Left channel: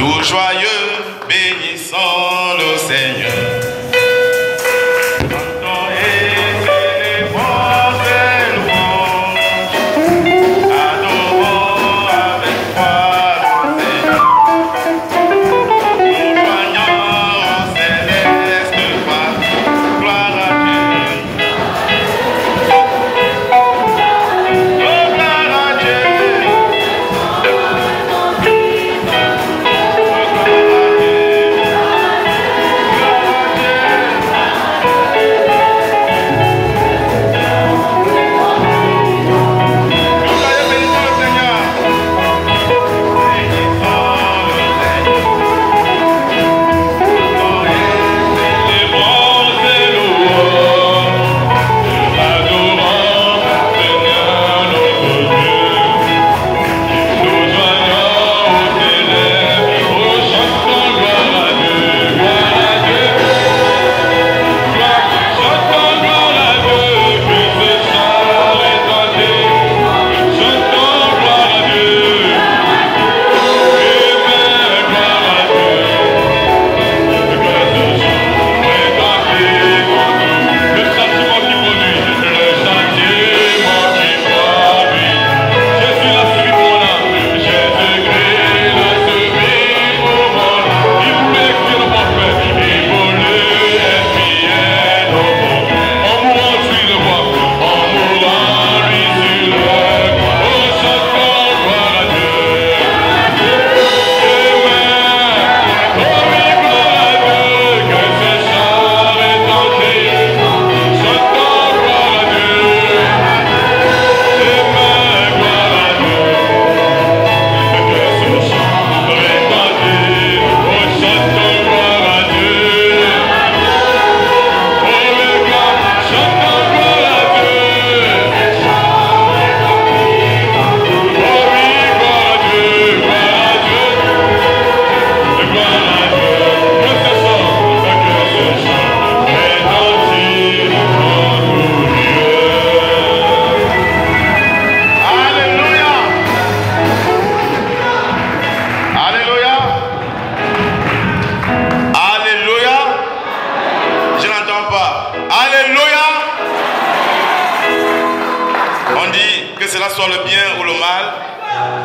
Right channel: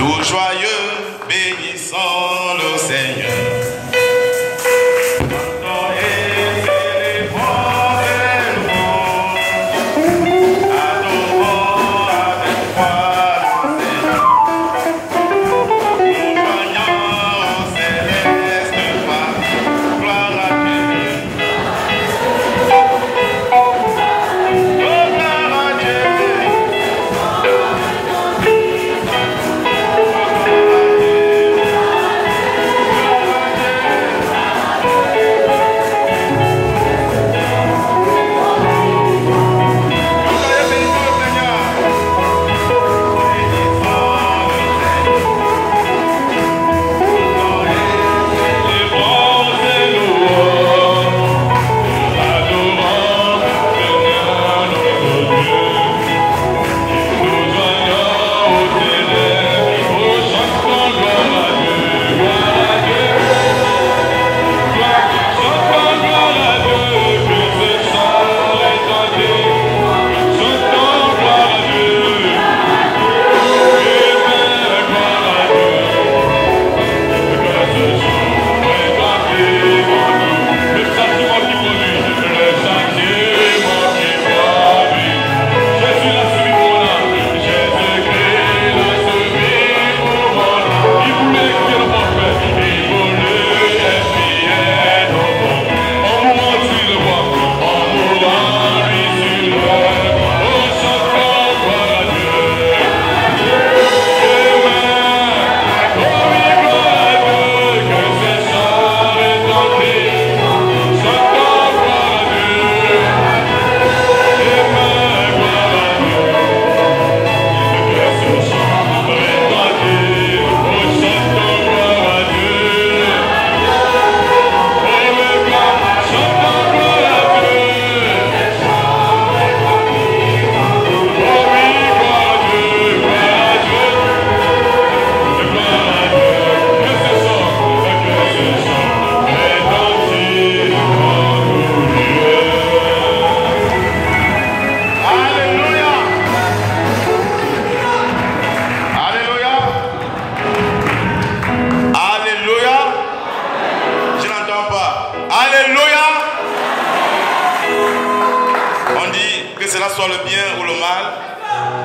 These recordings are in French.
Tout joyeux, bénissons le Seigneur.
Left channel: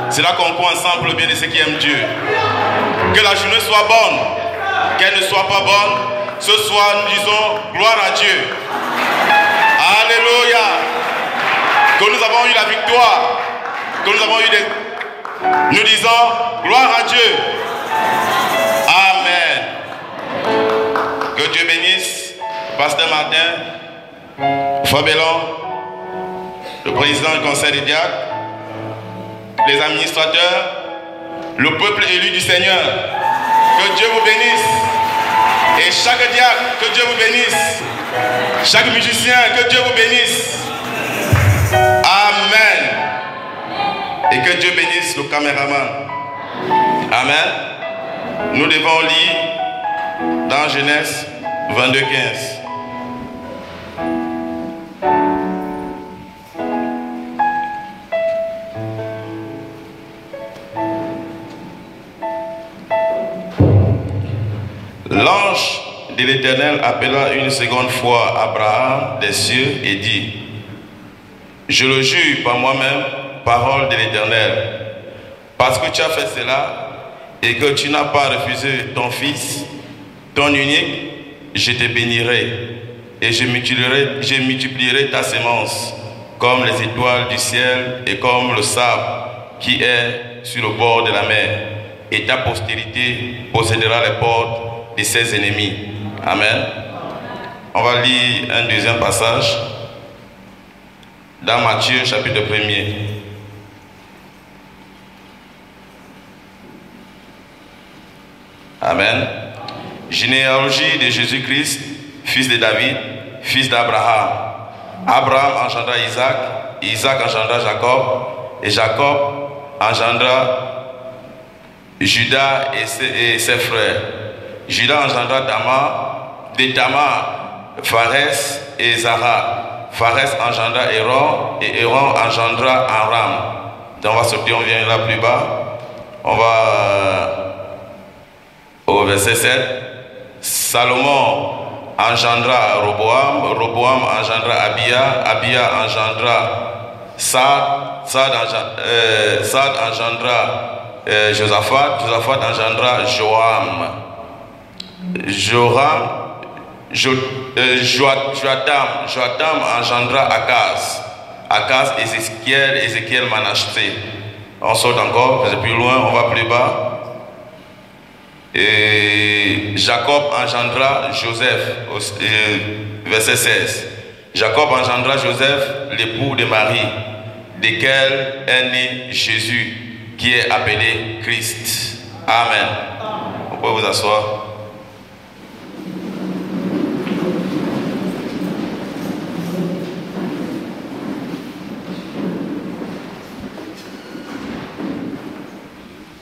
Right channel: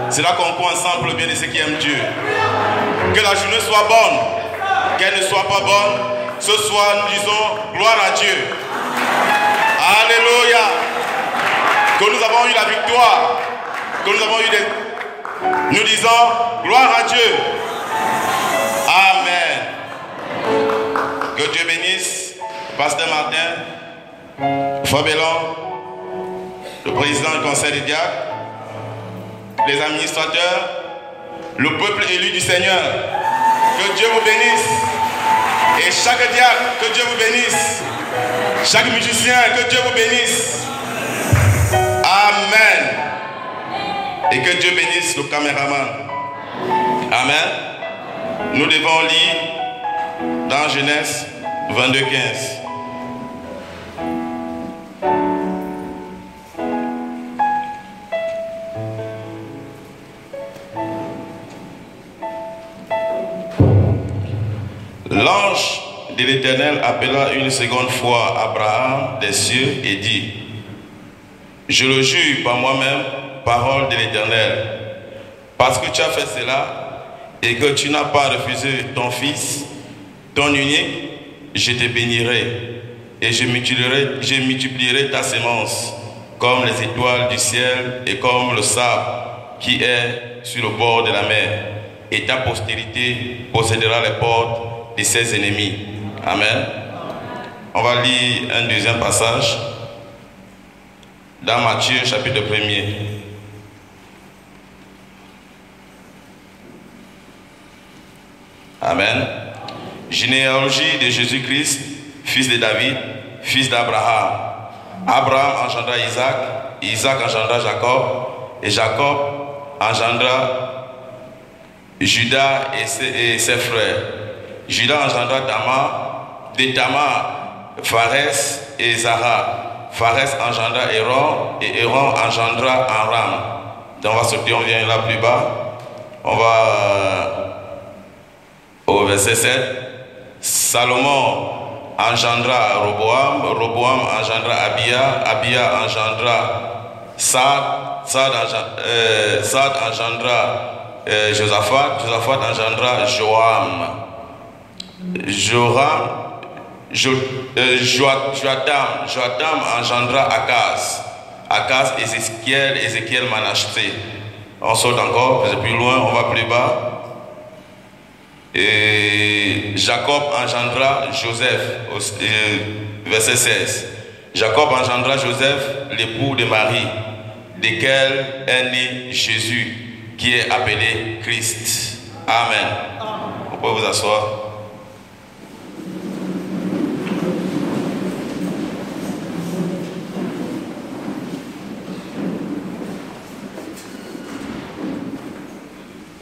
C'est là qu'on croit ensemble le bien de ceux qui aiment Dieu. Que la journée soit bonne, qu'elle ne soit pas bonne. Ce soir, nous disons gloire à Dieu. Alléluia. Que nous avons eu la victoire. Que nous avons eu des... Nous disons gloire à Dieu. Amen. Que Dieu bénisse Pasteur Martin, Fabelon, le président du conseil des diacres, les administrateurs, le peuple élu du Seigneur. Que Dieu vous bénisse. Et chaque diacre, que Dieu vous bénisse. Chaque musicien, que Dieu vous bénisse. Amen. Et que Dieu bénisse le caméraman. Amen. Nous devons lire dans Genèse 22:15. L'ange de l'Éternel appela une seconde fois Abraham des cieux et dit: Je le jure par moi-même, parole de l'Éternel, parce que tu as fait cela et que tu n'as pas refusé ton fils, ton unique, je te bénirai et je multiplierai ta sémence comme les étoiles du ciel et comme le sable qui est sur le bord de la mer, et ta postérité possédera les portes de ses ennemis. Amen. On va lire un deuxième passage dans Matthieu chapitre 1er. Amen. Généalogie de Jésus-Christ, fils de David, fils d'Abraham. Abraham engendra Isaac, Isaac engendra Jacob, et Jacob engendra Judas et ses frères. Judas engendra Tamar, de Tamar, Pharès et Zara. Pharès engendra Héron, et Héron engendra Aram. Donc on va sortir, on vient là plus bas. On va verset 7. Salomon engendra Roboam, Roboam engendra Abia, Abia engendra Sad, Sad engendra Josaphat, Josaphat engendra Joam, Joatam engendra Akaz, Akaz Ézéchiel, Ézéchiel Manassé. On saute encore, c'est plus loin, on va plus bas. Et Jacob engendra Joseph, verset 16. Jacob engendra Joseph, l'époux de Marie, desquels est né Jésus, qui est appelé Christ. Amen. Vous pouvez vous asseoir.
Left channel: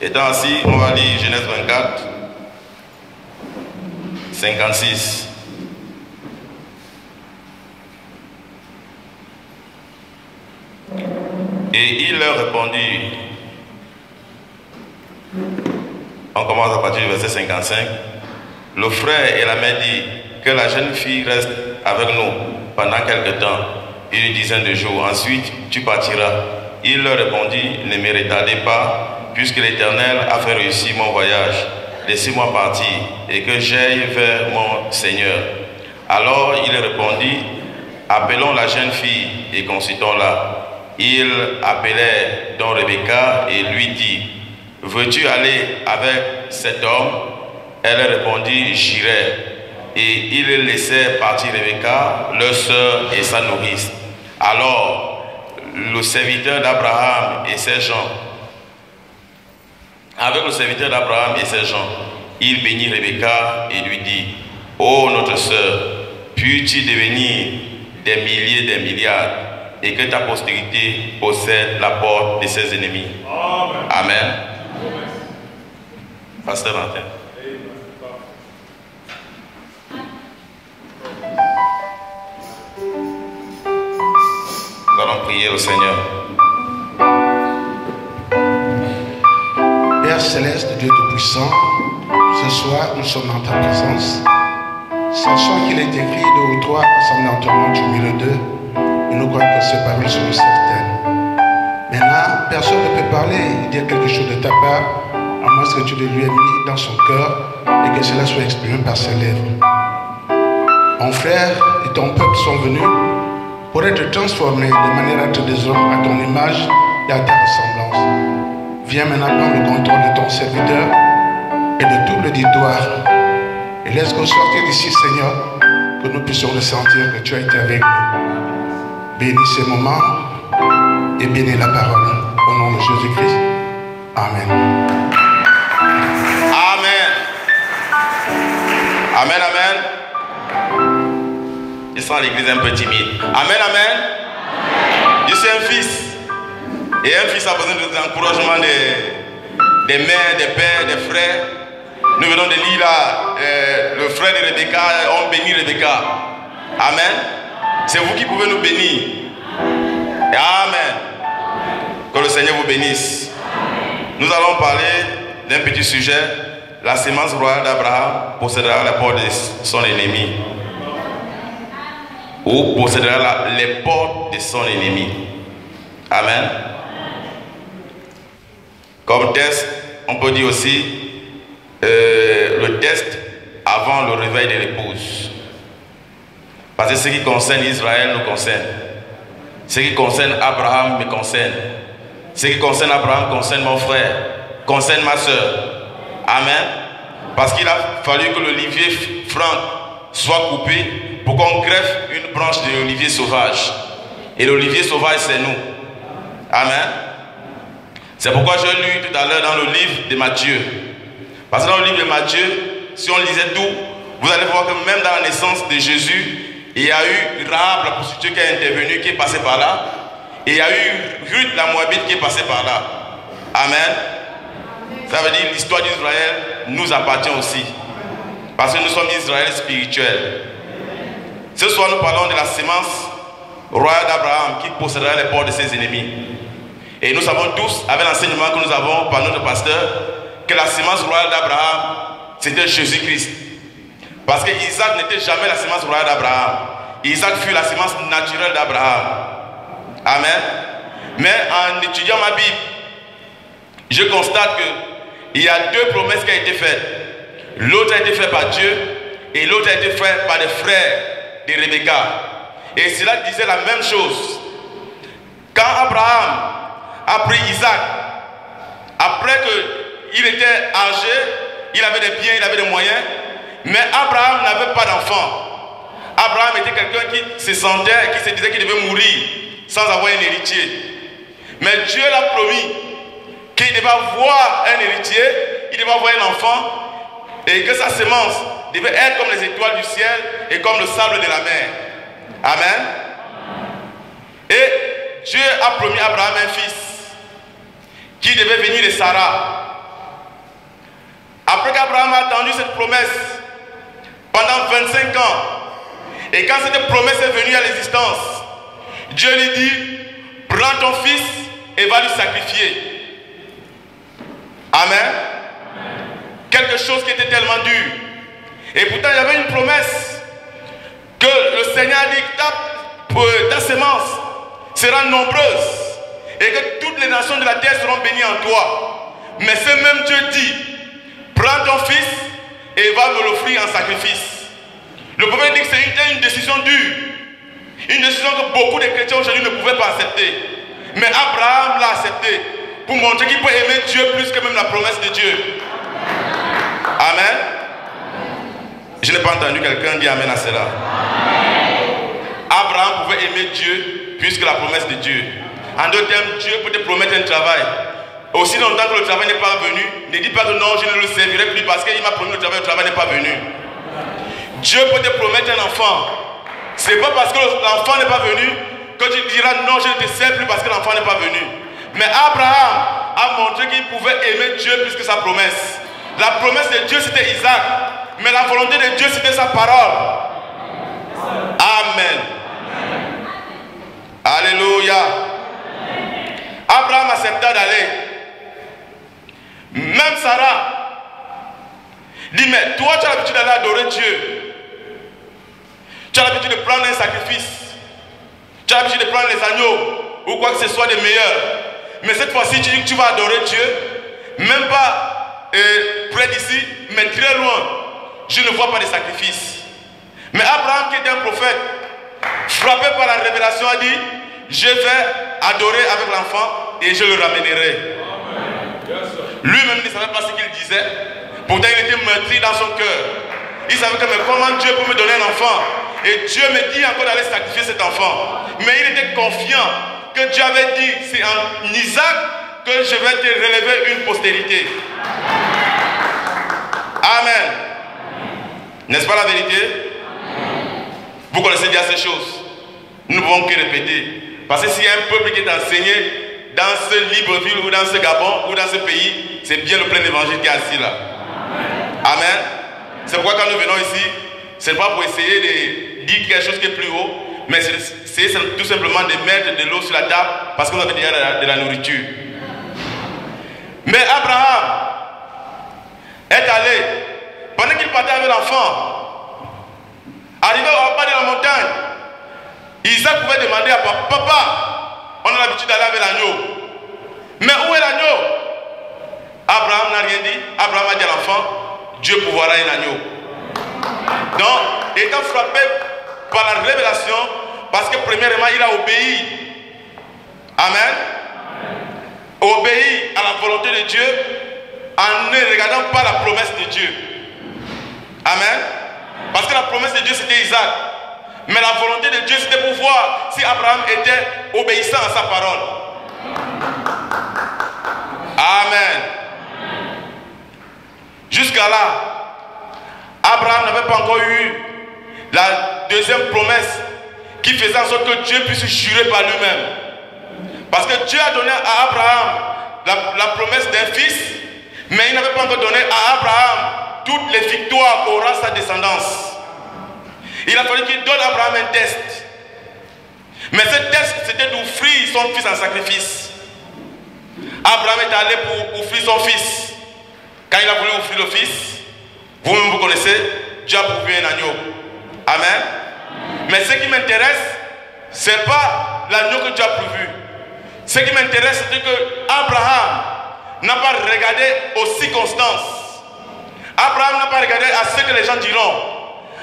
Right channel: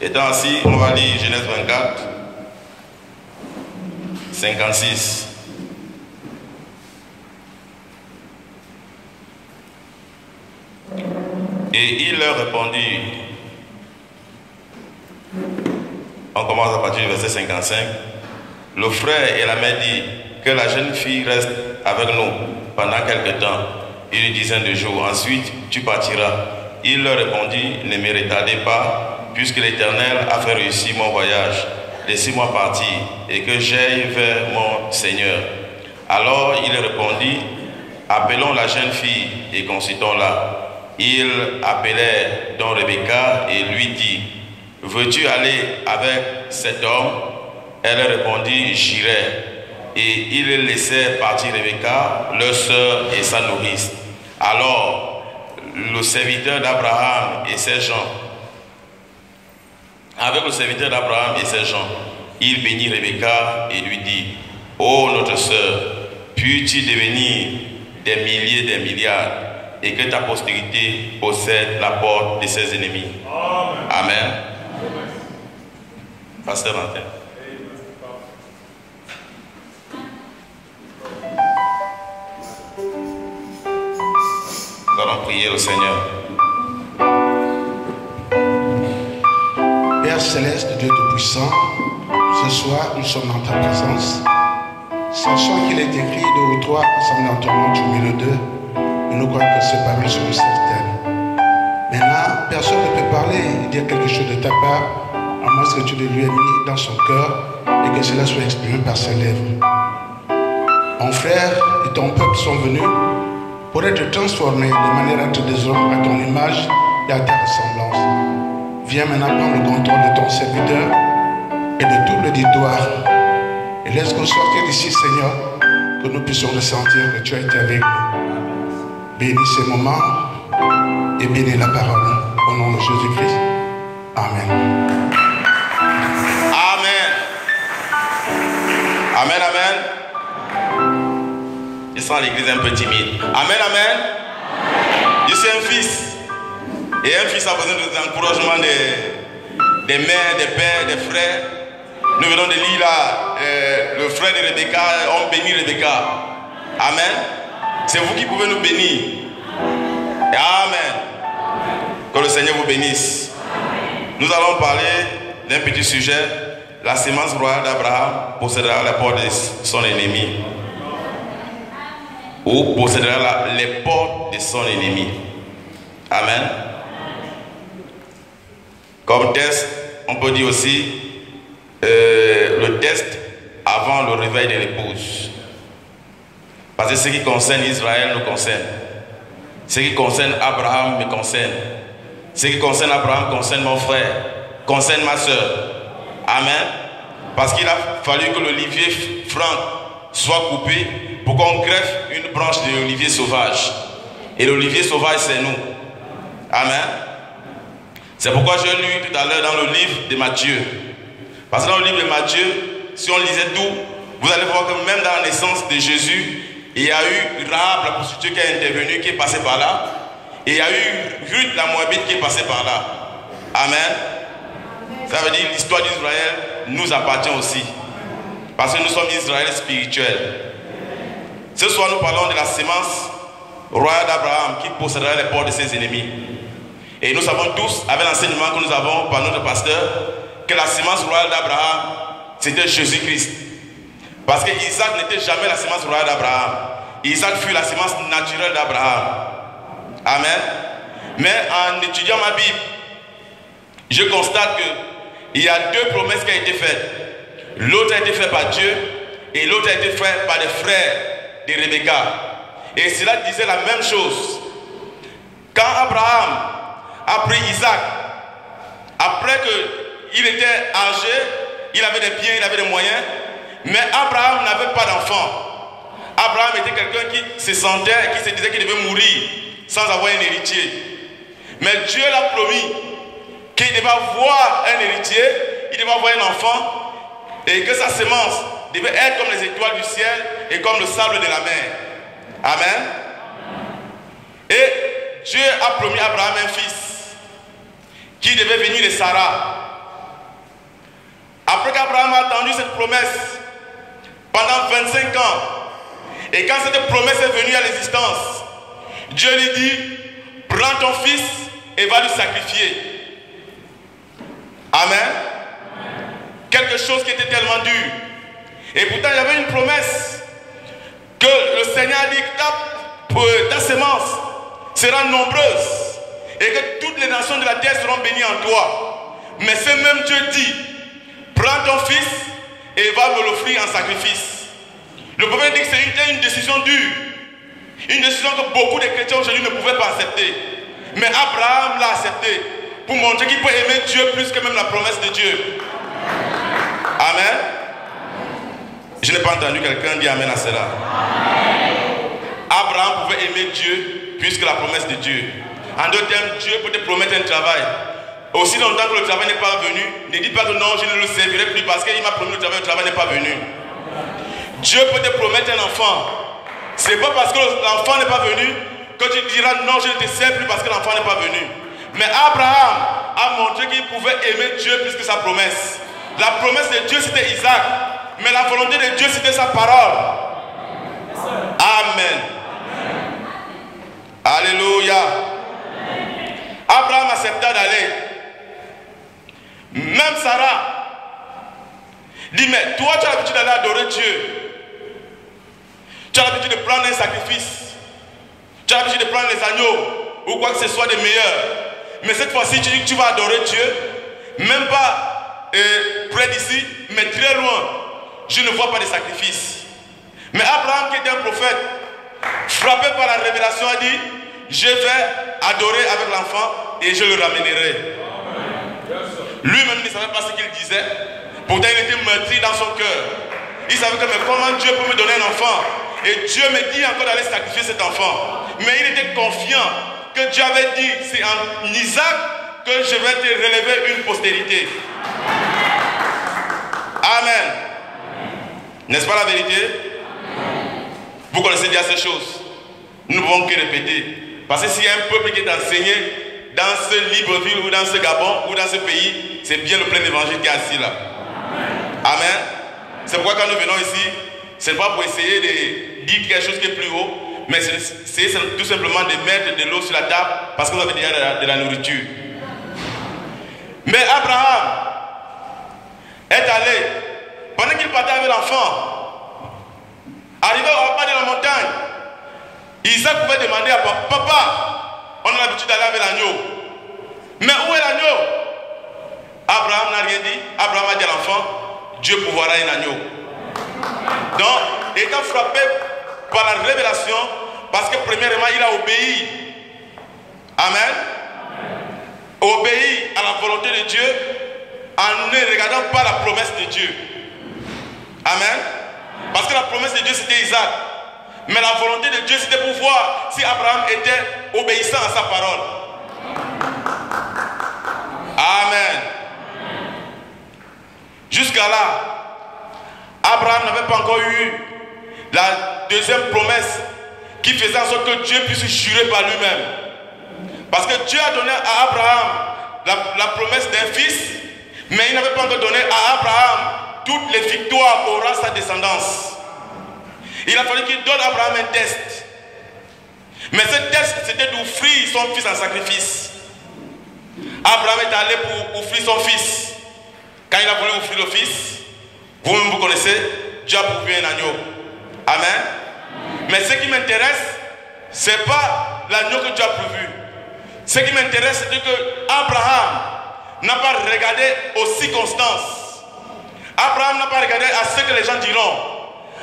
Étant assis, on va lire Genèse 24. 56. Et il leur répondit, on commence à partir du verset 55, le frère et la mère dit que la jeune fille reste avec nous pendant quelque temps, une dizaine de jours, ensuite tu partiras. Il leur répondit, ne me retardez pas, puisque l'Éternel a fait réussir mon voyage. Laissez-moi partir et que j'aille vers mon Seigneur. Alors il répondit, appelons la jeune fille et consultons-la. Ils appelèrent donc Rebecca et lui dit, veux-tu aller avec cet homme? Elle répondit, j'irai. Et ils laissèrent partir Rebecca, leur sœur et sa nourrice. Alors le serviteur d'Abraham et ses gens, avec le serviteur d'Abraham et ses gens, il bénit Rebecca et lui dit, ô notre sœur, puis-tu devenir des milliers, des milliards, et que ta postérité possède la porte de ses ennemis. Amen. Amen. Pasteur Martin. Nous allons prier au Seigneur. Père céleste, Dieu Tout-Puissant, ce soir nous sommes dans ta présence. Sachant qu'il est écrit 2 ou 3 assemblés en ton nom, tu milieu d'eux, et nous croyons que ces paroles sont certaines. Maintenant, personne ne peut parler et dire quelque chose de ta part, à moins que tu le lui aies mis dans son cœur et que cela soit exprimé par ses lèvres. Mon frère et ton peuple sont venus pour être transformés de manière à être des hommes à ton image et à ta ressemblance. Viens maintenant prendre le contrôle de ton serviteur et de tout l'auditoire. Et laisse-nous sortir d'ici, Seigneur, que nous puissions ressentir que tu as été avec nous. Bénis ces moments et bénis la parole. Au nom de Jésus-Christ. Amen. Amen. Amen, amen. Je sens l'église un peu timide. Amen, amen. Je suis un fils. Et un fils a besoin de l'encouragement des mères, des pères, des frères. Nous venons de lire là, le frère de Rebecca, on bénit Rebecca. Amen. C'est vous qui pouvez nous bénir. Amen. Que le Seigneur vous bénisse. Nous allons parler d'un petit sujet. La sémence royale d'Abraham possédera la porte de son ennemi. Ou possédera les portes de son ennemi. Amen. Comme test, on peut dire aussi le test avant le réveil de l'épouse. Parce que ce qui concerne Israël nous concerne. Ce qui concerne Abraham me concerne. Ce qui concerne Abraham concerne mon frère, concerne ma soeur. Amen. Parce qu'il a fallu que l'olivier franc soit coupé pour qu'on greffe une branche de l'olivier sauvage. Et l'olivier sauvage, c'est nous. Amen. C'est pourquoi j'ai lu tout à l'heure dans le livre de Matthieu. Parce que dans le livre de Matthieu, si on lisait tout, vous allez voir que même dans la naissance de Jésus, il y a eu Rahab, la prostituée qui est intervenue, qui est passée par là. Et il y a eu Ruth, la Moabite, qui est passée par là. Amen. Ça veut dire que l'histoire d'Israël nous appartient aussi. Parce que nous sommes Israël spirituel. Ce soir, nous parlons de la sémence royale d'Abraham qui possédera les portes de ses ennemis. Et nous savons tous, avec l'enseignement que nous avons par notre pasteur, que la sémence royale d'Abraham, c'était Jésus-Christ. Parce que Isaac n'était jamais la semence royale d'Abraham. Isaac fut la semence naturelle d'Abraham. Amen. Mais en étudiant ma Bible, je constate qu'il y a deux promesses qui ont été faites. L'autre a été faite par Dieu et l'autre a été faite par les frères de Rebecca. Et cela disait la même chose. Quand Abraham a pris Isaac, après qu'il était âgé, il avait des biens, il avait des moyens, mais Abraham n'avait pas d'enfant. Abraham était quelqu'un qui se sentait et qui se disait qu'il devait mourir sans avoir un héritier. Mais Dieu l'a promis qu'il devait avoir un héritier, il devait avoir un enfant, et que sa semence devait être comme les étoiles du ciel et comme le sable de la mer. Amen. Et Dieu a promis à Abraham un fils qui devait venir de Sarah. Après qu'Abraham a attendu cette promesse pendant 25 ans, et quand cette promesse est venue à l'existence, Dieu lui dit, prends ton fils et va lui sacrifier. Amen. Quelque chose qui était tellement dur. Et pourtant il y avait une promesse que le Seigneur a dit, ta semence sera nombreuse et que toutes les nations de la terre seront bénies en toi. Mais ce même Dieu dit, prends ton fils et va me l'offrir en sacrifice. Le prophète dit que c'était une décision dure. Une décision que beaucoup de chrétiens aujourd'hui ne pouvaient pas accepter. Mais Abraham l'a accepté pour montrer qu'il peut aimer Dieu plus que même la promesse de Dieu. Amen. Je n'ai pas entendu quelqu'un dire amen à cela. Abraham pouvait aimer Dieu plus que la promesse de Dieu. En d'autres termes, Dieu peut te promettre un travail. Aussi longtemps que le travail n'est pas venu, ne dis pas que non, je ne le servirai plus parce qu'il m'a promis le travail n'est pas venu. Dieu peut te promettre un enfant. Ce n'est pas parce que l'enfant n'est pas venu que tu diras non, je ne te sers plus parce que l'enfant n'est pas venu. Mais Abraham a montré qu'il pouvait aimer Dieu plus que sa promesse. La promesse de Dieu c'était Isaac, mais la volonté de Dieu c'était sa parole. Amen. Alléluia. Abraham accepta d'aller. Même Sarah dit, mais toi tu as l'habitude d'aller adorer Dieu. Tu as l'habitude de prendre un sacrifice. Tu as l'habitude de prendre les agneaux ou quoi que ce soit de meilleur. Mais cette fois-ci tu dis que tu vas adorer Dieu. Même pas près d'ici, mais très loin. Je ne vois pas de sacrifice. Mais Abraham qui était un prophète, frappé par la révélation, a dit, je vais adorer avec l'enfant et je le ramènerai. Lui-même ne savait pas ce qu'il disait. Pourtant il était meurtri dans son cœur. Il savait que mais comment Dieu peut me donner un enfant? Et Dieu me dit encore d'aller sacrifier cet enfant. Mais il était confiant que Dieu avait dit, c'est en Isaac que je vais te relever une postérité. Amen. N'est-ce pas la vérité? Vous connaissez bien ces choses. Nous ne pouvons que répéter. Parce que s'il y a un peuple qui est enseigné dans ce Libreville ou dans ce Gabon ou dans ce pays, c'est bien le plein évangile qui est assis là. Amen. C'est pourquoi quand nous venons ici, ce n'est pas pour essayer de dire quelque chose qui est plus haut, mais c'est tout simplement de mettre de l'eau sur la table parce que vous avez déjà de la nourriture. Mais Abraham est allé, pendant qu'il partait avec l'enfant, arrivé au bas de la montagne, Isaac pouvait demander à papa, on a l'habitude d'aller avec l'agneau. Mais où est l'agneau? Abraham n'a rien dit. Abraham a dit à l'enfant, Dieu pourvoira un agneau. Donc, étant frappé par la révélation, parce que premièrement, il a obéi. Amen. Obéi à la volonté de Dieu en ne regardant pas la promesse de Dieu. Amen. Parce que la promesse de Dieu c'était Isaac. Mais la volonté de Dieu c'était pour voir si Abraham était obéissant à sa parole. Amen. Jusqu'à là, Abraham n'avait pas encore eu la deuxième promesse qui faisait en sorte que Dieu puisse jurer par lui-même. Parce que Dieu a donné à Abraham la promesse d'un fils, mais il n'avait pas encore donné à Abraham toutes les victoires qu'aura sa descendance. Il a fallu qu'il donne à Abraham un test. Mais ce test, c'était d'offrir son fils en sacrifice. Abraham est allé pour offrir son fils. Quand il a voulu offrir le fils, Vous-même vous connaissez, Dieu a pourvu un agneau. Amen. Mais ce qui m'intéresse, ce n'est pas l'agneau que Dieu a pourvu. Ce qui m'intéresse, c'est que Abraham n'a pas regardé aux circonstances. Abraham n'a pas regardé à ce que les gens diront.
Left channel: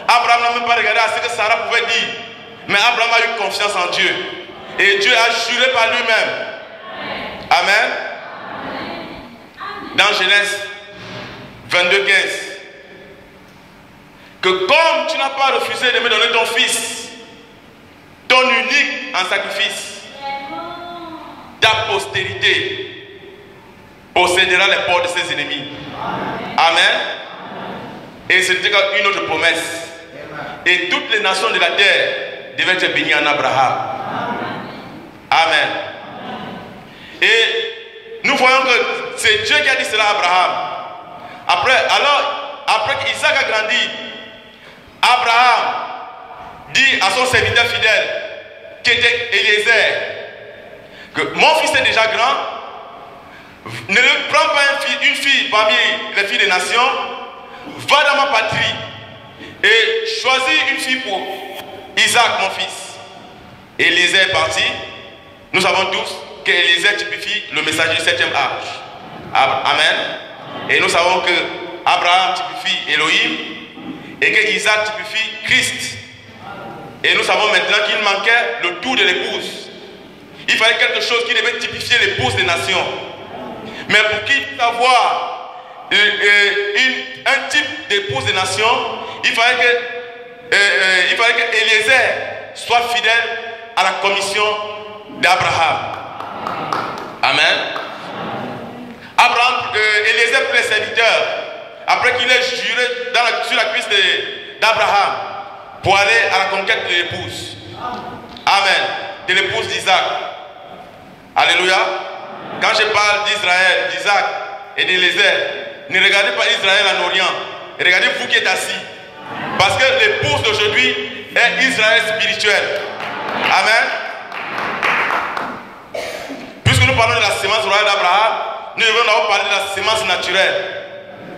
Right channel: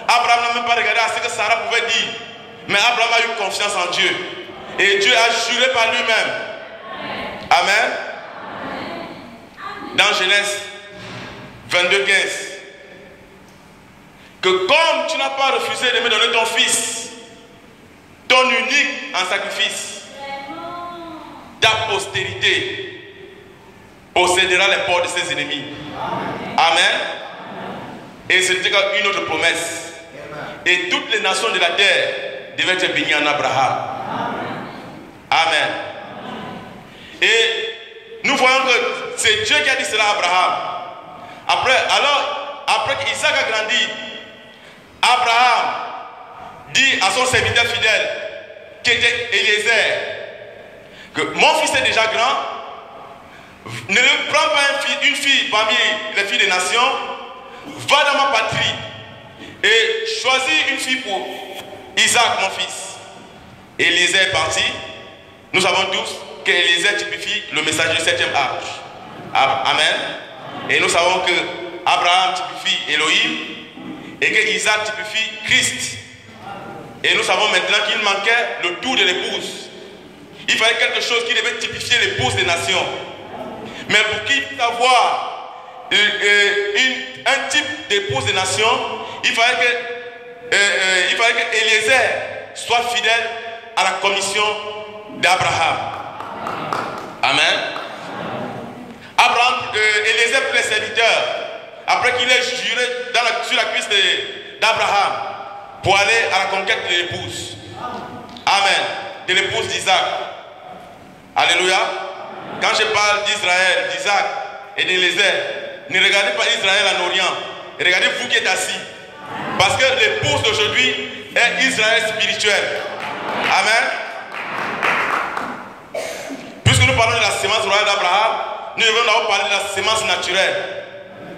Abraham n'a même pas regardé à ce que Sarah pouvait dire. Mais Abraham a eu confiance en Dieu. Et Dieu a juré par lui-même. Amen. Dans Genèse 22, 15. Que comme tu n'as pas refusé de me donner ton fils, ton unique en sacrifice, ta postérité possédera les portes de ses ennemis. Amen. Et c'était une autre promesse. Et toutes les nations de la terre devaient être bénies en Abraham. Amen. Et nous voyons que c'est Dieu qui a dit cela à Abraham. Après qu'Isaac a grandi, Abraham dit à son serviteur fidèle, qui était Eliezer, que mon fils est déjà grand, ne prends pas une fille parmi les filles des nations, va dans ma patrie et choisis une fille pour Isaac, mon fils. Eliezer est parti. Nous savons tous qu'Eliezer typifie le message du 7e âge. Amen. Et nous savons que Abraham typifie Elohim et que Isaac typifie Christ. Et nous savons maintenant qu'il manquait le tour de l'épouse. Il fallait quelque chose qui devait typifier l'épouse des nations. Mais pour qu'il puisse avoir un type d'épouse des nations, il fallait que Eliezer soit fidèle à la commission d'Abraham. Amen. Eliezer prit les serviteurs après qu'il ait juré sur la cuisse d'Abraham pour aller à la conquête de l'épouse. Amen. De l'épouse d'Isaac. Alléluia. Quand je parle d'Israël, d'Isaac et d'Eliezer, ne regardez pas Israël en Orient. Regardez vous qui êtes assis. Parce que l'épouse d'aujourd'hui est Israël spirituel. Amen. Puisque nous parlons de la sémence royale d'Abraham, nous devons d'abord parler de la sémence naturelle.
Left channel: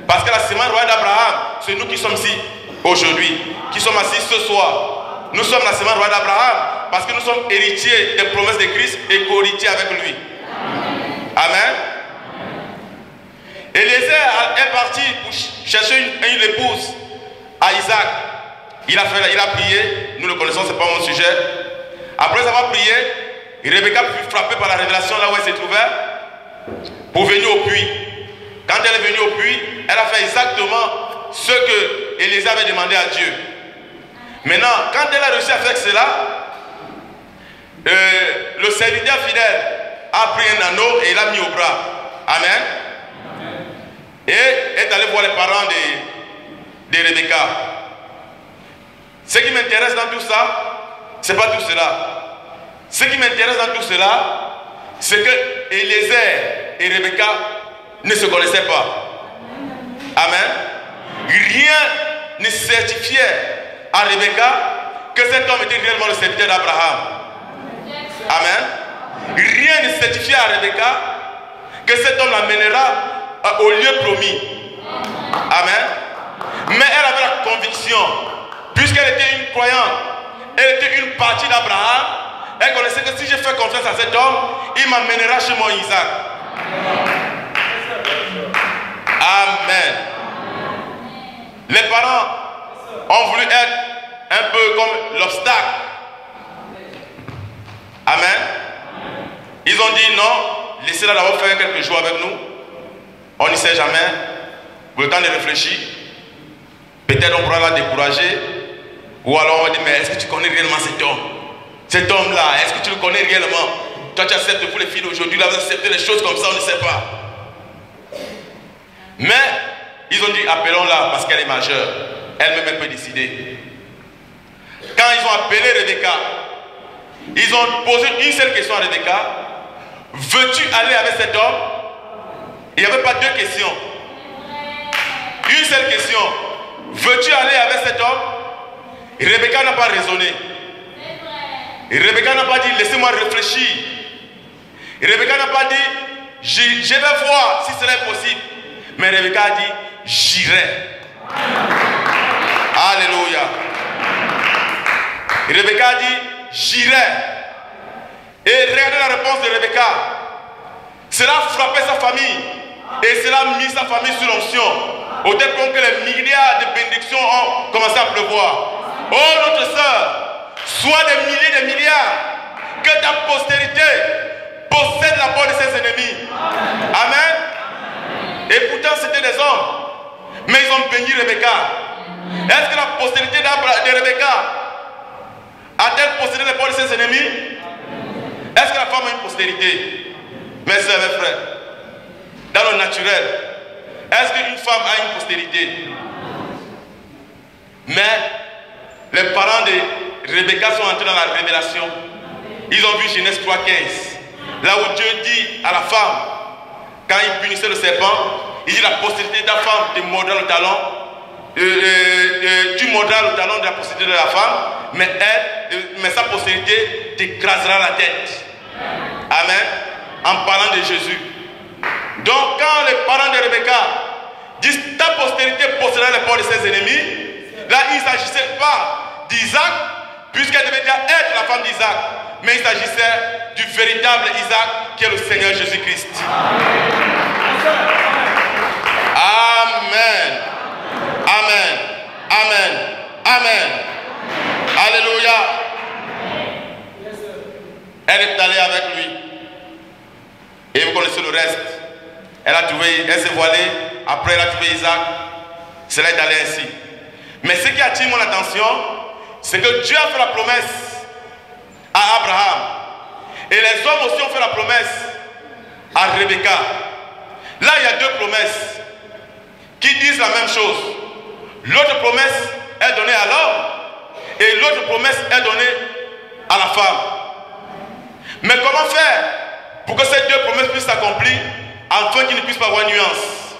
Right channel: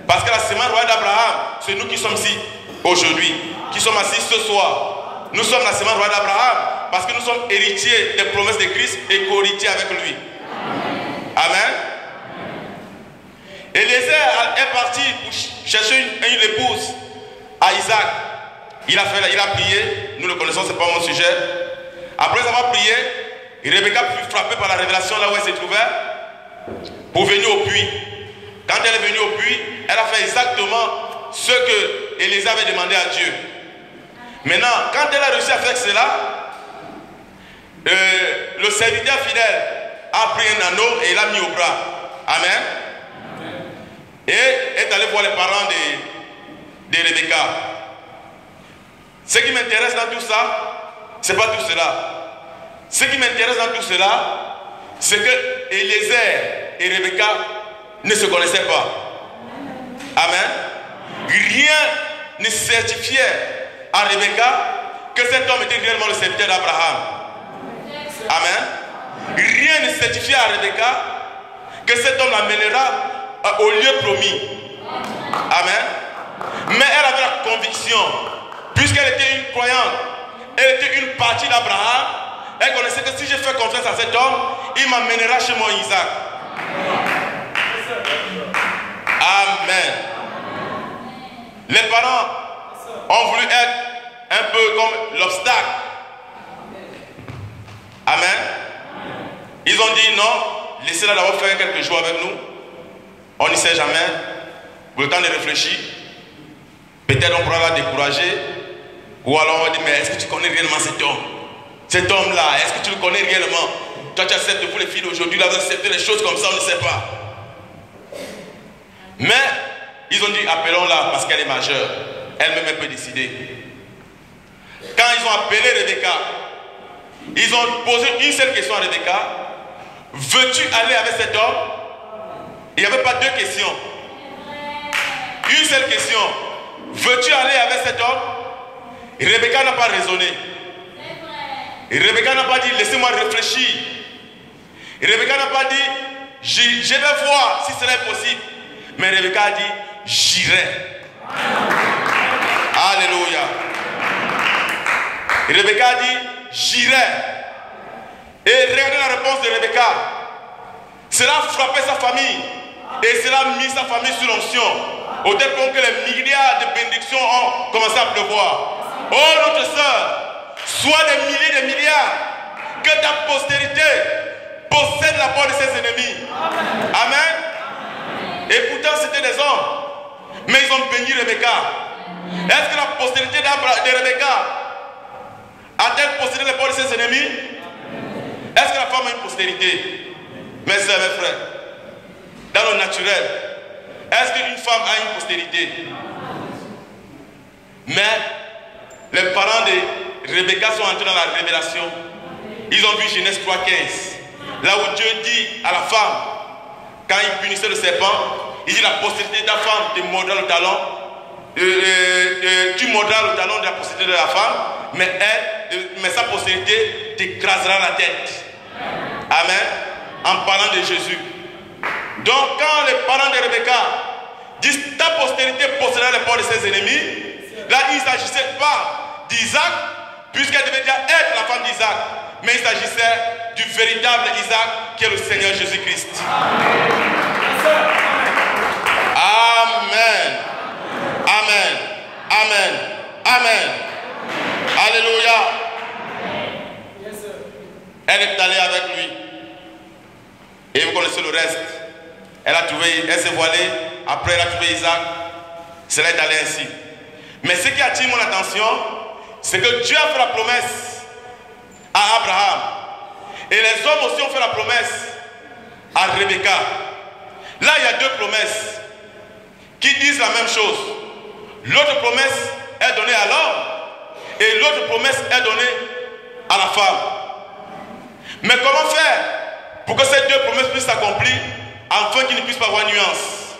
Parce que la sémence royale d'Abraham, c'est nous qui sommes ici aujourd'hui, qui sommes assis ce soir. Nous sommes la sémence royale d'Abraham parce que nous sommes héritiers des promesses de Christ et co-héritiers avec lui. Amen. Eliezer est parti pour chercher une épouse à Isaac. Il a prié, nous le connaissons, ce n'est pas mon sujet. Après avoir prié, Rebecca fut frappée par la révélation là où elle se trouvait pour venir au puits. Quand elle est venue au puits, elle a fait exactement ce que Eliezer avait demandé à Dieu. Maintenant, quand elle a réussi à faire cela, le serviteur fidèle a pris un anneau et l'a mis au bras. Amen. Et est allé voir les parents de Rebecca. Ce qui m'intéresse dans tout ça, ce n'est pas tout cela. Ce qui m'intéresse dans tout cela, c'est que Eliezer et Rebecca ne se connaissaient pas. Amen. Rien ne certifiait à Rebecca que cet homme était réellement le serviteur d'Abraham. Amen. Rien ne certifiait à Rebecca que cet homme l'amènera au lieu promis. Amen. Mais elle avait la conviction, puisqu'elle était une croyante, elle était une partie d'Abraham, elle connaissait que si je fais confiance à cet homme, il m'amènera chez mon Isaac. Amen. Les parents ont voulu être un peu comme l'obstacle. Amen. Ils ont dit non, laissez-la d'abord faire quelques jours avec nous. On n'y sait jamais. Pour le temps de réfléchir, peut-être on pourra la décourager. Ou alors on va dire, mais est-ce que tu connais réellement cet homme? Cet homme-là, est-ce que tu le connais réellement? Toi tu acceptes pour les filles d'aujourd'hui, là vous acceptez les choses comme ça, on ne sait pas. Mais ils ont dit, appelons-la parce qu'elle est majeure. Elle-même elle peut décider. Quand ils ont appelé Rebecca, ils ont posé une seule question à Rebecca. Veux-tu aller avec cet homme? Il n'y avait pas deux questions. Une seule question. Veux-tu aller avec cet homme? Rebecca n'a pas raisonné. Rebecca n'a pas dit laissez-moi réfléchir. Rebecca n'a pas dit je vais voir si cela est possible. Mais Rebecca a dit j'irai. Alléluia. Rebecca dit, j'irai. Et regardez la réponse de Rebecca. Cela a frappé sa famille. Et cela a mis sa famille sous l'onction. Au tel point que les milliards de bénédictions ont commencé à pleuvoir. Oh notre sœur, sois des milliers de milliards. Que ta postérité possède la porte de ses ennemis. Amen. Et pourtant c'était des hommes. Mais ils ont béni Rebecca. Est-ce que la postérité de Rebecca a-t-elle possédé les portes de ses ennemis? Est-ce que la femme a une postérité? Mes soeurs, mes frères, dans le naturel, est-ce qu'une femme a une postérité? Mais les parents de Rebecca sont entrés dans la révélation. Ils ont vu Genèse 3,15. Là où Dieu dit à la femme, quand il punissait le serpent, il dit la postérité de ta femme te mordra le talon. Tu mordras le talon de la postérité de la femme, mais sa postérité t'écrasera la tête. Amen. En parlant de Jésus. Donc quand les parents de Rebecca disent ta postérité possédera les portes de ses ennemis, là il ne s'agissait pas d'Isaac, puisqu'elle devait déjà être la femme d'Isaac, mais il s'agissait du véritable Isaac qui est le Seigneur Jésus-Christ. Amen. Amen. Amen. Amen. Alléluia. Elle est allée avec lui. Et vous connaissez le reste. Elle s'est voilée. Après, elle a trouvé Isaac. Cela est allé ainsi. Mais ce qui attire mon attention, c'est que Dieu a fait la promesse à Abraham. Et les hommes aussi ont fait la promesse à Rebecca. Là, il y a deux promesses qui disent la même chose. L'autre promesse est donnée à l'homme et l'autre promesse est donnée à la femme. Mais comment faire pour que ces deux promesses puissent s'accomplir afin qu'il ne puisse pas avoir nuance?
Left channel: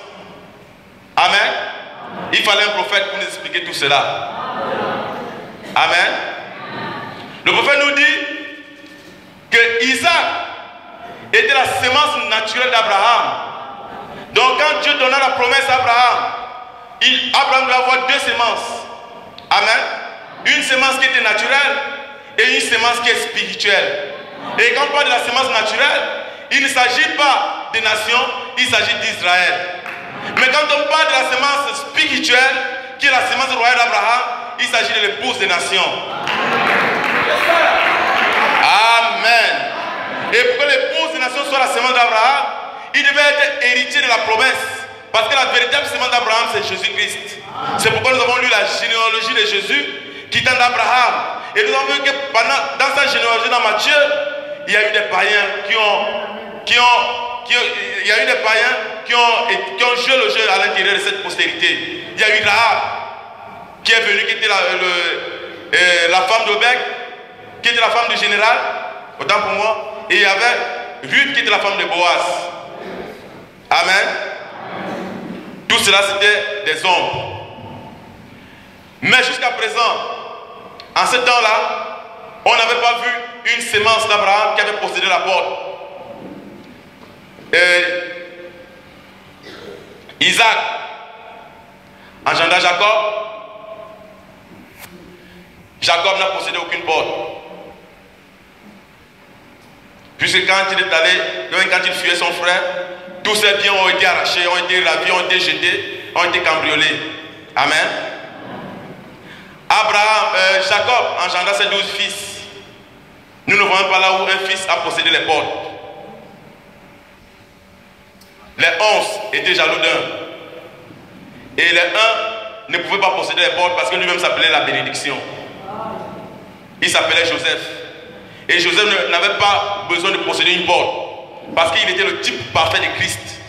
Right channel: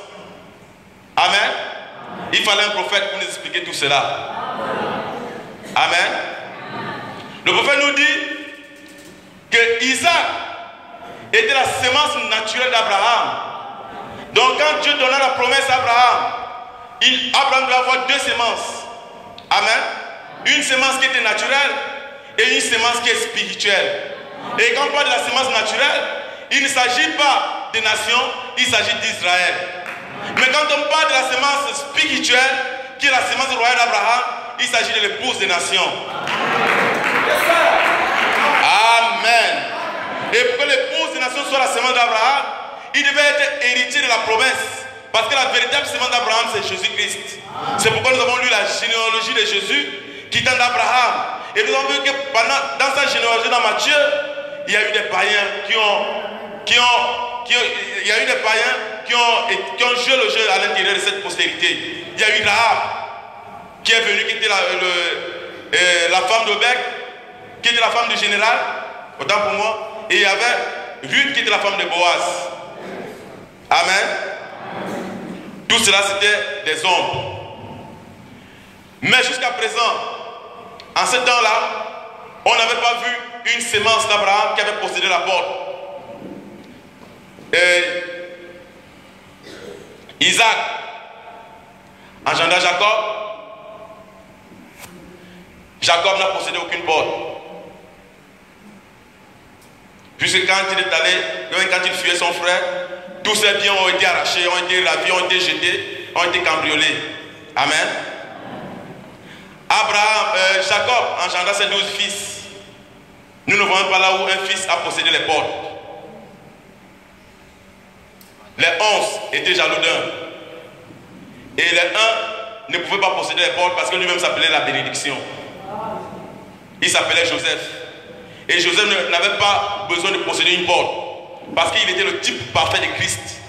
Amen. Il fallait un prophète pour nous expliquer tout cela. Amen. Le prophète nous dit que Isaac était la sémence naturelle d'Abraham. Donc quand Dieu donna la promesse à Abraham, Abraham doit avoir deux sémences. Amen. Une sémence qui était naturelle et une sémence qui est spirituelle. Et quand on parle de la sémence naturelle, il ne s'agit pas des nations, il s'agit d'Israël. Mais quand on parle de la sémence spirituelle, qui est la sémence royale d'Abraham, il s'agit de l'épouse des nations. Amen. Et pour que l'épouse des nations soit la sémence d'Abraham, il devait être héritier de la promesse. Parce que la véritable sémence d'Abraham, c'est Jésus-Christ. C'est pourquoi nous avons lu la généalogie de Jésus qui tend d'Abraham. Et nous avons vu que dans sa généalogie dans Matthieu, il y a eu des païens qui ont joué le jeu à l'intérieur de cette postérité. Il y a eu Rahab qui est venue, qui était la femme d'Obed, qui était la femme du général, autant pour moi. Et il y avait Ruth qui était la femme de Boaz. Amen. Tout cela c'était des hommes. Mais jusqu'à présent, en ce temps-là, on n'avait pas vu une sémence d'Abraham qui avait possédé la porte. Isaac engendra Jacob. Jacob n'a possédé aucune porte. Puisque quand il est allé, quand il fuyait son frère, tous ses biens ont été arrachés, ont été ravis, ont été jetés, ont été cambriolés. Amen. Jacob engendra ses 12 fils. Nous ne voyons pas là où un fils a possédé les portes. Les 11 étaient jaloux d'un. Et les 1 ne pouvaient pas posséder les portes parce que lui-même s'appelait la bénédiction. Il s'appelait Joseph. Et Joseph n'avait pas besoin de posséder une porte parce qu'il était le type parfait de Christ.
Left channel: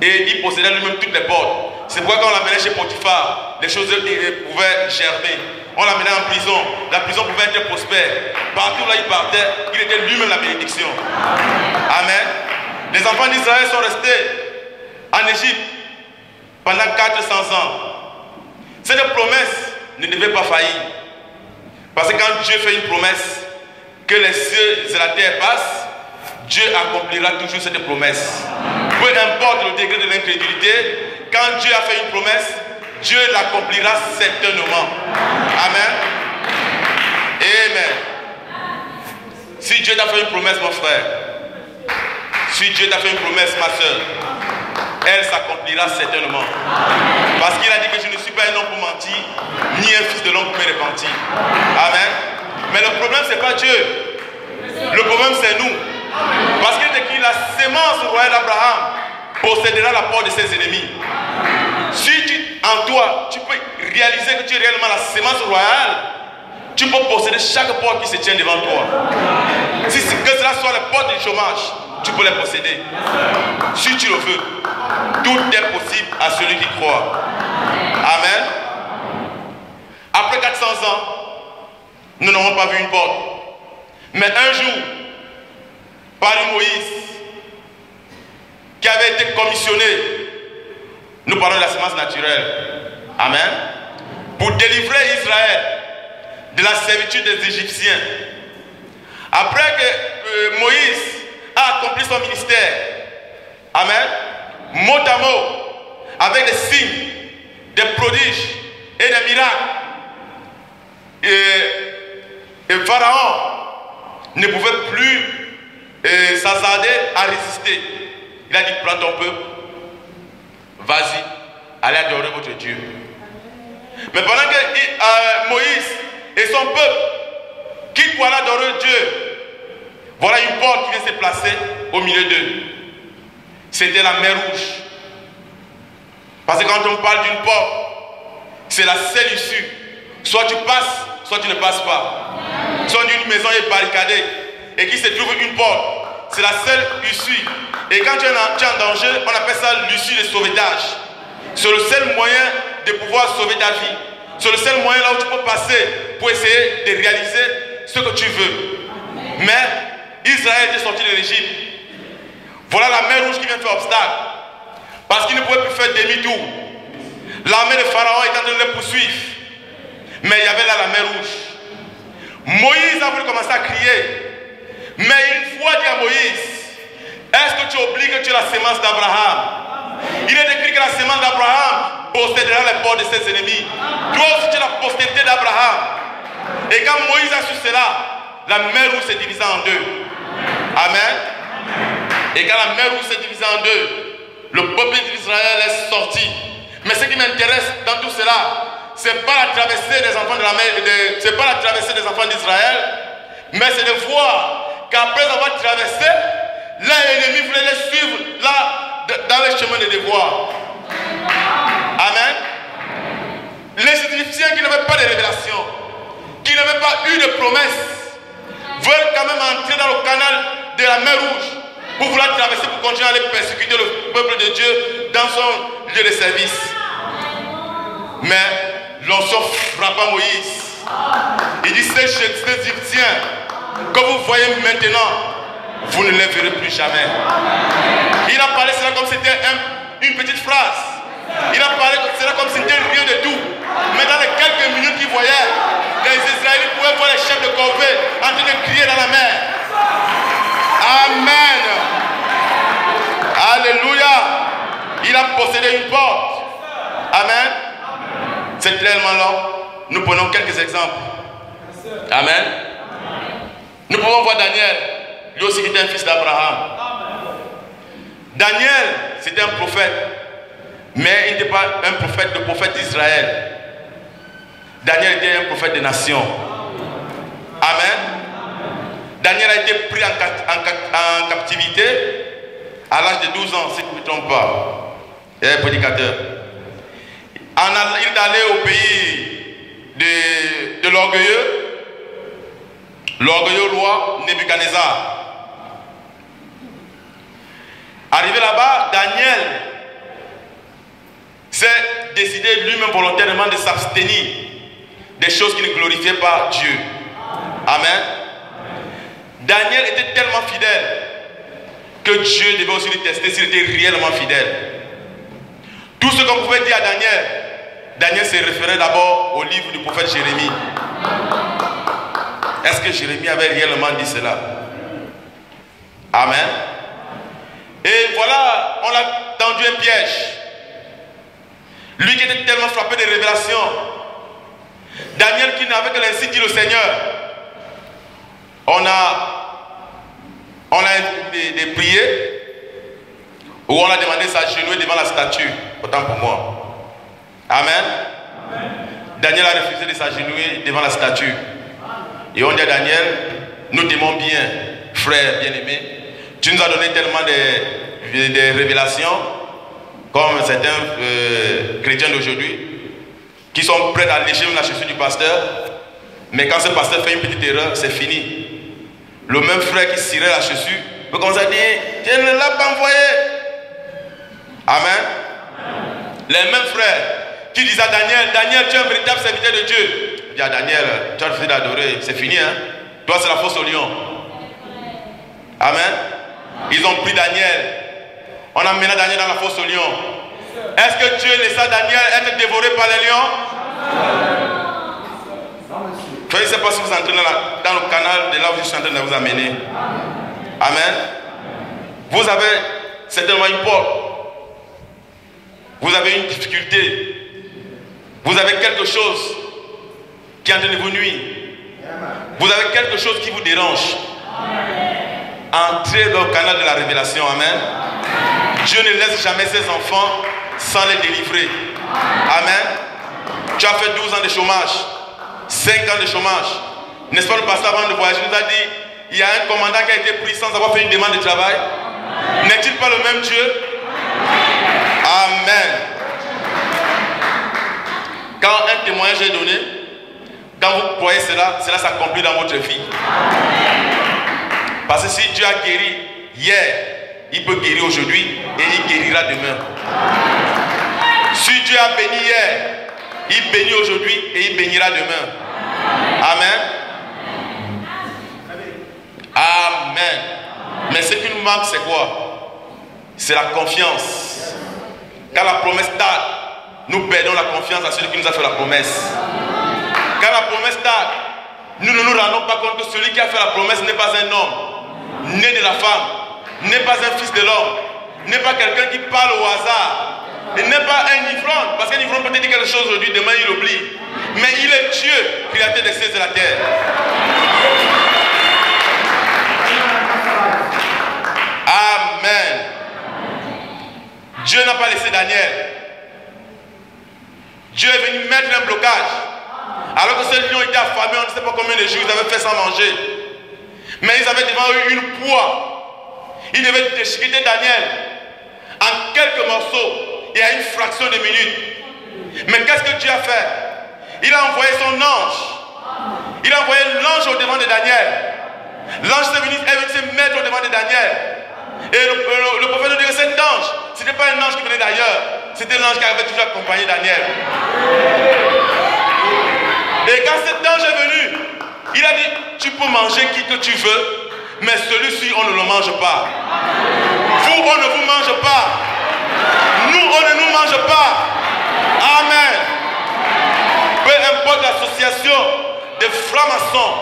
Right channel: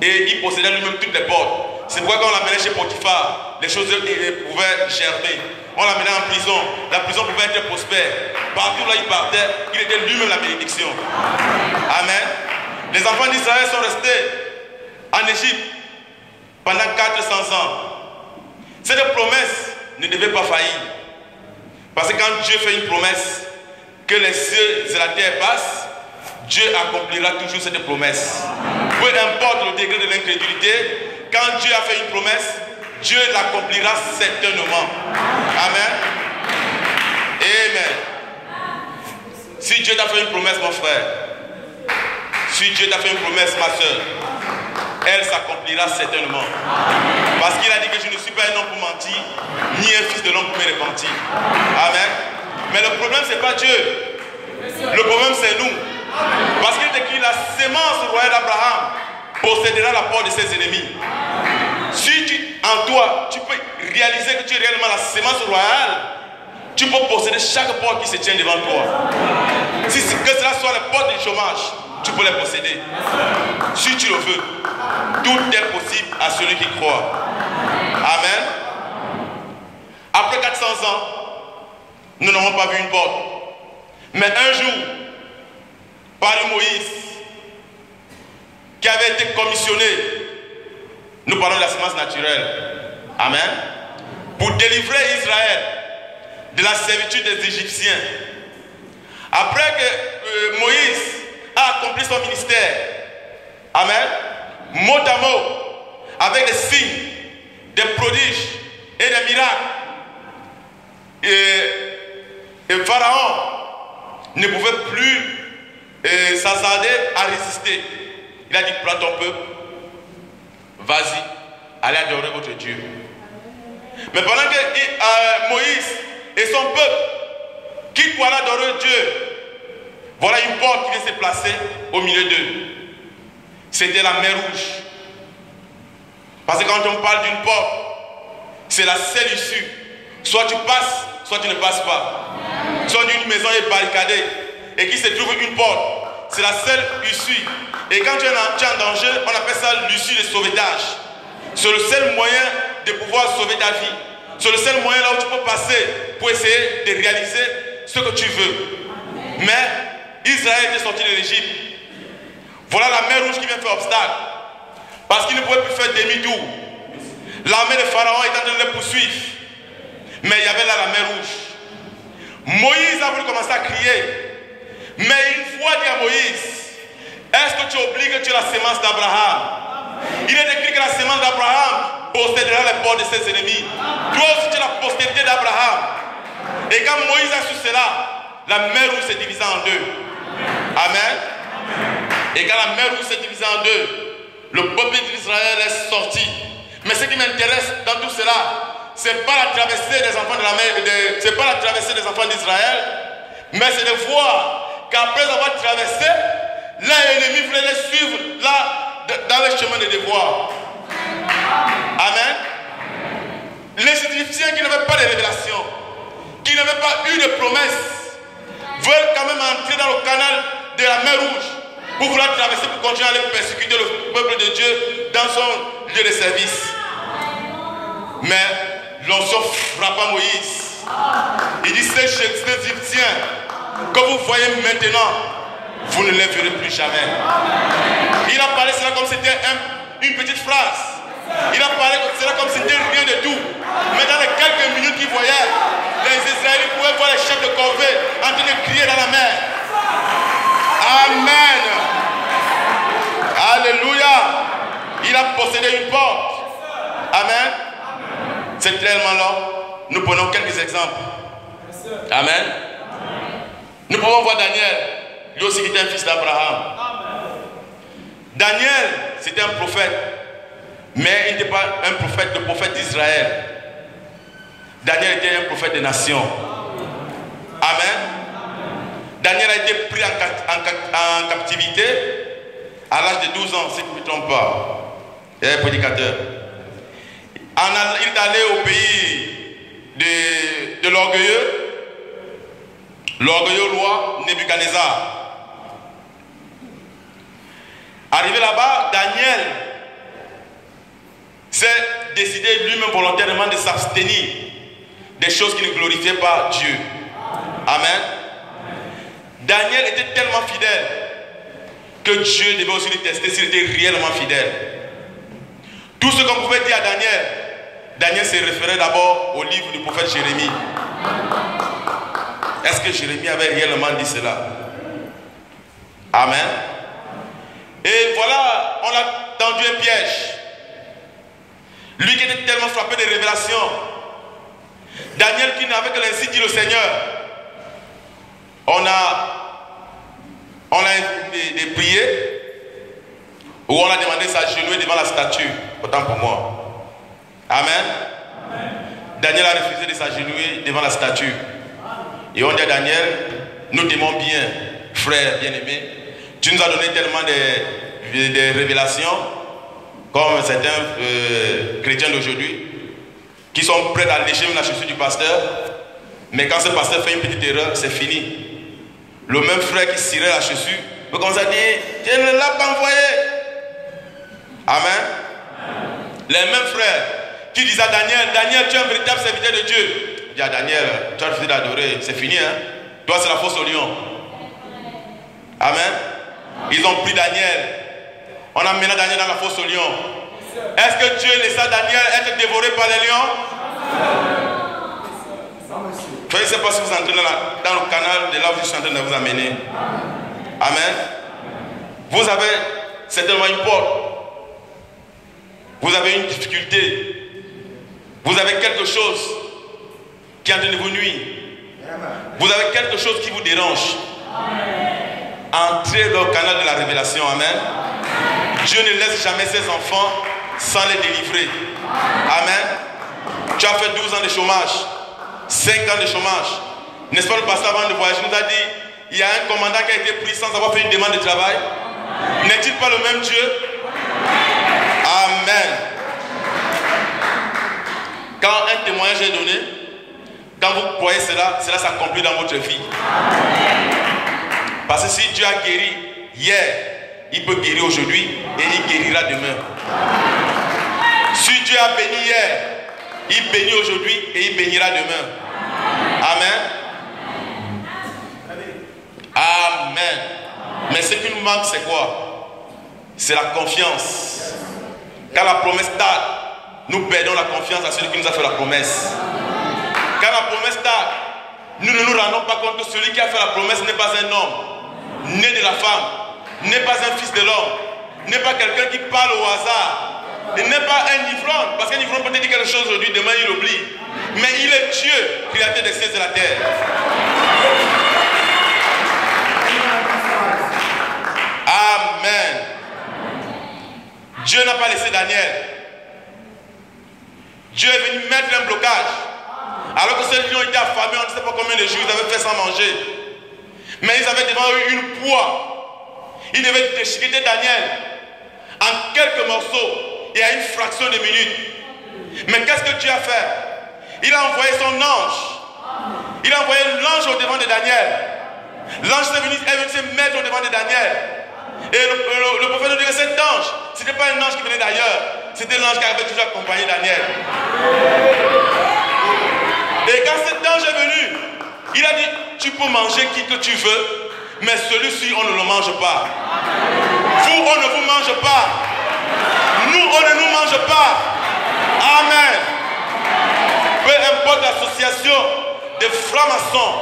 Et il possédait lui-même toutes les portes. C'est pourquoi quand on l'amenait chez Potiphar, les choses pouvaient germer. On l'amenait en prison. La prison pouvait être prospère. Partout là il partait, il était lui-même la bénédiction. Amen. Les enfants d'Israël sont restés en Égypte pendant 400 ans. Cette promesse ne devait pas faillir. Parce que quand Dieu fait une promesse, que les cieux et la terre passent, Dieu accomplira toujours cette promesse. Peu importe le degré de l'incrédulité, quand Dieu a fait une promesse, Dieu l'accomplira certainement. Amen. Amen. Si Dieu t'a fait une promesse, mon frère, si Dieu t'a fait une promesse, ma soeur, elle s'accomplira certainement. Parce qu'il a dit que je ne suis pas un homme pour mentir, ni un fils de l'homme pour me repentir. Amen. Mais le problème, ce n'est pas Dieu. Le problème, c'est nous. Parce qu'il est écrit, la sémence royale d'Abraham possédera la porte de ses ennemis. Si en toi, tu peux réaliser que tu es réellement la sémence royale, tu peux posséder chaque porte qui se tient devant toi. Si que cela soit les portes du chômage, tu peux les posséder. Si tu le veux, tout est possible à celui qui croit. Amen. Après 400 ans, nous n'avons pas vu une porte. Mais un jour, par Moïse, qui avait été commissionné, nous parlons de la sémence naturelle. Amen. Pour délivrer Israël de la servitude des Égyptiens. Après que Moïse a accompli son ministère, amen, mot à mot, avec des signes, des prodiges et des miracles, et Pharaon ne pouvait plus s'hasarder à résister. Il a dit, prends ton peuple, vas-y, allez adorer votre Dieu. Mais pendant que Moïse et son peuple quittent pour aller adorer Dieu, voilà une porte qui vient se placer au milieu d'eux. C'était la mer Rouge. Parce que quand on parle d'une porte, c'est la seule issue. Soit tu passes, soit tu ne passes pas. Soit une maison est barricadée et qu'il se trouve une porte, c'est la seule issue. Et quand tu es en danger, on appelle ça l'issue de sauvetage. C'est le seul moyen de pouvoir sauver ta vie. C'est le seul moyen là où tu peux passer pour essayer de réaliser ce que tu veux. Mais Israël était sorti de l'Égypte. Voilà la mer Rouge qui vient faire obstacle. Parce qu'il ne pouvait plus faire demi-tour. L'armée de Pharaon est en train de les poursuivre. Mais il y avait là la mer Rouge. Moïse a voulu commencer à crier. Mais une fois dit à Moïse, est-ce que tu oublies que tu es la sémence d'Abraham? Il est écrit que la sémence d'Abraham possédera les portes de ses ennemis. Toi aussi tu es la postérité d'Abraham. Et quand Moïse a su cela, la mer Rouge s'est divisée en deux. Amen. Et quand la mer Rouge s'est divisée en deux, le peuple d'Israël est sorti. Mais ce qui m'intéresse dans tout cela, c'est pas la traversée des enfants de la mer, c'est pas la traversée des enfants d'Israël, mais c'est de voir qu'après avoir traversé, l'ennemi voulait les suivre là, dans le chemin de devoir. Amen. Les Égyptiens qui n'avaient pas de révélation, qui n'avaient pas eu de promesse, veulent quand même entrer dans le canal de la mer Rouge pour vouloir traverser, pour continuer à aller persécuter le peuple de Dieu dans son lieu de service. Mais l'onction frappa Moïse. Il dit, ces Égyptiens que vous voyez maintenant, vous ne les verrez plus jamais. Il a parlé cela comme c'était une petite phrase. Il a parlé cela comme c'était rien de tout. Mais dans les quelques minutes qu'il voyait, les Israélites pouvaient voir les chefs de corvée en train de crier dans la mer. Amen. Alléluia. Il a possédé une porte. Amen. C'est tellement là. Nous prenons quelques exemples. Amen. Nous pouvons voir Daniel. Lui aussi qui était un fils d'Abraham. Daniel, c'était un prophète. Mais il n'était pas un prophète, le prophète d'Israël. Daniel était un prophète des nations. Amen. Daniel a été pris en captivité à l'âge de 12 ans, si je ne me trompe pas. Il est prédicateur. Il est allé au pays de l'orgueilleux roi Nebuchadnezzar. Arrivé là-bas, Daniel s'est décidé lui-même volontairement de s'abstenir des choses qui ne glorifiaient pas Dieu. Amen. Daniel était tellement fidèle que Dieu devait aussi le tester s'il était réellement fidèle. Tout ce qu'on pouvait dire à Daniel, Daniel se référait d'abord au livre du prophète Jérémie. Est-ce que Jérémie avait réellement dit cela? Amen. Et voilà, on a tendu un piège. Lui qui était tellement frappé de révélations. Daniel qui n'avait que l'ainsi dit le Seigneur. On a des prières où on a demandé de s'agenouiller devant la statue. Autant pour moi. Amen. Daniel a refusé de s'agenouiller devant la statue. Et on dit à Daniel, nous t'aimons bien, frère bien-aimé. Tu nous as donné tellement de révélations, comme certains chrétiens d'aujourd'hui, qui sont prêts à lécher même la chaussure du pasteur. Mais quand ce pasteur fait une petite erreur, c'est fini. Le même frère qui cirait la chaussure peut commencer à dire, je ne l'ai pas envoyé. Amen. Les mêmes frères qui disent à Daniel, Daniel, tu es un véritable serviteur de Dieu. Il dit à Daniel, tu as refusé d'adorer, c'est fini, hein. Toi, c'est la fosse au lion. Amen. Ils ont pris Daniel. On a mené Daniel dans la fosse au lion. Est-ce que Dieu laissa Daniel être dévoré par les lions? Je ne sais pas si vous entrez dans le canal de là où je suis en train de vous amener. Amen. Vous avez certainement une porte. Vous avez une difficulté. Vous avez quelque chose qui est en train de vous nuire. Vous avez quelque chose qui vous dérange. Entrez dans le canal de la révélation. Amen. Dieu ne laisse jamais ses enfants sans les délivrer. Amen. Tu as fait 12 ans de chômage, 5 ans de chômage. N'est-ce pas, le pasteur avant de voyager nous a dit, il y a un commandant qui a été pris sans avoir fait une demande de travail. N'est-il pas le même Dieu? Amen. Quand un témoignage est donné, quand vous croyez cela s'accomplit dans votre vie. Parce que si Dieu a guéri hier, il peut guérir aujourd'hui et il guérira demain. Si Dieu a béni hier, il bénit aujourd'hui et il bénira demain. Amen. Amen. Mais ce qui nous manque, c'est quoi? C'est la confiance. Quand la promesse tarde, nous perdons la confiance à celui qui nous a fait la promesse. Quand la promesse tarde, nous ne nous rendons pas compte que celui qui a fait la promesse n'est pas un homme, né de la femme, n'est pas un fils de l'homme, n'est pas quelqu'un qui parle au hasard, il n'est pas un ivrogne, parce qu'un ivrogne peut dire quelque chose aujourd'hui, demain il oublie. Mais il est Dieu, créateur des cieux et de la terre. Amen. Dieu n'a pas laissé Daniel. Dieu est venu mettre un blocage. Alors que ces lions étaient affamés, on ne sait pas combien de jours ils avaient fait sans manger. Mais ils avaient devant eux une poids. Ils devaient déchiqueter Daniel en quelques morceaux et à une fraction de minute. Mais qu'est-ce que Dieu a fait? Il a envoyé son ange. Il a envoyé l'ange au devant de Daniel. L'ange est venu se mettre au devant de Daniel. Et le prophète nous dit que cet ange, ce n'était pas un ange qui venait d'ailleurs, c'était l'ange qui avait toujours accompagné Daniel. Et quand cet ange est venu, il a dit, tu peux manger qui que tu veux, mais celui-ci, on ne le mange pas. Vous, on ne vous mange pas. Nous, on ne nous mange pas. Amen. Peu importe l'association des francs-maçons,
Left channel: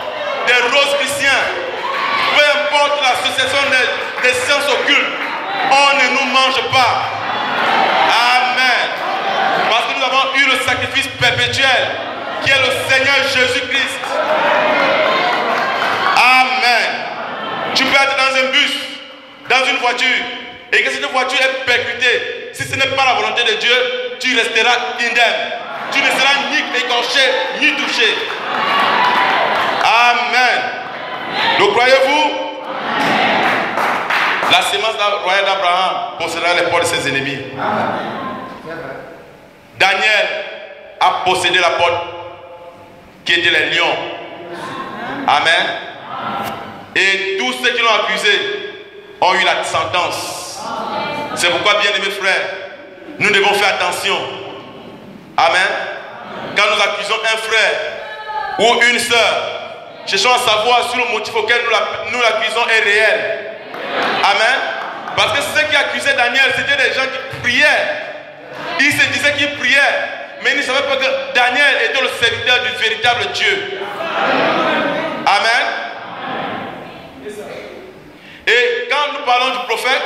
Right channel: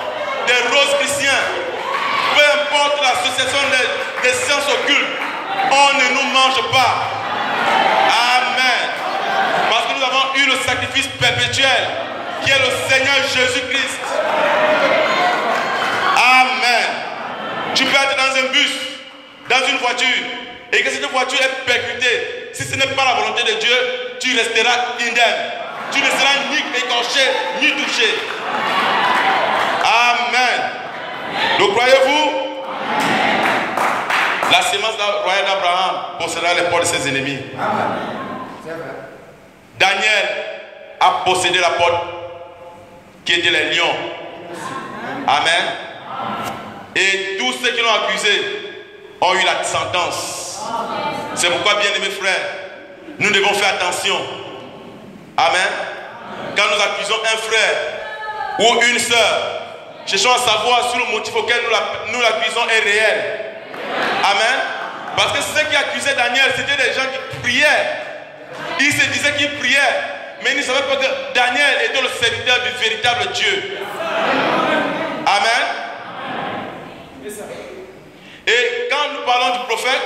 des roses chrétiens, peu importe l'association des sciences occultes, on ne nous mange pas. Amen. Parce que nous avons eu le sacrifice perpétuel qui est le Seigneur Jésus-Christ. Amen. Tu peux être dans un bus, dans une voiture, et que cette voiture est percutée. Si ce n'est pas la volonté de Dieu, tu resteras indemne. Tu ne seras ni écorché, ni touché. Amen. Le croyez-vous? La sémence royale d'Abraham possédera les portes de ses ennemis. Daniel a possédé la porte qui était les lions. Amen. Et tous ceux qui l'ont accusé ont eu la sentence. C'est pourquoi, bien aimés frères, nous devons faire attention. Amen. Quand nous accusons un frère ou une sœur, cherchons à savoir si le motif auquel nous l'accusons est réel. Amen. Parce que ceux qui accusaient Daniel, c'était des gens qui priaient. Ils se disaient qu'ils priaient, mais ils ne savaient pas que Daniel était le serviteur du véritable Dieu. Amen. Et quand nous parlons du prophète,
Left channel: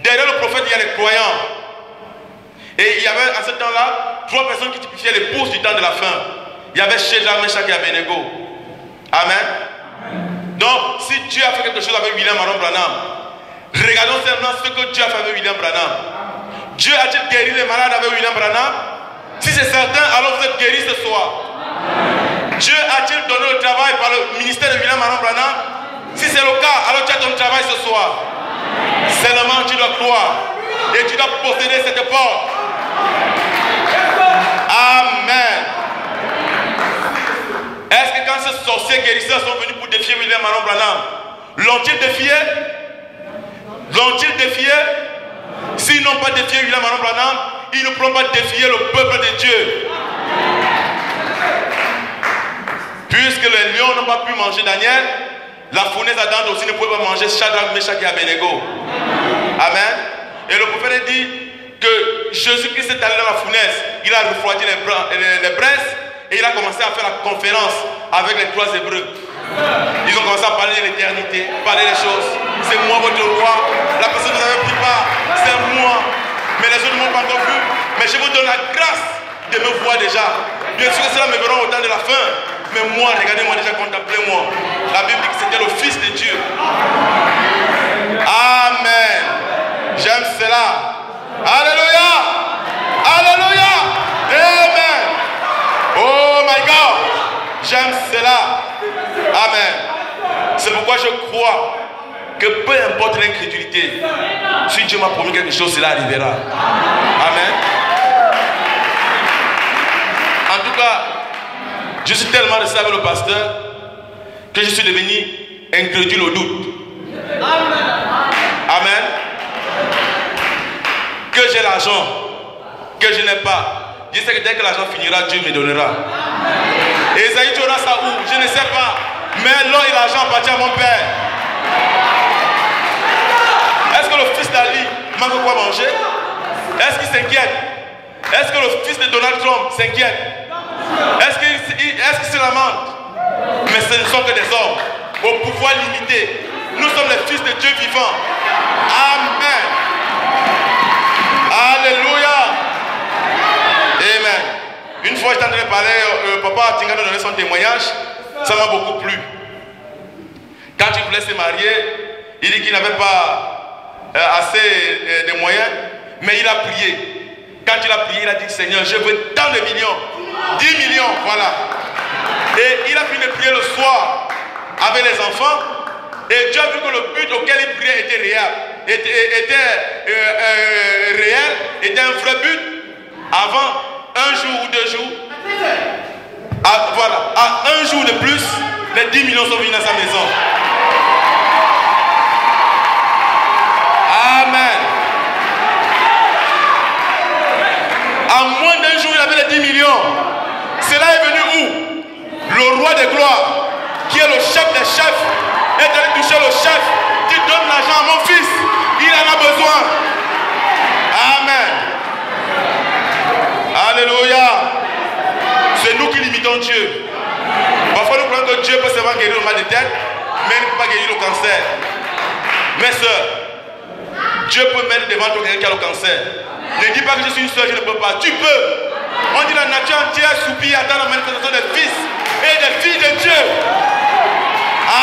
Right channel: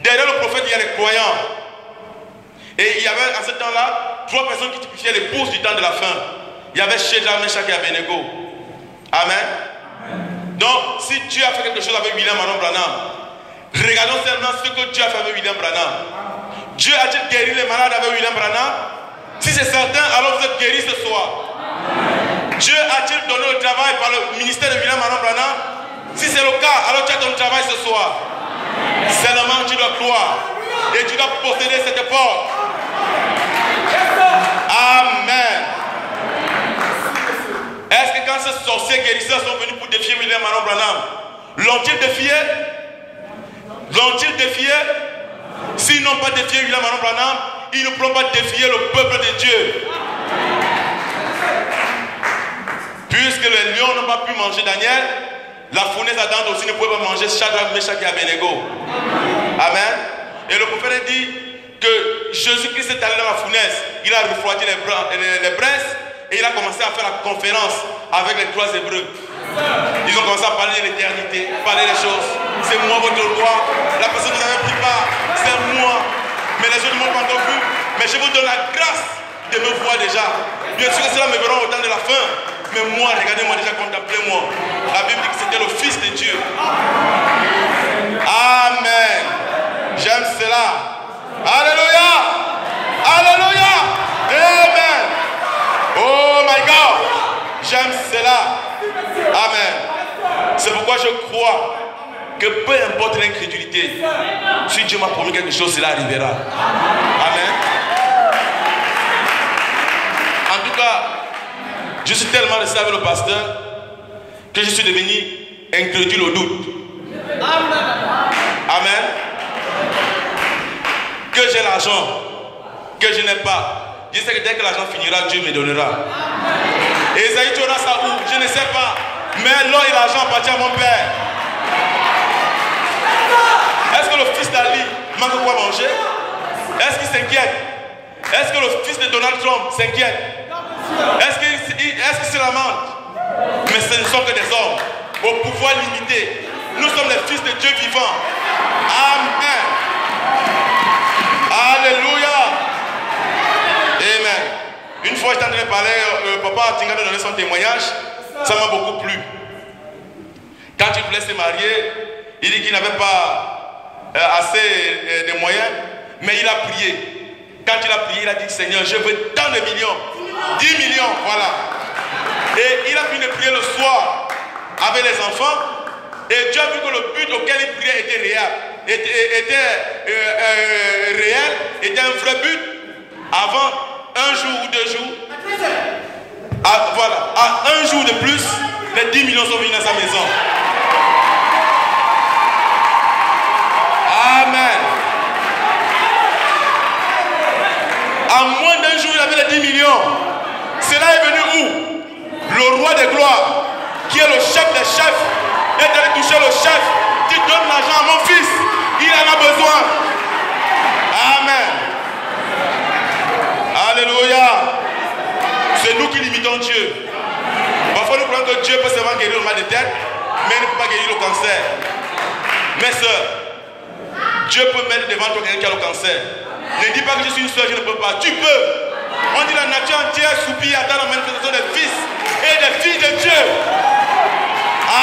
derrière le prophète, il y a les croyants. Et il y avait à ce temps-là 3 personnes qui typifiaient les bourses du temps de la fin. Il y avait Shadrach, Meshach et Abednego. Amen. Donc, si Dieu a fait quelque chose avec William Aaron Branham, regardons seulement ce que Dieu a fait avec William Branham. Dieu a-t-il guéri les malades avec William Branham? Si c'est certain, alors vous êtes guéris ce soir. Dieu a-t-il donné le travail par le ministère de William Aaron Branham? Si c'est le cas, alors tu as ton travail ce soir. Seulement tu dois croire et tu dois posséder cette porte. Amen. Est-ce que quand ces sorciers guérisseurs sont venus pour défier William Aaron Branham, l'ont-ils défié? L'ont-ils défié? S'ils n'ont pas défié William Aaron Branham, ils ne pourront pas défier le peuple de Dieu. Puisque les lions n'ont pas pu manger Daniel, la fournaise ardente aussi ne pouvait pas manger Shadrach, Meshach et Abednego. Amen. Et le prophète dit que Jésus-Christ est allé dans la fournaise, il a refroidi les braises et il a commencé à faire la conférence avec les 3 Hébreux. Ils ont commencé à parler de l'éternité, parler des choses. C'est moi votre roi. La personne que vous avez pris part, c'est moi. Mais les autres ne m'ont pas encore vu. Mais je vous donne la grâce de me voir déjà. Bien sûr que cela me verront au temps de la fin. Mais moi, regardez-moi déjà, contemplez-moi. La Bible dit que c'était le Fils de Dieu. Amen. J'aime cela. Alléluia. Alléluia. Amen. Oh my God. J'aime cela. Amen. C'est pourquoi je crois que peu importe l'incrédulité, si Dieu m'a promis quelque chose, cela arrivera. Amen. En tout cas, je suis tellement resté avec le pasteur que je suis devenu incrédule au doute. Amen. Que j'ai l'argent, que je n'ai pas. Je sais que dès que l'argent finira, Dieu me donnera. Et Esaïe, tu auras ça où? Je ne sais pas. Mais l'or et l'argent appartiennent à mon père. Est-ce que le fils d'Ali manque quoi manger? Est-ce qu'il s'inquiète? Est-ce que le fils de Donald Trump s'inquiète? Est-ce qu'il se lamente? Mais ce ne sont que des hommes au pouvoir limité. Nous sommes les fils de Dieu vivant. Amen. Alléluia. Amen. Une fois j'étais en train de parler, papa Tinga nous donnait son témoignage. Ça m'a beaucoup plu. Quand il voulait se marier, il dit qu'il n'avait pas assez de moyens, mais il a prié. Quand il a prié, il a dit, Seigneur, je veux tant de millions. 10 millions, voilà. Et il a fini de prier le soir avec les enfants. Et Dieu a vu que le but auquel il priait était réel. Était un vrai but. Avant 1 jour ou 2 jours. Voilà. À 1 jour de plus, les 10 millions sont venus dans sa maison. Amen. À moins d'1 jour, il avait les 10 millions. Cela est venu où? Le roi des gloires, qui est le chef des chefs, est allé toucher le chef. Tu donnes l'argent à mon fils, il en a besoin. Amen. Alléluia. C'est nous qui limitons Dieu. Parfois nous croyons que Dieu peut seulement guérir le mal de tête, mais il ne peut pas guérir le cancer. Mes soeurs, Dieu peut mettre devant toi quelqu'un qui a le cancer. Ne dis pas que je suis une soeur, je ne peux pas. Tu peux. On dit la nature entière soupire attend la manifestation des fils et des filles de Dieu.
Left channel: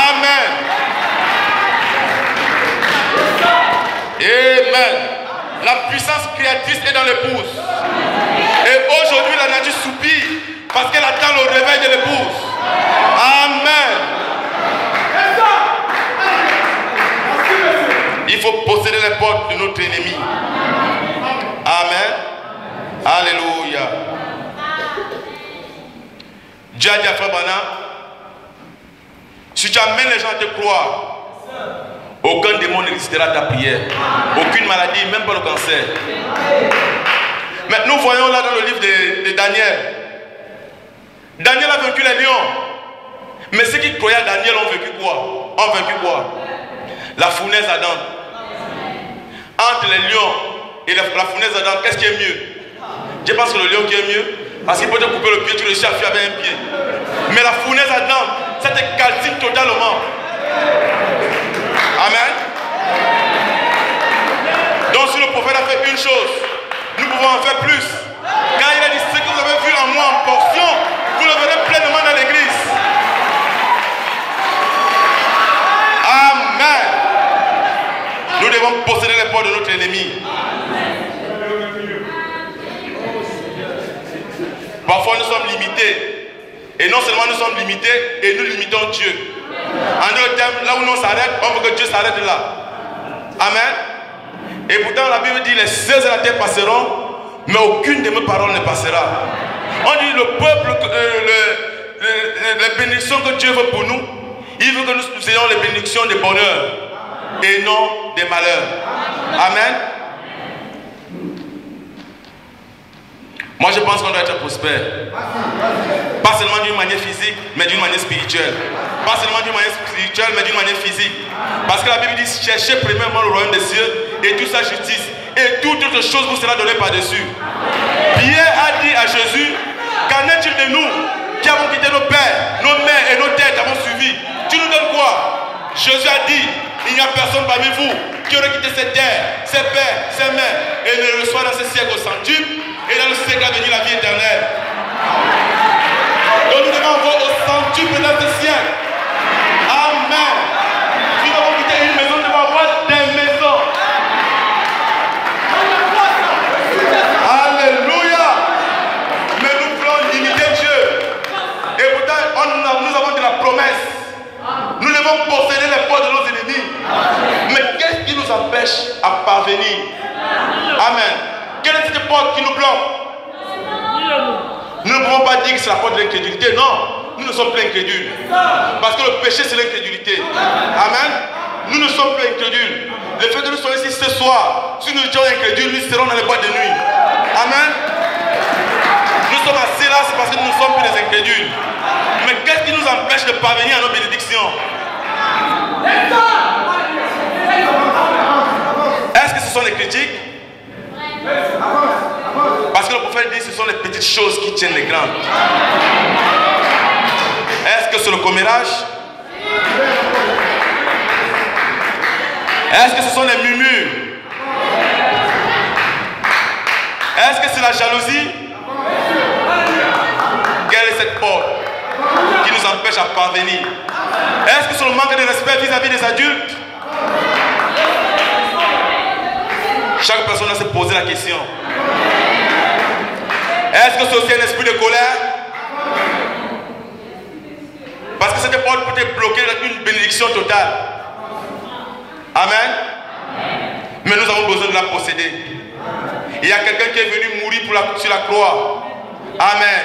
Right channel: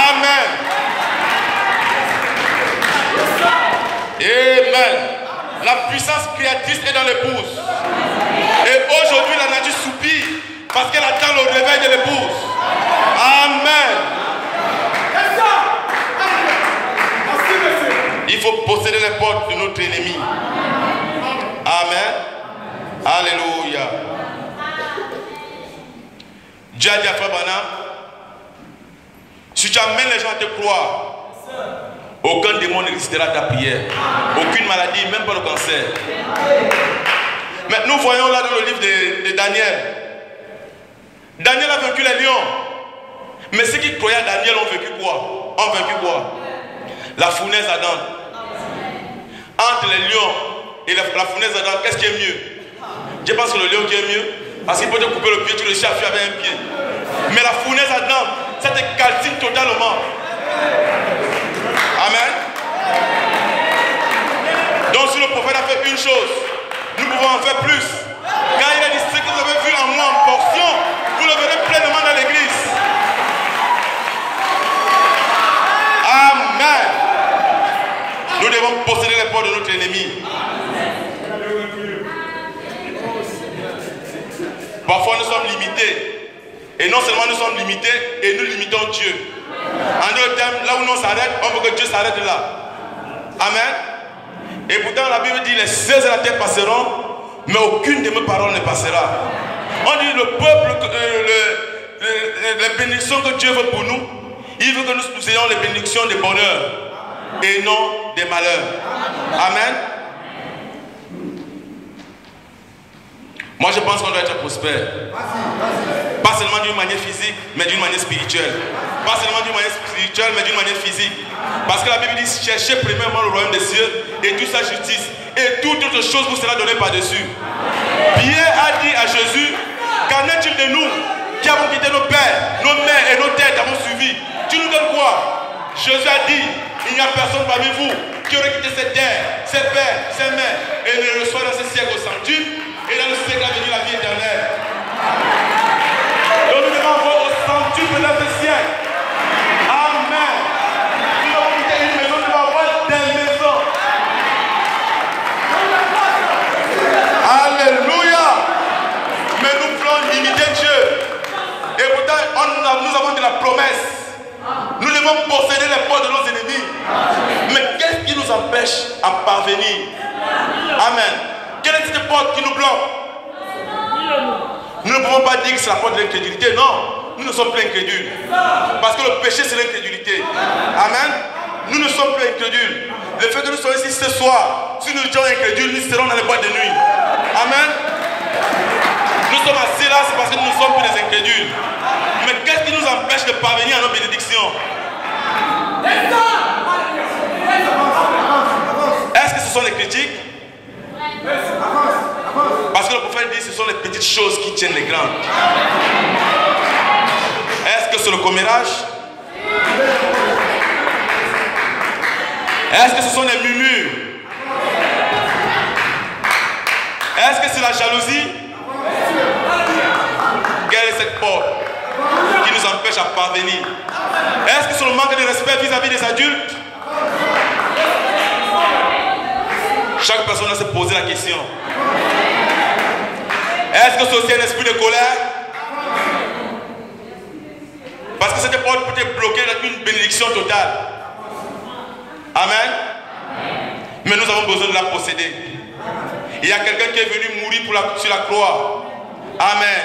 Amen. Amen. La puissance créatrice est dans l'épouse. Et aujourd'hui la nature soupire parce qu'elle attend le réveil de l'épouse. Amen. Il faut posséder les portes de notre ennemi. Amen. Alléluia. Dieu a dit à Frère Branham, si tu amènes les gens à te croire, aucun démon ne résistera à ta prière. Aucune maladie, même pas le cancer. Mais nous voyons là dans le livre de Daniel. Daniel a vaincu les lions. Mais ceux qui croyaient à Daniel ont vaincu quoi? Ont vaincu quoi? La fournaise ardente. Entre les lions et la fournaise ardente, qu'est-ce qui est mieux? Je pense que le lion qui est mieux, parce qu'il peut te couper le pied, tu le cherches avec un pied. Mais la fournaise ardente, ça te calcine totalement. Amen. Donc si le prophète a fait une chose, nous pouvons en faire plus. Car il a dit, ce que vous avez vu en moi en portion, vous le verrez pleinement dans l'église. Amen. Nous devons posséder les portes de notre ennemi. Parfois nous sommes limités. Et non seulement nous sommes limités, et nous limitons Dieu. En d'autres termes, là où on s'arrête, on veut que Dieu s'arrête là. Amen. Et pourtant la Bible dit, les cieux et la terre passeront, mais aucune de mes paroles ne passera. On dit le peuple, les bénédictions que Dieu veut pour nous, il veut que nous ayons les bénédictions de bonheur et non des malheurs. Amen. Moi je pense qu'on doit être prospère. Pas seulement d'une manière physique, mais d'une manière spirituelle. Pas seulement d'une manière spirituelle, mais d'une manière physique. Parce que la Bible dit, cherchez premièrement le royaume des cieux et toute sa justice. Et toute autre chose vous sera donnée par-dessus. Pierre a dit à Jésus, qu'en est-il de nous qui avons quitté nos pères, nos mères et nos têtes avons suivi? Tu nous donnes quoi? Jésus a dit, il n'y a personne parmi vous qui aurait quitté ses terres, ses pères, ses mères, et ne reçoit dans ce siècle au centuple, et dans le siècle à venir la vie éternelle. Donc nous devons avoir au centuple dans ce siècle. Amen. Si nous avons quitté une maison, nous devons avoir des maisons. Alléluia. Mais nous voulons limiter Dieu. Et pourtant, nous avons de la promesse. Nous devons posséder les portes de nos ennemis. Mais qu'est-ce qui nous empêche à parvenir? Amen. Quelle est cette porte qui nous bloque? Nous ne pouvons pas dire que c'est la porte de l'incrédulité. Non, nous ne sommes pas incrédules. Parce que le péché, c'est l'incrédulité. Amen. Nous ne sommes pas incrédules. Le fait que nous soyons ici ce soir, si nous étions incrédules, nous serons dans les boîtes de nuit. Amen. Nous sommes assis là, c'est parce que nous ne sommes plus des incrédules. Mais qu'est-ce qui nous empêche de parvenir à nos bénédictions? Est-ce que ce sont les critiques? Parce que le prophète dit que ce sont les petites choses qui tiennent les grandes. Est-ce que c'est le commérage? Est-ce que ce sont les murmures? Est-ce que c'est la jalousie? Quelle est cette porte qui nous empêche à parvenir? Est-ce que c'est le manque de respect vis-à-vis des adultes? Chaque personne doit se poser la question. Est-ce que c'est aussi un esprit de colère? Parce que cette porte peut être bloquée dans une bénédiction totale. Amen. Mais nous avons besoin de la posséder. Il y a quelqu'un qui est venu mourir sur la croix. Amen.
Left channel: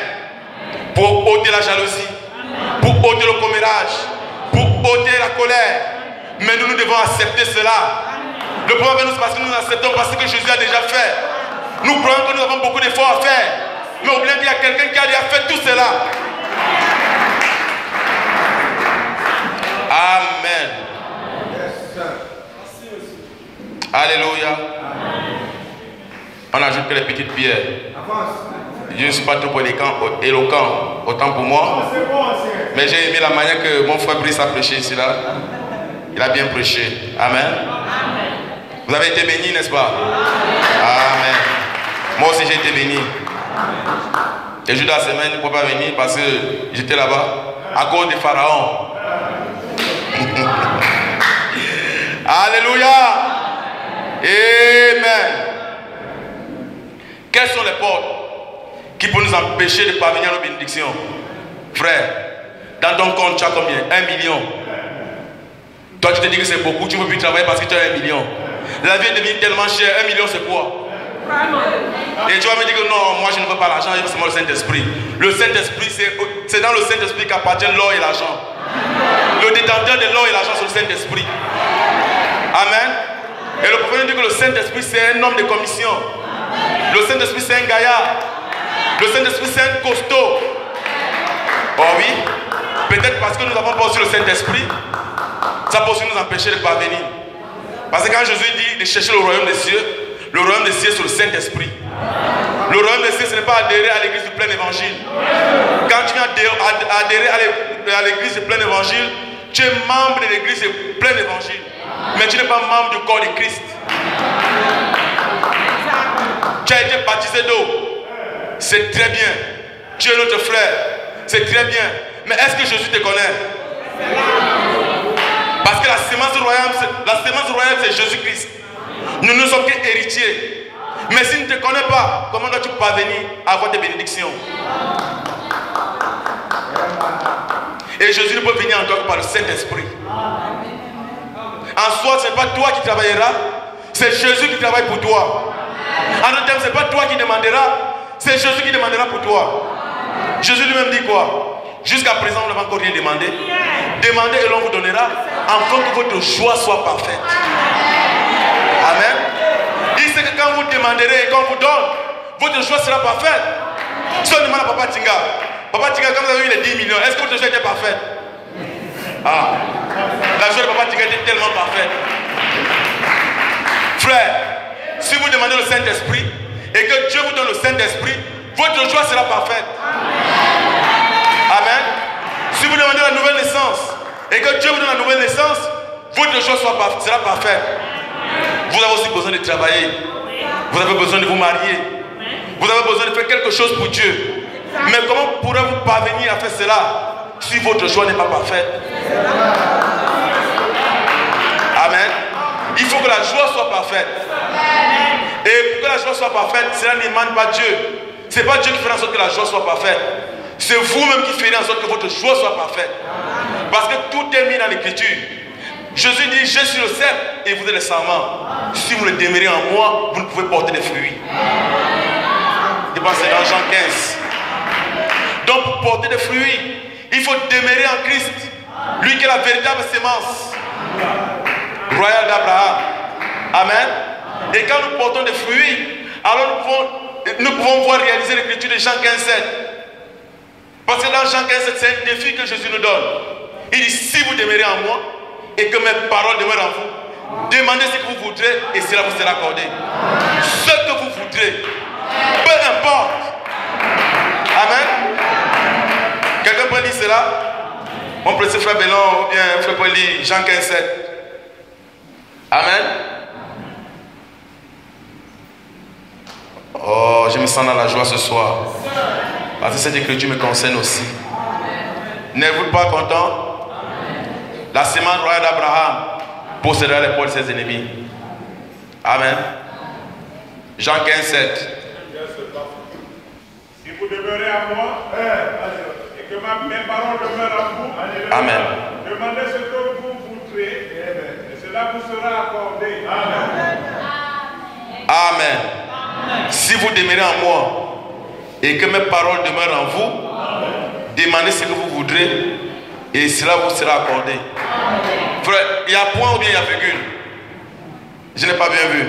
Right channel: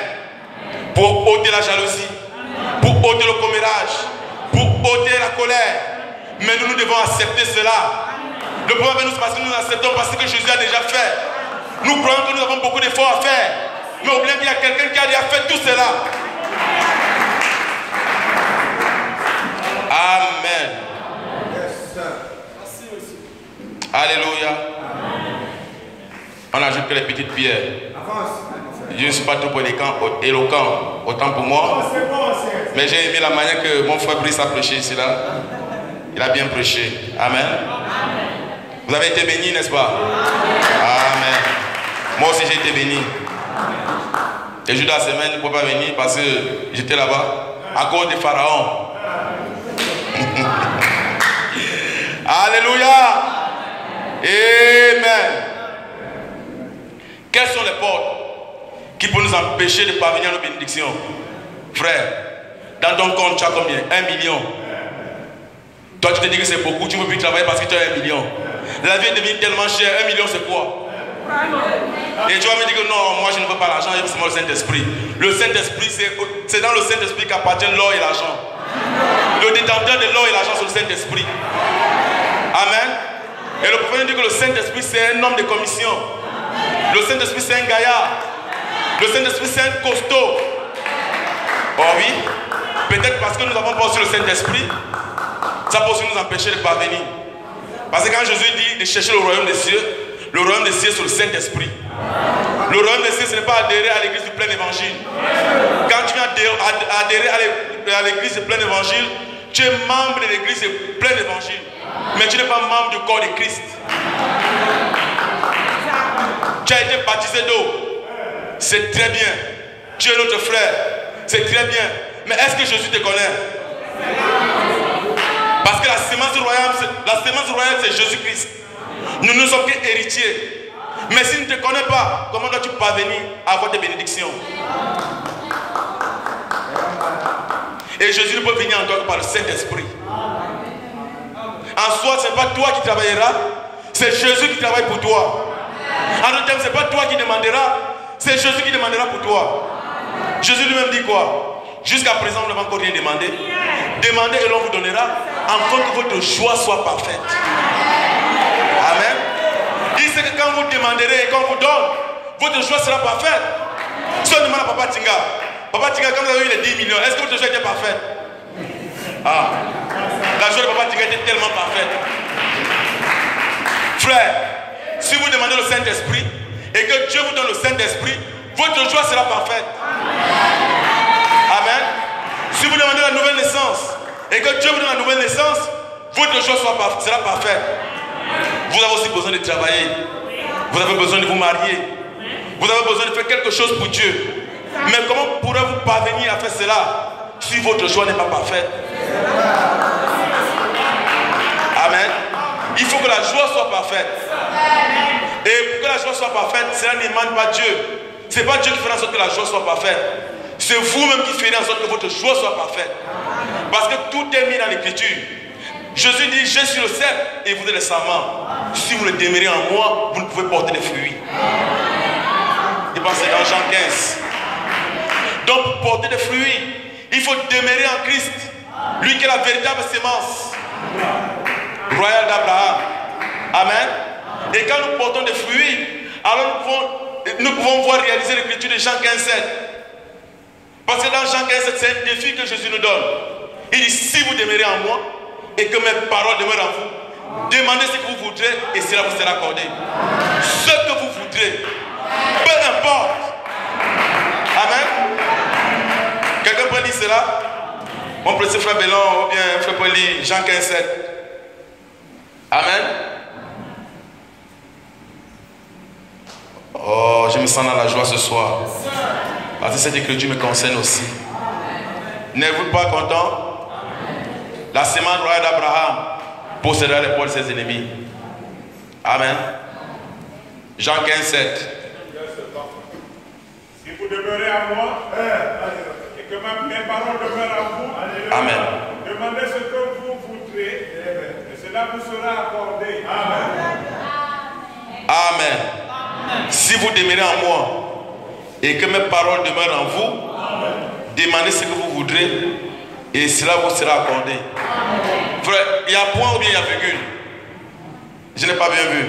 Pour ôter la jalousie, pour ôter le commérage, pour ôter la colère. Mais nous devons accepter cela. Le problème avec nous, c'est parce que nous acceptons parce que Jésus a déjà fait. Nous croyons que nous avons beaucoup d'efforts à faire. Mais oublions qu'il y a quelqu'un qui a déjà fait tout cela. Amen. Alléluia. On ajoute que les petites pierres. Je ne suis pas trop éloquent, autant pour moi. Mais j'ai aimé la manière que mon frère Brice a prêché ici là. Il a bien prêché. Amen. Vous avez été bénis, n'est-ce pas? Amen. Moi aussi j'ai été béni. Les jours de la semaine, je ne peux pas venir parce que j'étais là-bas à cause des pharaons. Alléluia. Amen. Quelles sont les portes qui peuvent nous empêcher de parvenir à nos bénédictions? Frère, dans ton compte, tu as combien? 1 million. Toi, tu te dis que c'est beaucoup, tu ne peux plus travailler parce que tu as 1 million. La vie est devenue tellement chère. 1 million, c'est quoi? Et tu vas me dire que non, moi je ne veux pas l'argent, c'est moi le Saint-Esprit. Le Saint-Esprit, c'est dans le Saint-Esprit qu'appartiennent l'or et l'argent. Le détenteur de l'or et l'argent, c'est le Saint-Esprit. Amen. Et le prophète dit que le Saint-Esprit, c'est un homme de commission. Le Saint-Esprit, c'est un gaillard. Le Saint-Esprit, c'est un costaud. Oh oui. Peut-être parce que nous n'avons pas aussi le Saint-Esprit, ça peut aussi nous empêcher de parvenir. Parce que quand Jésus dit de chercher le royaume des cieux, le royaume des cieux, c'est le Saint-Esprit. Le royaume des cieux, ce n'est pas adhérer à l'église du plein évangile. Quand tu viens adhérer à l'église du plein évangile, tu es membre de l'église du plein évangile. Mais tu n'es pas membre du corps de Christ. Tu as été baptisé d'eau. C'est très bien. Tu es notre frère. C'est très bien. Mais est-ce que Jésus te connaît? Parce que la sémence royale, c'est Jésus-Christ. Nous ne sommes qu'héritiers. Mais s'il ne te connaît pas, comment dois-tu parvenir à avoir des bénédictions? Et Jésus ne peut venir en toi que par le Saint-Esprit. En soi, ce n'est pas toi qui travailleras, c'est Jésus qui travaille pour toi. En d'autres termes, ce n'est pas toi qui demanderas, c'est Jésus qui demandera pour toi. Jésus lui-même dit quoi? Jusqu'à présent, on n'a pas encore rien demandé. Demandez et l'on vous donnera, afin que votre joie soit parfaite. Amen. Il sait que quand vous demanderez et qu'on vous donne, votre joie sera parfaite. Si on demande à Papa Tinga, Papa Tinga, comme vous avez eu les 10 millions, est-ce que votre joie était parfaite? Ah, la joie de Papa Tinga était tellement parfaite. Frère, si vous demandez le Saint-Esprit et que Dieu vous donne le Saint-Esprit, votre joie sera parfaite. Amen. Si vous demandez la nouvelle naissance et que Dieu vous donne la nouvelle naissance, votre joie sera parfaite. Vous avez aussi besoin de travailler. Vous avez besoin de vous marier. Vous avez besoin de faire quelque chose pour Dieu. Mais comment pourrez-vous parvenir à faire cela si votre joie n'est pas parfaite? Amen. Il faut que la joie soit parfaite. Et pour que la joie soit parfaite, cela n'émane pas Dieu. Ce n'est pas Dieu qui fera en sorte que la joie soit parfaite. C'est vous-même qui ferez en sorte que votre joie soit parfaite. Parce que tout est mis dans l'Écriture. Jésus dit, je suis le cep et vous êtes les sarments. Si vous le demeurez en moi, vous ne pouvez porter des fruits. Et bien c'est dans Jean 15. Donc pour porter des fruits, il faut demeurer en Christ. Lui qui est la véritable sémence royale d'Abraham. Amen. Et quand nous portons des fruits, alors nous pouvons voir réaliser l'écriture de Jean 15,7. Parce que dans Jean 15,7, c'est un défi que Jésus nous donne. Il dit, si vous demeurez en moi et que mes paroles demeurent en vous, demandez ce que vous voudrez et cela vous sera accordé. Ce que vous voudrez, peu importe. Amen. Quelqu'un peut lire cela? Mon petit frère Bellon ou bien frère peut lire Jean 15,7. Amen. Oh, je me sens dans la joie ce soir. Parce que cette écriture me concerne aussi. N'êtes-vous pas content? La sémence royale d'Abraham possédera l'épaule de ses ennemis. Amen. Jean 15,7. Si vous demeurez en moi, et que mes paroles demeurent en vous, Amen. Demandez ce que vous voudrez, et cela vous sera accordé. Amen. Amen. Si vous demeurez en moi et que mes paroles demeurent en vous, demandez ce que vous voudrez et cela vous sera accordé. Frère, il y a point ou bien il y a virgule? Je n'ai pas bien vu.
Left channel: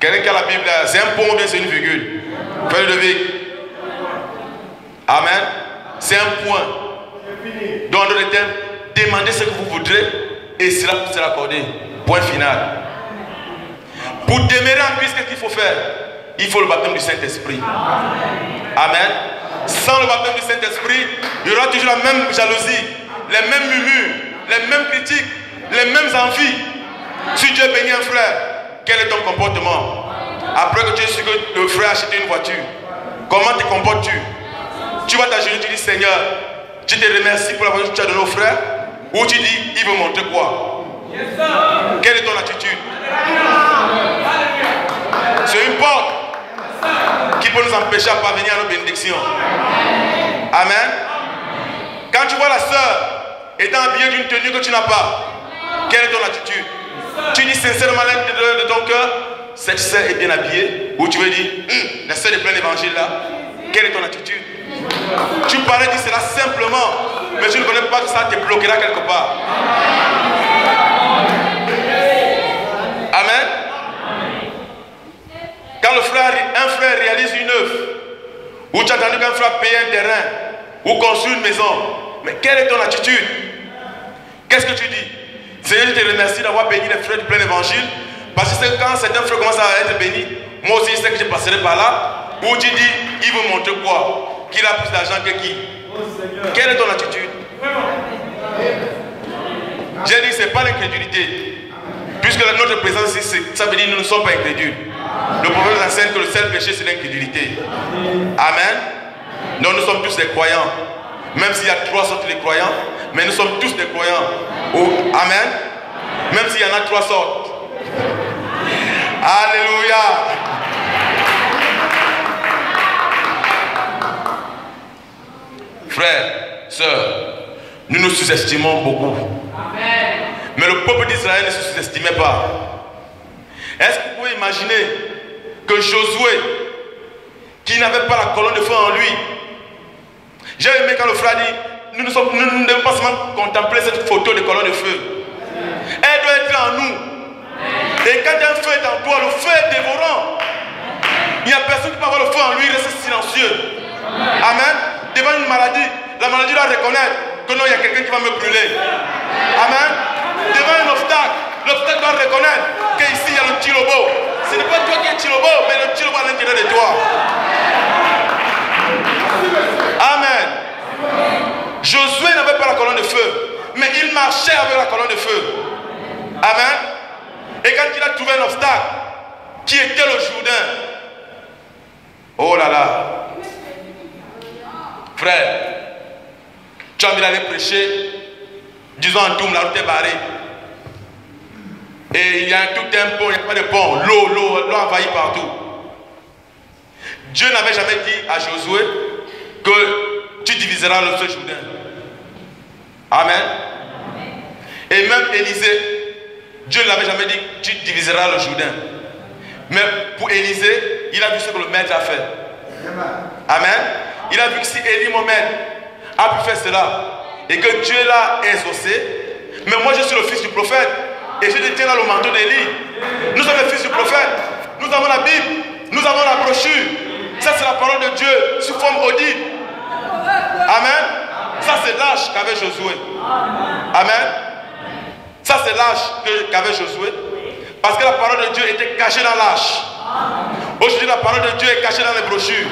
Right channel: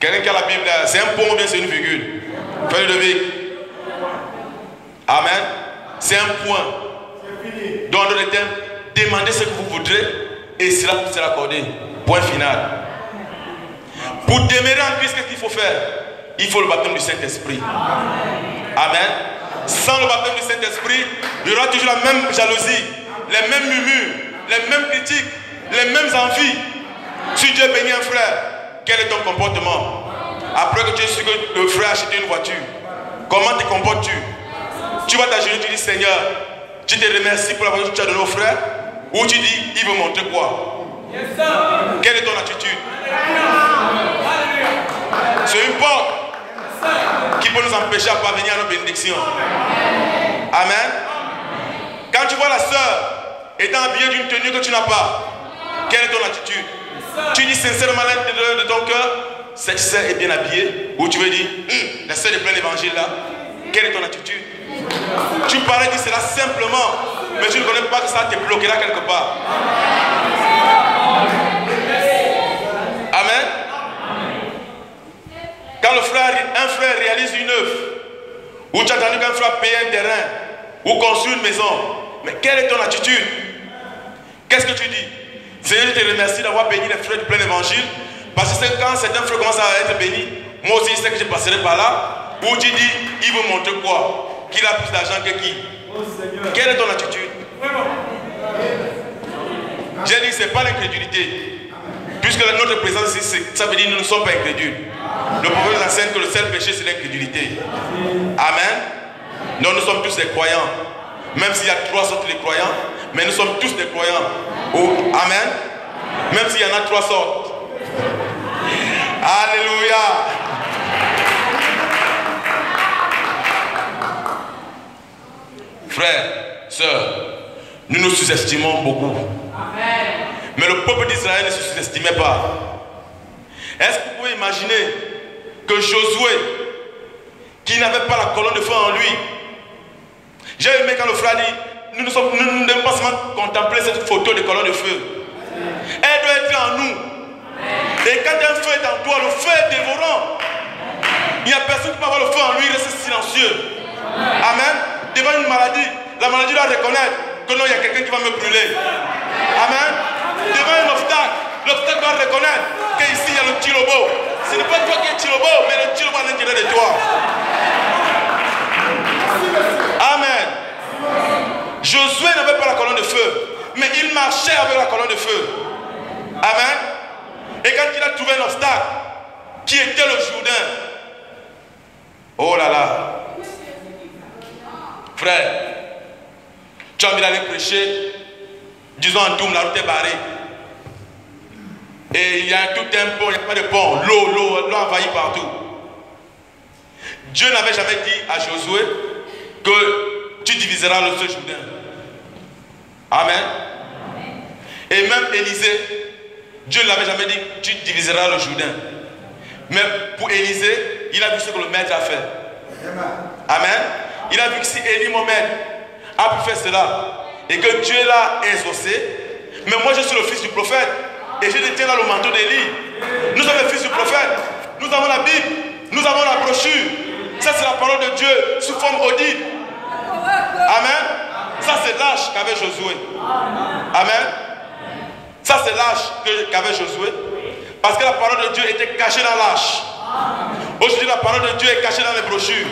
Quelqu'un qui a la Bible, c'est un point ou bien c'est une virgule? Faites le lever. Amen. C'est un point. Dans d'autres termes, demandez ce que vous voudrez et cela vous sera accordé. Point final. Pour demeurer en Christ, qu'est-ce qu'il faut faire? Il faut le baptême du Saint-Esprit. Amen. Sans le baptême du Saint-Esprit, il y aura toujours la même jalousie, les mêmes murmures, les mêmes critiques, les mêmes envies. Si Dieu bénit un frère, quel est ton comportement? Après que tu aies su que le frère a acheté une voiture, comment te comportes-tu? Tu vas t'agenouiller, tu dis Seigneur, tu te remercies pour la voiture que tu as donnée au frère, ou tu dis il veut montrer quoi? Quelle est ton attitude? C'est une porte qui peut nous empêcher à parvenir à nos bénédictions. Amen. Quand tu vois la sœur étant habillée d'une tenue que tu n'as pas, quelle est ton attitude? Tu dis sincèrement à l'intérieur de ton cœur, cette sœur est bien habillée, ou tu veux dire, la sœur de plein évangile là, quelle est ton attitude? Tu parais dire cela simplement, mais tu ne connais pas que ça te bloquera quelque part. Amen. Quand un frère réalise une œuvre, ou tu as entendu qu'un frère paye un terrain, ou construit une maison, mais quelle est ton attitude? Qu'est-ce que tu dis? Seigneur, je te remercie d'avoir béni les frères du plein évangile, parce que quand certains frères commencent à être bénis, moi aussi je sais que je passerai par là, ou tu dis, il veut montrer quoi? Qu'il a plus d'argent que qui? Quelle est ton attitude? J'ai dit, ce n'est pas l'incrédulité. Puisque notre présence ici, ça veut dire que nous ne sommes pas incrédules. Le prophète nous enseigne que le seul péché, c'est l'incrédulité. Amen. Donc nous sommes tous des croyants. Même s'il y a 3 sortes de croyants, mais nous sommes tous des croyants. Oh, amen. Même s'il y en a 3 sortes. Alléluia. Frères, sœurs, nous nous sous-estimons beaucoup. Mais le peuple d'Israël ne se sous-estimait pas. Est-ce que vous pouvez imaginer que Josué, qui n'avait pas la colonne de feu en lui, j'ai aimé quand le frère dit, nous ne devons pas seulement contempler cette photo de colonne de feu. Elle doit être en nous. Et quand un feu est en toi, le feu est dévorant. Il n'y a personne qui peut avoir le feu en lui, il reste silencieux. Amen. Devant une maladie, la maladie doit reconnaître que non, il y a quelqu'un qui va me brûler. Amen. Devant un obstacle, l'obstacle doit reconnaître qu'ici il y a le tilobo. Ce n'est pas toi qui es tilobo, mais le tilobo à l'intérieur de toi. Amen. Josué n'avait pas la colonne de feu, mais il marchait avec la colonne de feu. Amen. Et quand il a trouvé un obstacle, qui était le Jourdain, oh là là, frère, tu as envie d'aller prêcher, disons en Toum, la route est barrée. Et il y a tout un pont, il n'y a pas de pont, l'eau envahit partout. Dieu n'avait jamais dit à Josué que tu diviseras le Jourdain. Amen. Et même Élisée, Dieu ne l'avait jamais dit que tu diviseras le Jourdain. Mais pour Élisée, il a vu ce que le maître a fait. Amen. Il a vu que si Élie, mon maître, a pu faire cela, et que Dieu l'a exaucé, mais moi je suis le fils du prophète, et je détiens là le manteau d'Élie. Nous sommes les fils du prophète. Nous avons la Bible, nous avons la brochure. Ça c'est la parole de Dieu sous forme audible. Amen. Ça c'est l'âge qu'avait Josué. Amen. Ça c'est l'âge qu'avait Josué. Parce que la parole de Dieu était cachée dans l'âge. Aujourd'hui la parole de Dieu est cachée dans les brochures.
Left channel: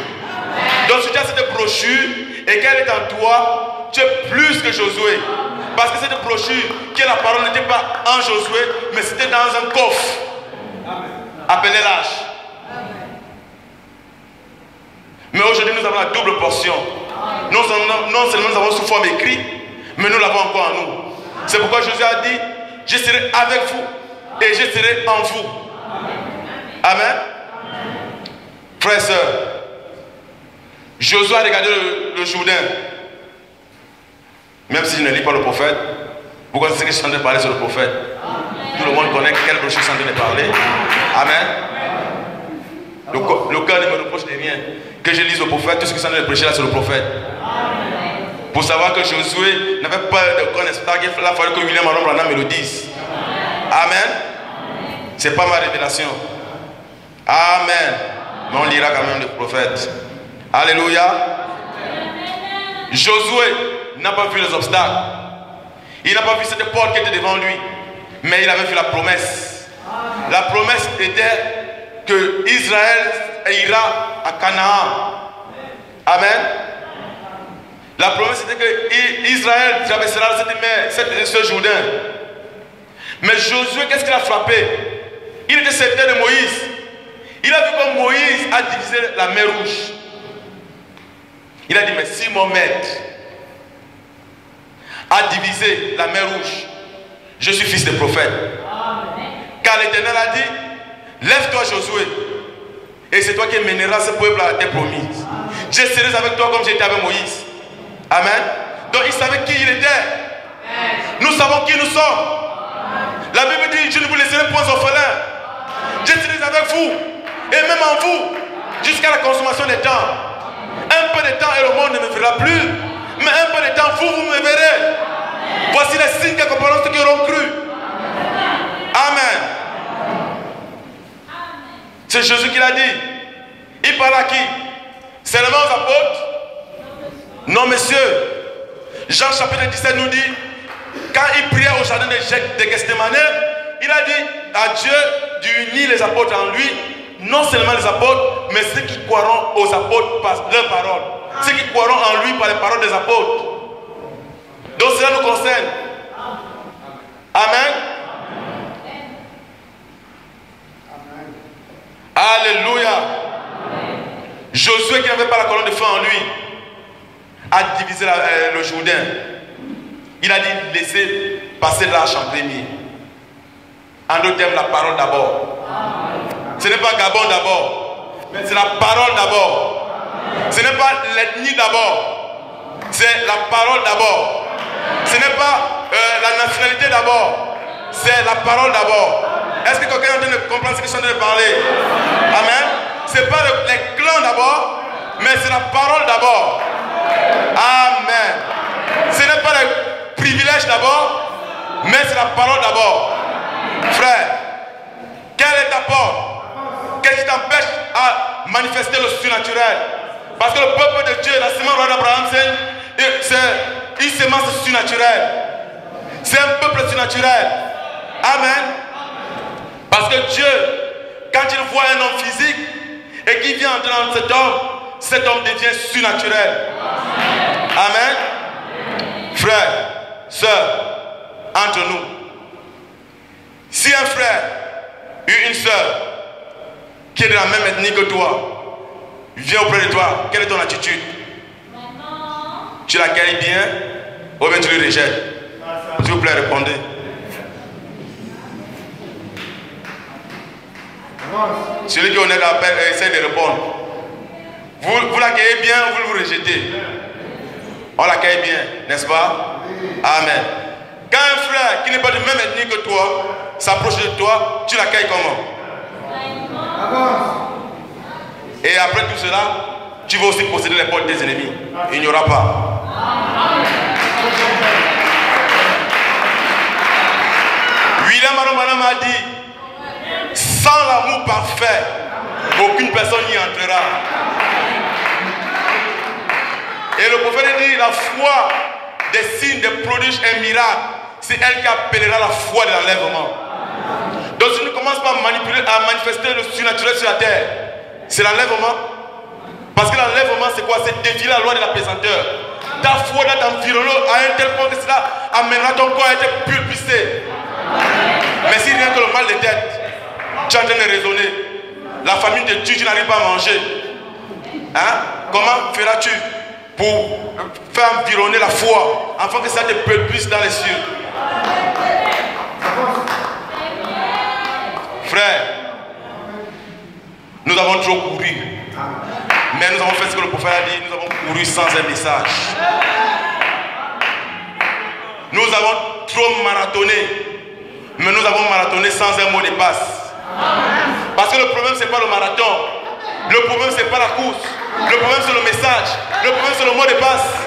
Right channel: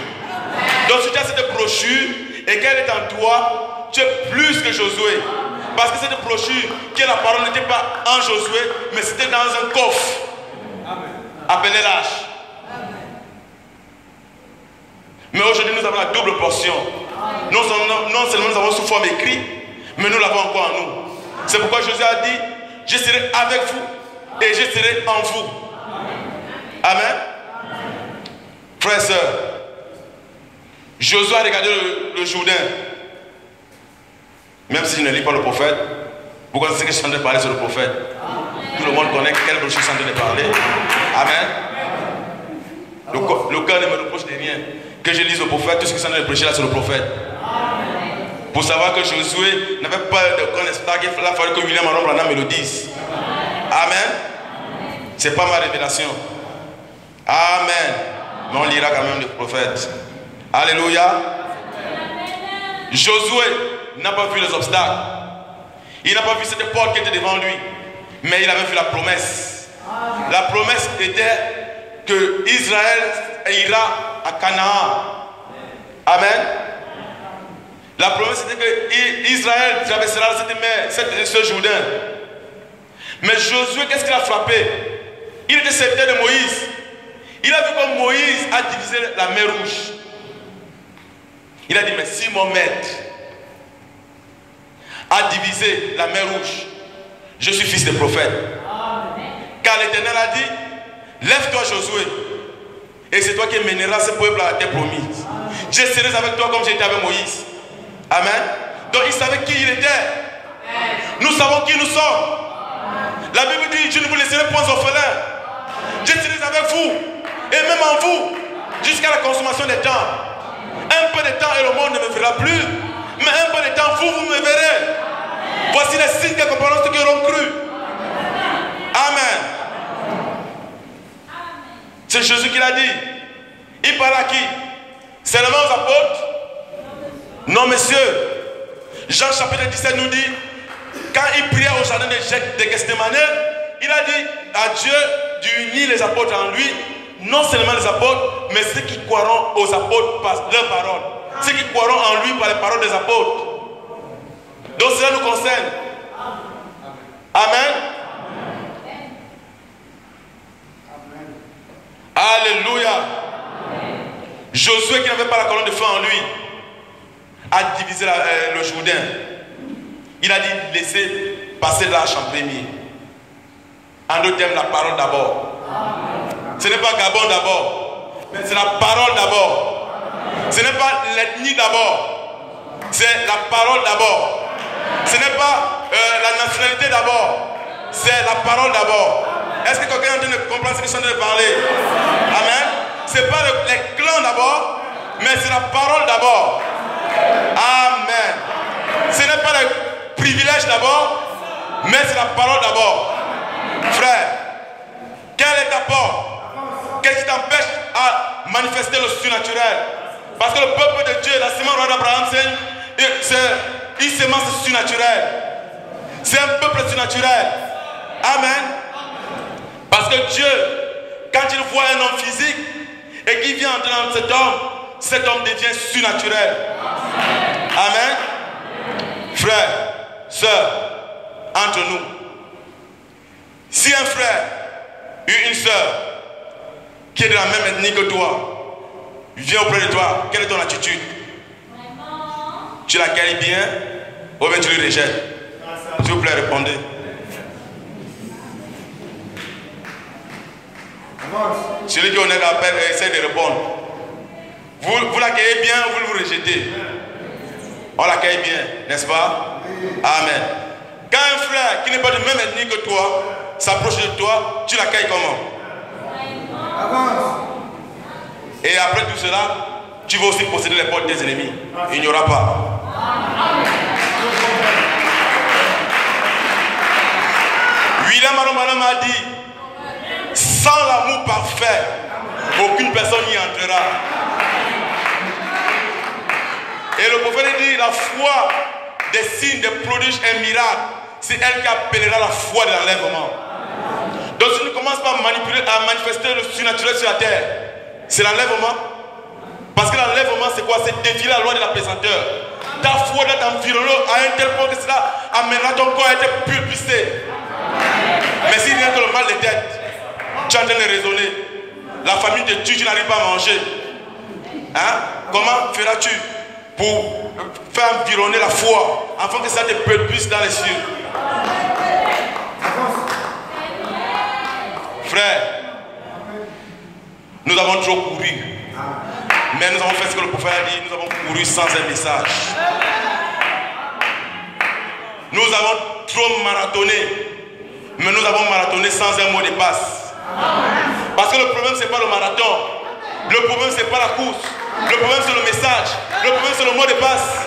Donc si tu as cette brochure et qu'elle est en toi, tu es plus que Josué. Parce que cette brochure qui est la parole n'était pas en Josué, mais c'était dans un coffre appelé l'âge. Mais aujourd'hui nous avons la double portion. Non seulement nous avons sous forme écrite, mais nous l'avons encore en nous. C'est pourquoi Jésus a dit, je serai avec vous et je serai en vous. Amen. Frères et sœurs, Josué a regardé le Jourdain. Même si je ne lis pas le prophète, vous connaissez que je suis en train de parler sur le prophète. Tout le monde connaît quelle brochure je suis en train de parler. Amen. Le cœur ne me reproche de rien. Que je lise le prophète, tout ce que je suis en train de prêcher là sur le prophète. Pour savoir que Josué n'avait pas de connaissance, il a fallu que William Aron Branham me le dise. Amen. Ce n'est pas ma révélation. Amen. Mais on lira quand même le prophète. Alléluia. Josué n'a pas vu les obstacles. Il n'a pas vu cette porte qui était devant lui. Mais il avait vu la promesse. La promesse était que Israël ira à Canaan. Amen. La promesse était que Israël traversera cette mer, ce Jourdain. Mais Josué, qu'est-ce qu'il a frappé? Il était serviteur de Moïse. Il a vu comme Moïse a divisé la mer Rouge. Il a dit, mais si mon maître a divisé la mer Rouge, je suis fils de prophète. Car l'Éternel a dit, lève-toi Josué, et c'est toi qui mèneras ce peuple à la terre promise. Je serai avec toi comme j'étais avec Moïse. Amen. Donc il savait qui il était. Nous savons qui nous sommes. La Bible dit, je ne vous laisserai point orphelins. Je serai avec vous, et même en vous, jusqu'à la consommation des temps. Un peu de temps et le monde ne me verra plus. Mais un peu de temps, vous me verrez. Voici les signes qui accompagneront ceux qui auront cru. Amen. C'est Jésus qui l'a dit. Il parle à qui? Seulement aux apôtres? Non, messieurs. Jean chapitre 17 nous dit, quand il priait au jardin de Gethsémani, il a dit à Dieu d'unir les apôtres en lui. Non seulement les apôtres, mais ceux qui croiront aux apôtres par leur parole. Ceux qui croiront en lui par les paroles des apôtres. Donc cela nous concerne. Amen. Alléluia. Josué qui n'avait pas la colonne de feu en lui a divisé le Jourdain. Il a dit laissez passer l'arche en premier. En d'autres termes, la parole d'abord. Ce n'est pas Gabon d'abord, mais c'est la parole d'abord. Ce n'est pas l'ethnie d'abord, c'est la parole d'abord. Ce n'est pas la nationalité d'abord, c'est la parole d'abord. Est-ce que quelqu'un est en train de comprendre ce que je suis en train de parler? Amen. Ce n'est pas les clans d'abord, mais c'est la parole d'abord. Amen. Ce n'est pas les privilèges d'abord, mais c'est la parole d'abord. Frère, quelle est ta porte? Qu'est-ce qui t'empêche à manifester le surnaturel? Parce que le peuple de Dieu, la sémence royale d'Abraham, c'est une sémence surnaturelle. C'est un peuple surnaturel. Amen. Parce que Dieu, quand il voit un homme physique et qu'il vient entrer dans cet homme devient surnaturel. Amen. Frère, sœur, entre nous, si un frère ou une sœur qui est de la même ethnie que toi vient auprès de toi, quelle est ton attitude? Tu l'accueilles bien ou bien tu le rejettes? S'il vous plaît, répondez. Celui qui est honnête essaie de répondre. Vous l'accueillez bien ou vous le rejetez? On l'accueille bien, n'est-ce pas? Amen. Quand un frère qui n'est pas de même ethnie que toi s'approche de toi, tu l'accueilles comment? Et après tout cela, tu vas aussi posséder les portes des ennemis. Il n'y aura pas. William Aromanam a dit, sans l'amour parfait, aucune personne n'y entrera. Et le prophète dit, la foi des signes, des prodiges et miracles, c'est elle qui appellera la foi de l'enlèvement. Donc si tu ne commences pas à manifester le surnaturel sur la terre, c'est l'enlèvement. Parce que l'enlèvement c'est quoi? C'est défier la loi de la pesanteur. Ta foi doit t'environner à un tel point que cela amènera ton corps à être pulvéré. Mais si rien que le mal de tête, tu es en train de raisonner, la famille te tue, tu n'arrives pas à manger. Hein? Comment feras-tu pour faire environner la foi afin que ça te pulvère dans les cieux? Frère, nous avons trop couru, mais nous avons fait ce que le prophète a dit, nous avons couru sans un message. Nous avons trop marathonné, mais nous avons marathonné sans un mot de passe. Parce que le problème c'est pas le marathon, le problème c'est pas la course, le problème c'est le message, le problème c'est le mot de passe.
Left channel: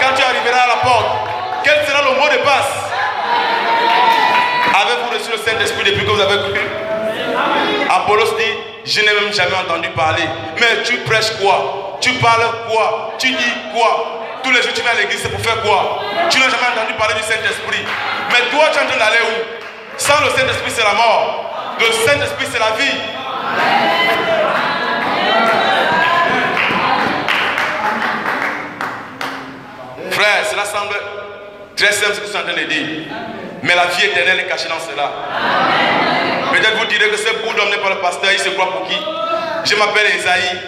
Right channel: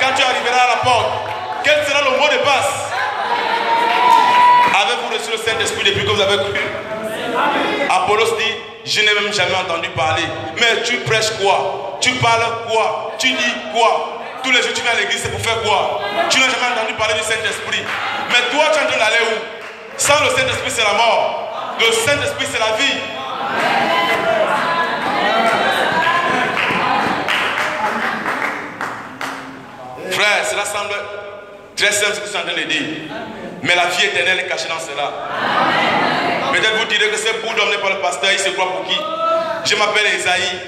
Quand tu arriveras à la porte, quel sera le mot de passe? Avez-vous reçu le Saint-Esprit depuis que vous avez cru? Apollos dit, je n'ai même jamais entendu parler. Mais tu prêches quoi? Tu parles quoi? Tu dis quoi? Tous les jours tu viens à l'église, c'est pour faire quoi? Tu n'as jamais entendu parler du Saint-Esprit. Mais toi tu es en train d'aller où? Sans le Saint-Esprit c'est la mort. Le Saint-Esprit c'est la vie. Frère, cela semble très simple ce que je suis en train de dire. Mais la vie éternelle est cachée dans cela. Peut-être vous direz que ce bout d'homme n'est pas le pasteur, il se croit pour qui? Je m'appelle Esaïe.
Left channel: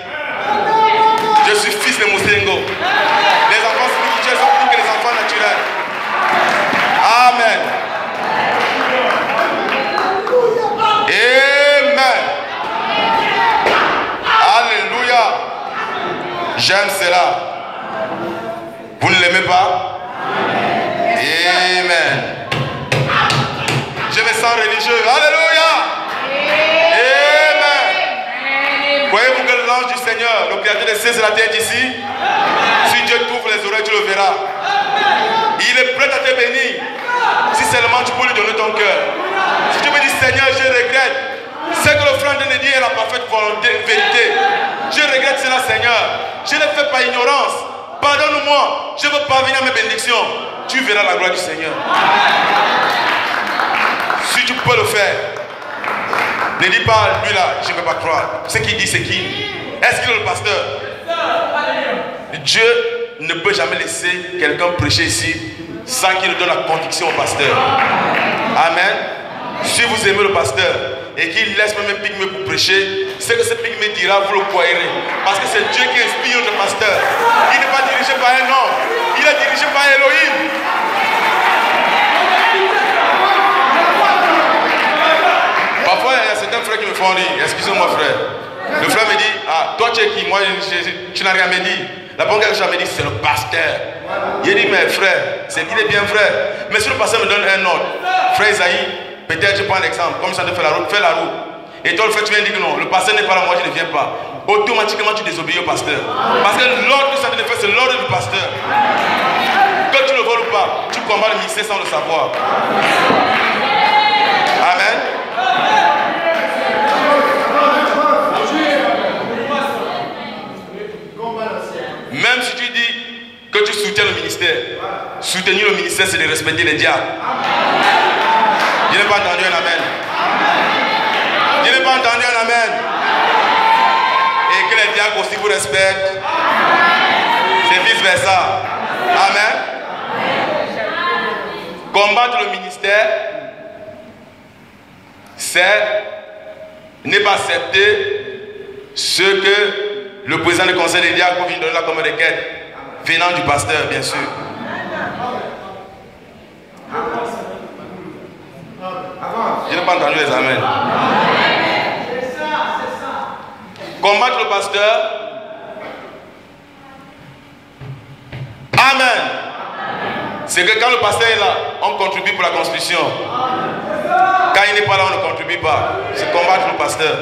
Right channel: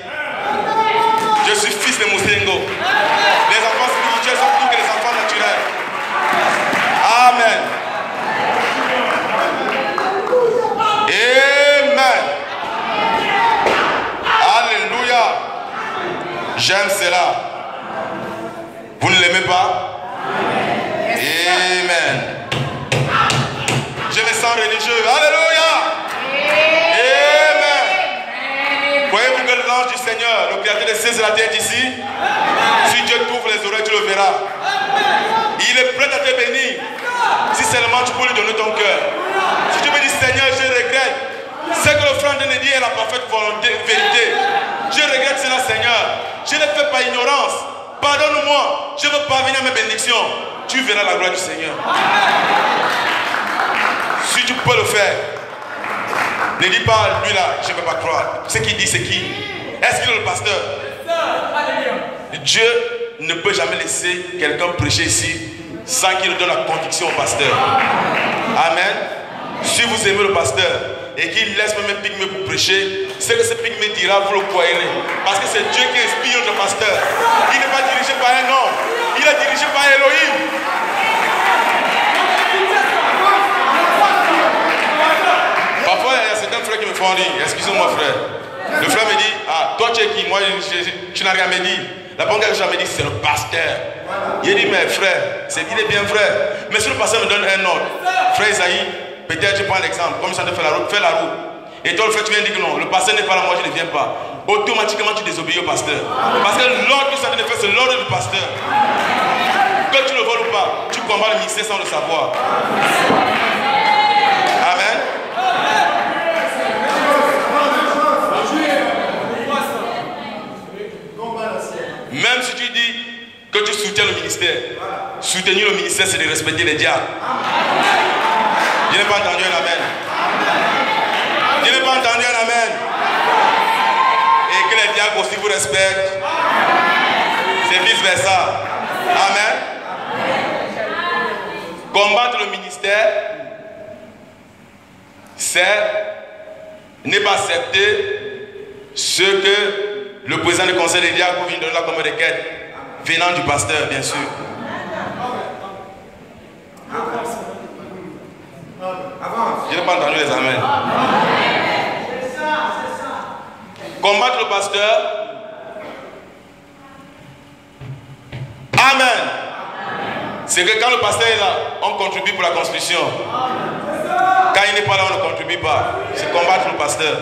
Je suis fils de Moussengo. Les enfants spirituels sont plus que les enfants naturels. Amen. Amen. Alléluia. J'aime cela. Vous ne l'aimez pas? Amen. Je me sens religieux. Alléluia. Amen. Voyez-vous que l'ange du Seigneur, le créateur des cieux et de la terre est ici? Si Dieu t'ouvre les oreilles, tu le verras. Il est prêt à te bénir. Si seulement tu peux lui donner ton cœur. Si tu me dis, Seigneur, je regrette. C'est que le frère de Nédi est la parfaite volonté, vérité. Je regrette cela, Seigneur. Je ne le fais pas ignorance. Pardonne-moi. Je veux parvenir à mes bénédictions. Tu verras la gloire du Seigneur. Si tu peux le faire, ne dis pas lui là, je ne peux pas croire. Ce qu'il dit, c'est qui? Est-ce qu'il est le pasteur? Dieu ne peut jamais laisser quelqu'un prêcher ici sans qu'il donne la conviction au pasteur. Amen. Si vous aimez le pasteur et qu'il laisse même un pygmée pour prêcher, ce que ce pygmée dira, vous le croirez. Parce que c'est Dieu qui inspire notre pasteur. Il n'est pas dirigé par un homme, il est dirigé par Elohim. Parfois, il y a certains frères qui me font rire. Excusez-moi, frère. Le frère me dit, ah, toi tu es qui? Moi, tu n'as rien à me dire. La première chose que je me dis, c'est le pasteur. Il dit, mais frère, il est bien frère. Mais si le pasteur me donne un ordre, frère Isaïe, peut-être je prends l'exemple, comme ça de faire la route, fais la route. Et toi, le frère, tu viens dire que non, le pasteur n'est pas là, moi je ne viens pas. Automatiquement, tu désobéis au pasteur. Parce que l'ordre que ça te fait, c'est l'ordre du pasteur. Que tu le voles ou pas, tu combats le ministère sans le savoir. Amen. Même si tu dis que tu soutiens le ministère, soutenir le ministère, c'est de respecter les diacres. Je n'ai pas entendu un amen. Je n'ai pas entendu un amen. Et que les diacres aussi vous respectent. C'est vice versa. Amen. Combattre le ministère, c'est ne pas accepter ce que le président du conseil des diacres vient de donner là comme requête, venant du pasteur, bien sûr. Je n'ai pas entendu les amens. Combattre le pasteur. Amen. C'est que quand le pasteur est là, on contribue pour la construction. Quand il n'est pas là, on ne contribue pas. C'est combattre le pasteur.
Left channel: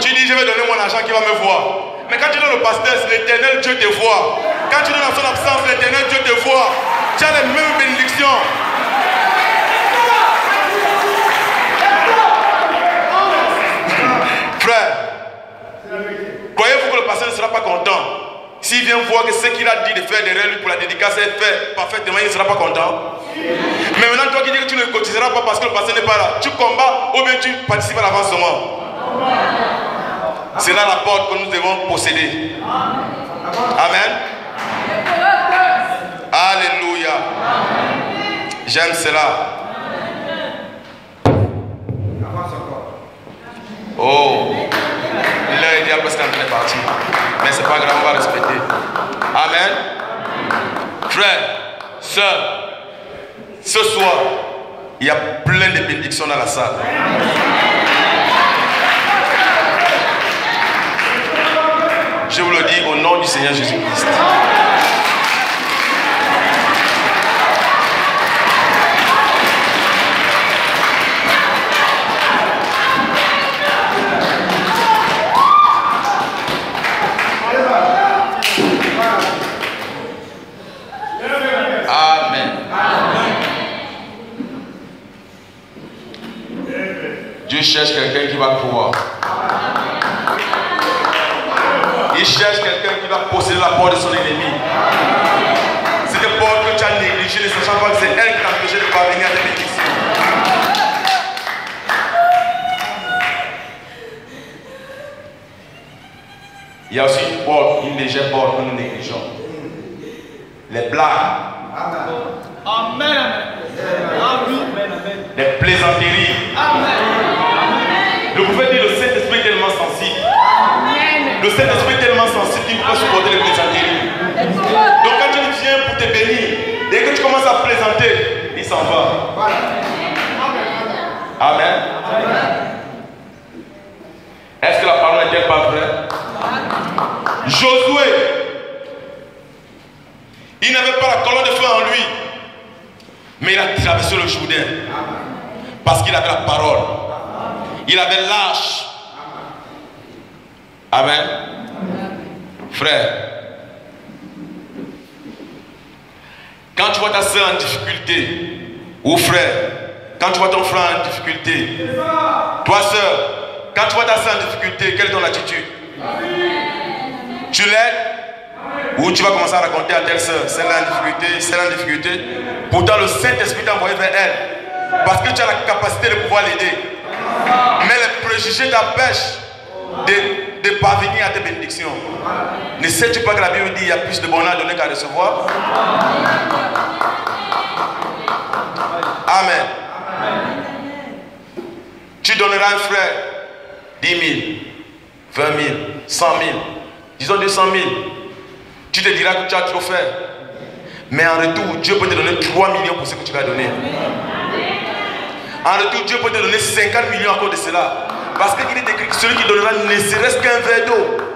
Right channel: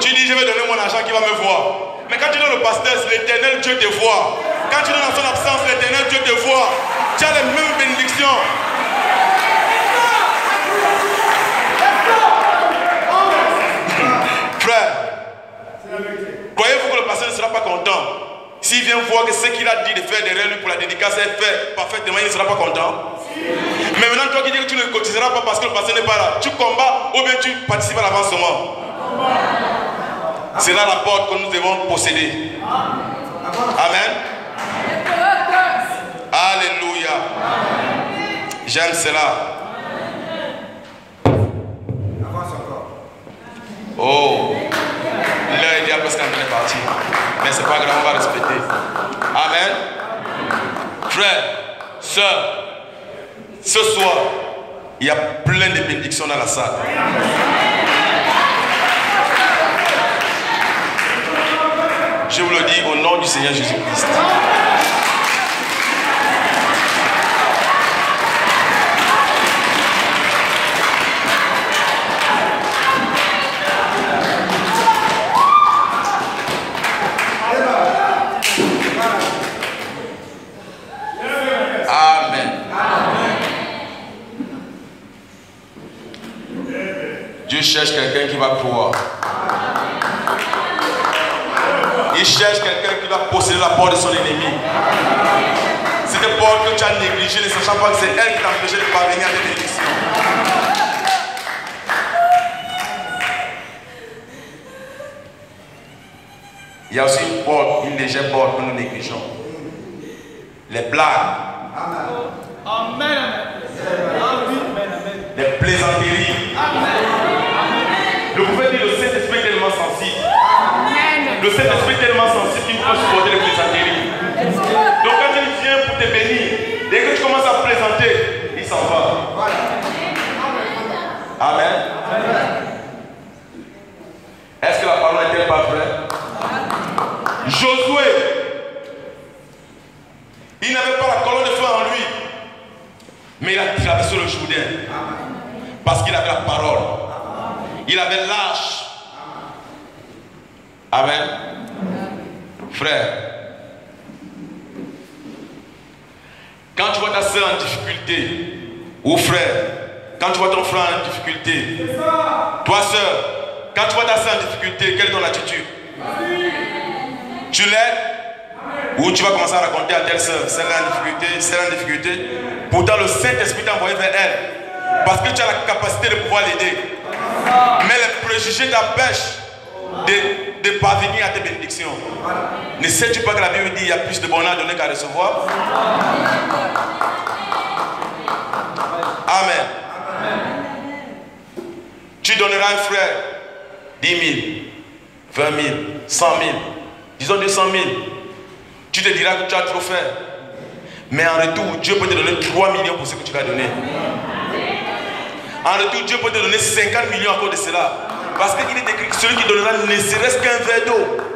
Tu dis, je vais donner mon argent qui va me voir. Mais quand tu donnes au pasteur, l'éternel Dieu te voit. Quand tu donnes en son absence, l'éternel Dieu te voit. Tu as les mêmes bénédictions. Frère, croyez-vous que le pasteur ne sera pas content? S'il vient voir que ce qu'il a dit de faire derrière lui pour la dédicace est fait parfaitement, il ne sera pas content. Mais maintenant, toi qui dis que tu ne cotiseras pas parce que le pasteur n'est pas là, tu combats ou bien tu participes à l'avancement. C'est là la porte que nous devons posséder. Amen. Alléluia. J'aime cela. Oh, l'heure est déjà presque en train de partir. Mais c'est pas grave, on va respecter. Amen. Frère, sœur, ce soir, il y a plein de bénédictions dans la salle. Je vous le dis au nom du Seigneur Jésus-Christ. Dieu cherche quelqu'un qui va croire. Il cherche quelqu'un qui va posséder la porte de son ennemi. Cette porte que tu as négligée, ne sachant pas que c'est elle qui t'a empêché de parvenir à tes bénédictions. Il y a aussi une porte, une légère porte que nous négligeons. Les blagues. Amen. Les plaisanteries. Le prophète dit le Saint-Esprit est tellement sensible. Le Saint-Esprit est tellement sensible qu'il peut supporter les plaisanteries. Donc quand tu viens pour te bénir, dès que tu commences à plaisanter, il s'en va. Amen. Est-ce que la parole n'est-elle pas vraie? Josué, il n'avait pas la colonne de feu en lui, mais il a traversé le Jourdain parce qu'il avait la parole. Il avait l'âge. Amen. Frère, quand tu vois ta soeur en difficulté, ou frère, quand tu vois ton frère en difficulté, toi soeur, quand tu vois ta soeur en difficulté, quelle est ton attitude? Tu l'aides? Ou tu vas commencer à raconter à telle soeur, celle-là en difficulté, celle-là en difficulté. Pourtant le Saint-Esprit t'a envoyé vers elle, parce que tu as la capacité de pouvoir l'aider. Mais les préjugés t'empêchent de parvenir à tes bénédictions. Ne sais-tu pas que la Bible dit qu'il y a plus de bonheur à donner qu'à recevoir? Amen. Tu donneras à un frère 10 000, 20 000, 100 000, disons 200 000. Tu te diras que tu as trop fait. Mais en retour, Dieu peut te donner 3 millions pour ce que tu vas donner. En retour, Dieu peut te donner 50 millions encore de cela. Parce qu'il est écrit que celui qui donnera ne serait-ce qu'un verre d'eau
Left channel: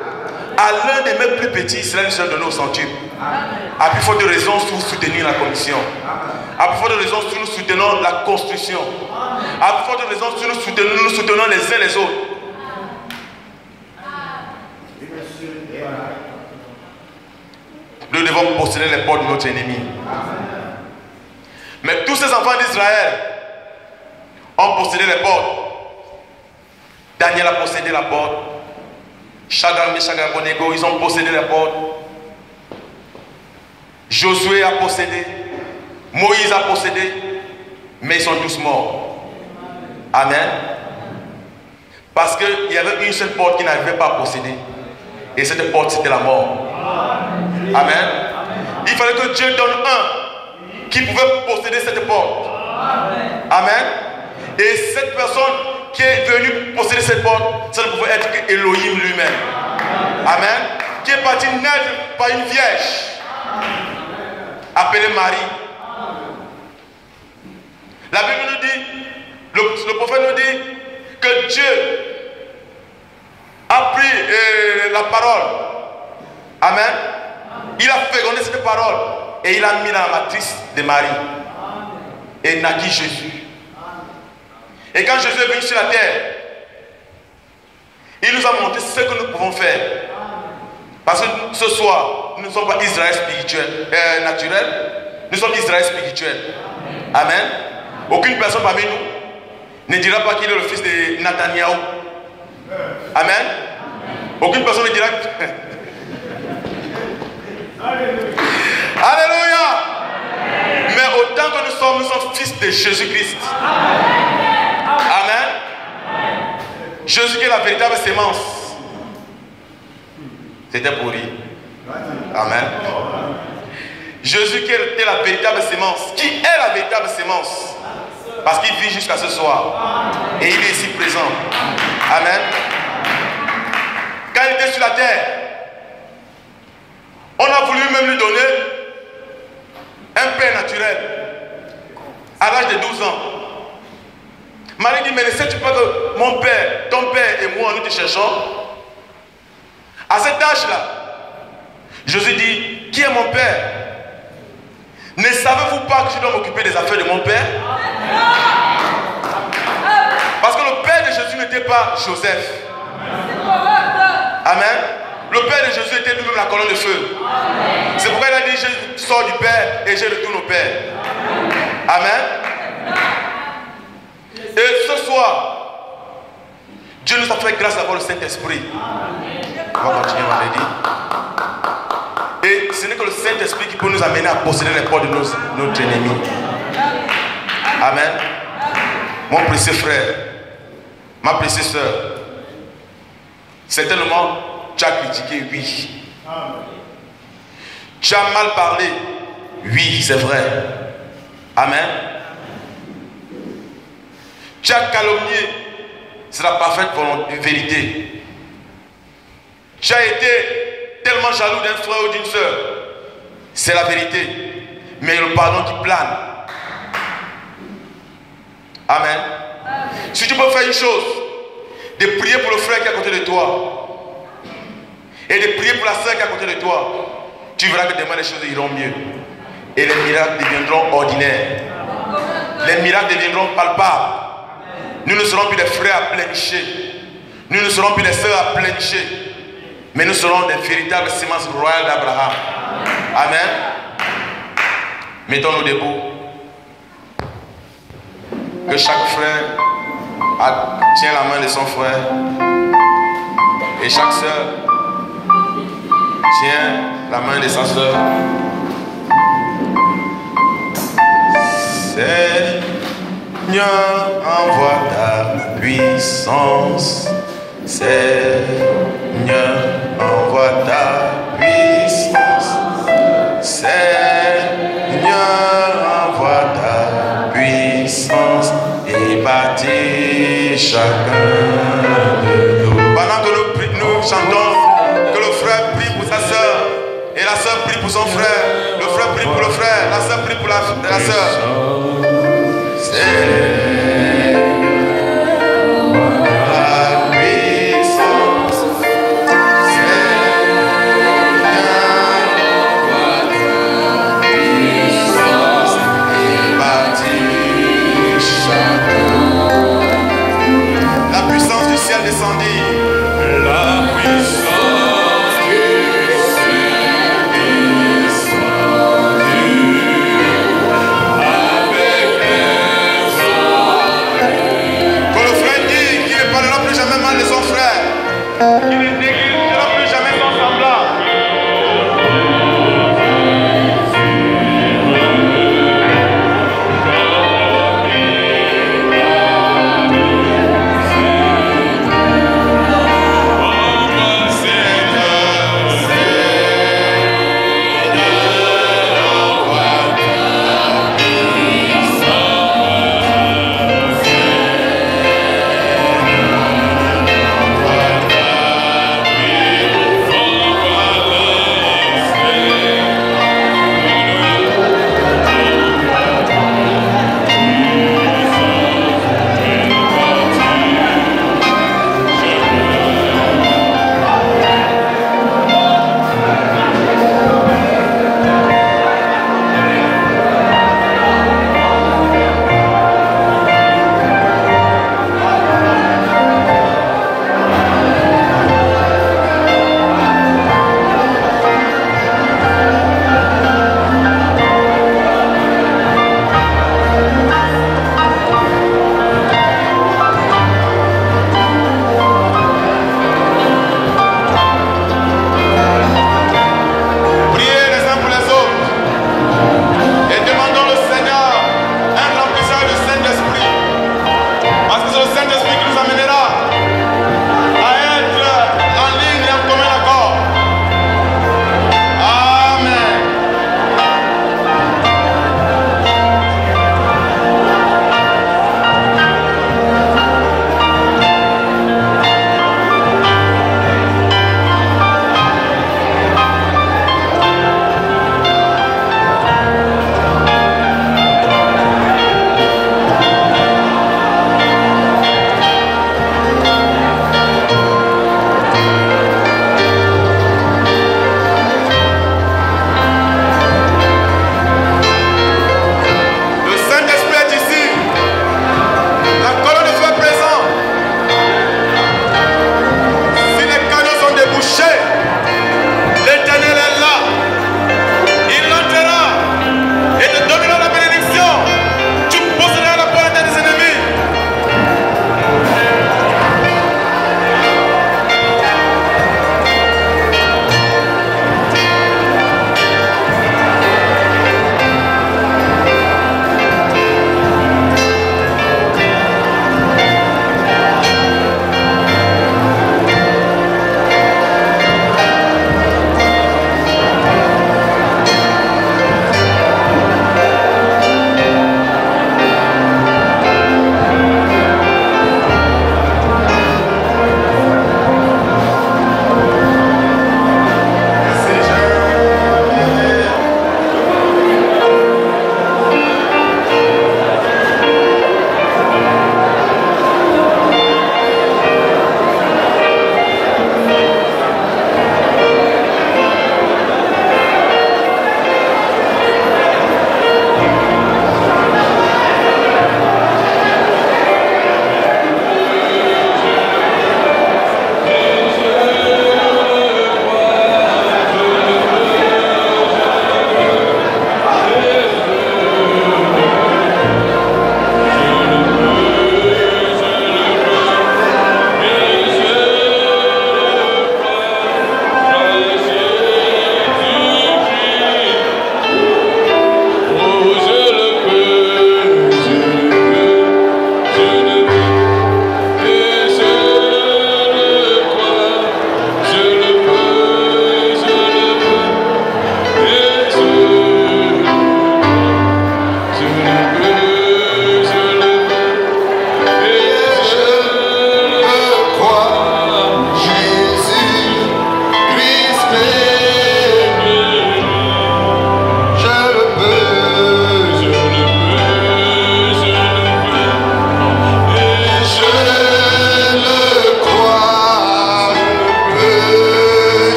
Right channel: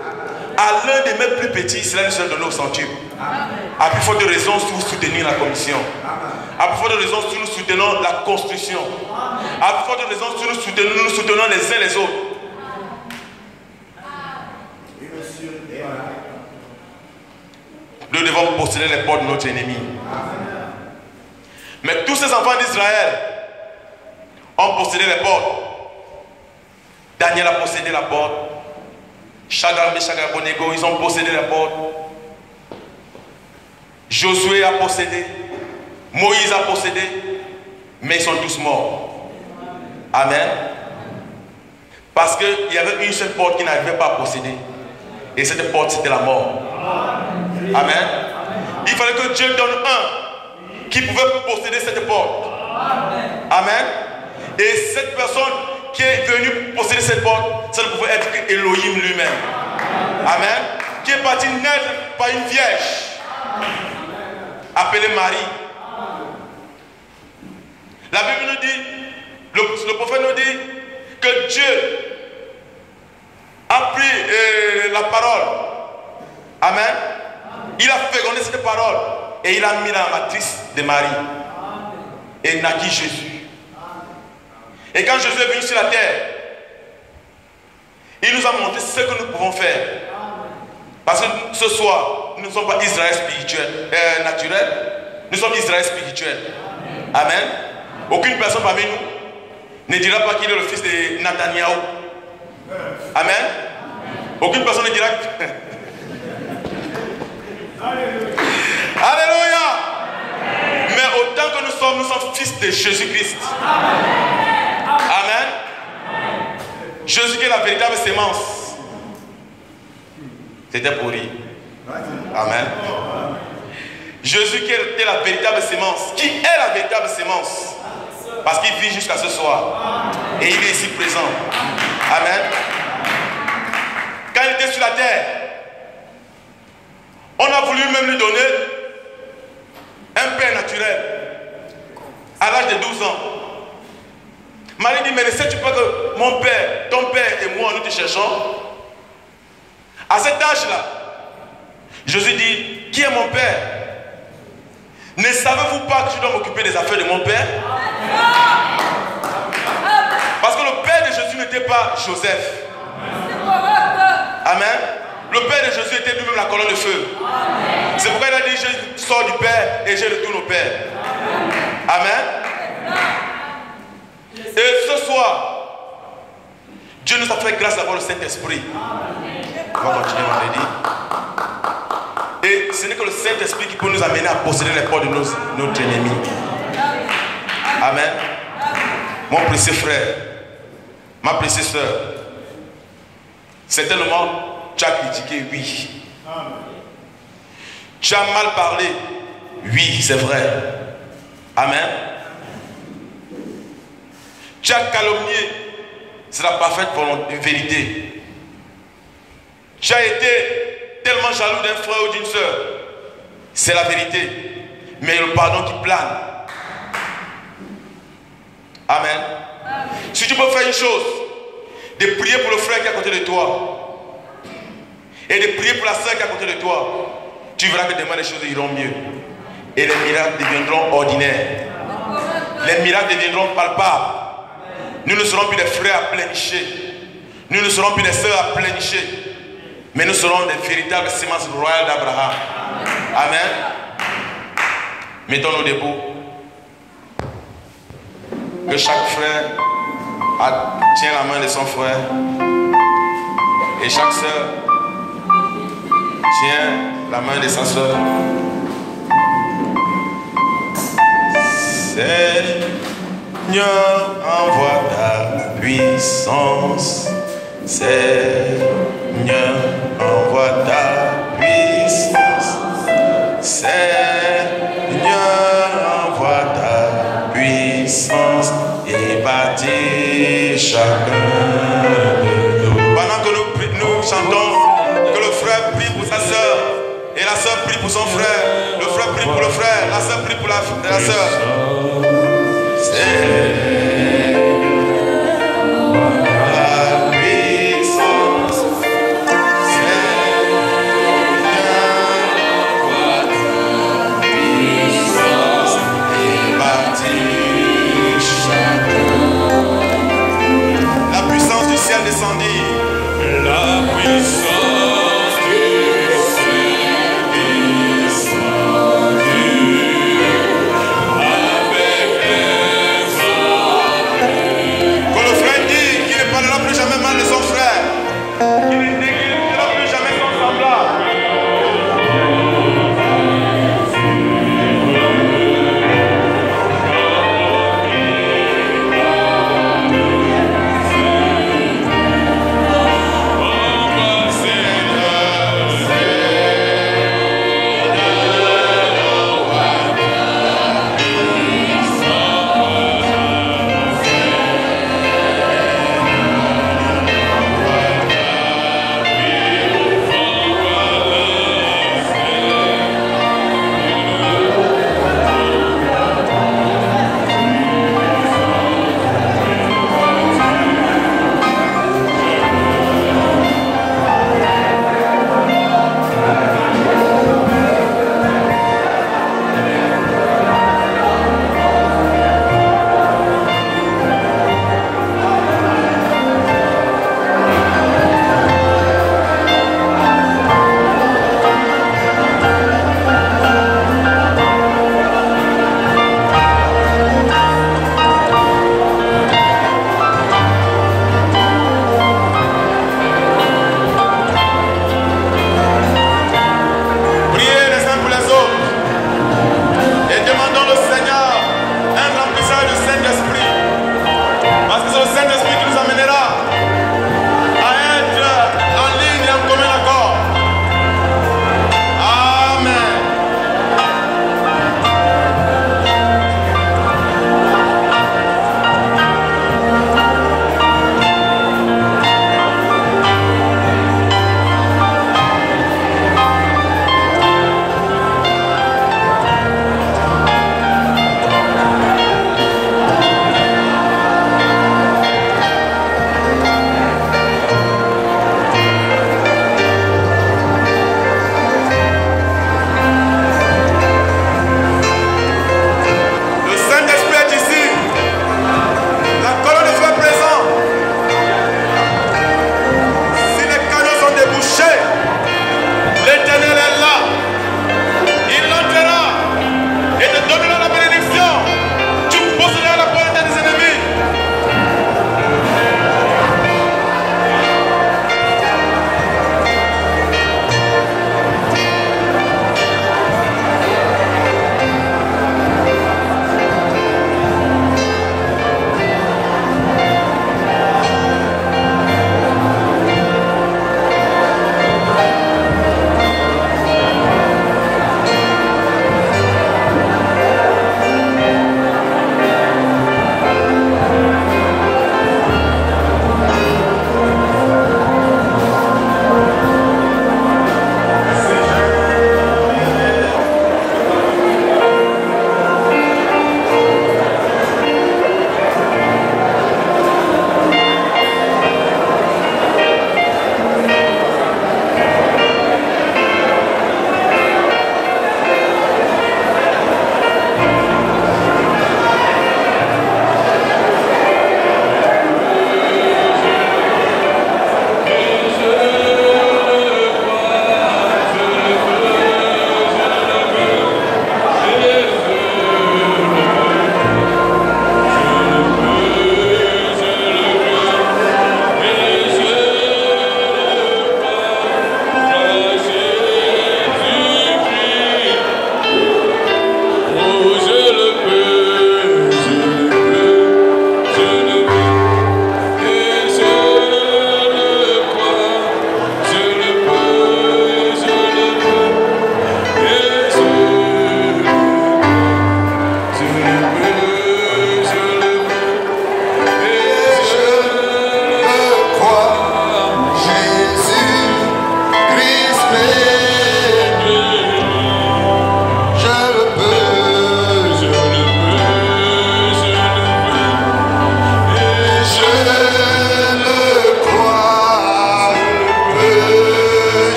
à l'un des mes plus petits, cela lui sera donné au centuple. À plus forte raison, si vous soutenez la commission. À plus forte raison, si nous soutenons la construction. À plus forte raison, si nous soutenons les uns les autres. Nous devons posséder les portes de notre ennemi. Mais tous ces enfants d'Israël ont possédé les portes. Daniel a possédé la porte. Shadrach, Meshach et Abednego, ils ont possédé la porte. Josué a possédé. Moïse a possédé. Mais ils sont tous morts. Amen. Parce qu'il y avait une seule porte qu'ils n'arrivaient pas à posséder. Et cette porte, c'était la mort. Amen. Il fallait que Dieu donne un qui pouvait posséder cette porte. Amen. Et cette personne qui est venue posséder cette porte, ça ne pouvait être que Elohim lui-même. Amen. Qui est parti naître par une vierge appelée Marie. La Bible nous dit, le prophète nous dit que Dieu a pris la parole. Amen. Il a fécondé cette parole et il a mis dans la matrice de Marie. Et naquit Jésus. Et quand Jésus est venu sur la terre, il nous a montré ce que nous pouvons faire. Parce que ce soir, nous ne sommes pas Israël spirituel, naturel, nous sommes Israël spirituel. Amen. Aucune personne parmi nous ne dira pas qu'il est le fils de Nathaniel. Amen. Aucune personne ne dira que... Alléluia. Mais autant que nous sommes fils de Jésus-Christ. Amen. Jésus qui est la véritable sémence. C'était pour lui. Amen. Jésus qui était la véritable sémence. Qui est la véritable sémence? Parce qu'il vit jusqu'à ce soir. Et il est ici présent. Amen. Quand il était sur la terre, on a voulu même lui donner un père naturel à l'âge de 12 ans. Marie dit, mais ne sais-tu pas que mon père, ton père et moi, nous te cherchons? À cet âge-là, Jésus dit, qui est mon père? Ne savez-vous pas que je dois m'occuper des affaires de mon père? Parce que le père de Jésus n'était pas Joseph. Amen. Le père de Jésus était lui-même la colonne de feu. C'est pourquoi il a dit, je sors du Père et je retourne au Père. Amen. Et ce soir, Dieu nous a fait grâce d'avoir le Saint-Esprit. On va continuer vendredi. Et ce n'est que le Saint-Esprit qui peut nous amener à posséder les portes de notre ennemi. Amen. Mon précieux frère, ma précieuse soeur, certainement, tu as critiqué, oui. Tu as mal parlé, oui, c'est vrai. Amen. Tu as calomnié, c'est la parfaite vérité. Tu as été tellement jaloux d'un frère ou d'une soeur, c'est la vérité. Mais le pardon qui plane. Amen. Si tu peux faire une chose, de prier pour le frère qui est à côté de toi et de prier pour la soeur qui est à côté de toi, tu verras que demain les choses iront mieux et les miracles deviendront ordinaires. Les miracles deviendront palpables. Nous ne serons plus des frères à pleurnicher, nous ne serons plus des sœurs à pleurnicher, mais nous serons des véritables semences royales d'Abraham. Amen. Mettons-nous debout. Que chaque frère tient la main de son frère et chaque sœur tient la main de sa sœur. Seigneur, envoie ta puissance. Seigneur, envoie ta puissance. Seigneur, envoie ta puissance. bâtit chacun de nous. Pendant que nous chantons, que le frère prie pour sa soeur et la soeur prie pour son frère, le frère prie pour le frère, la soeur prie pour la soeur. Descendit. La puissance du ciel descendit avec les anges. Quand le frère dit qu'il ne parlera plus jamais mal de son frère, qu'il ne négligera plus jamais son semblable.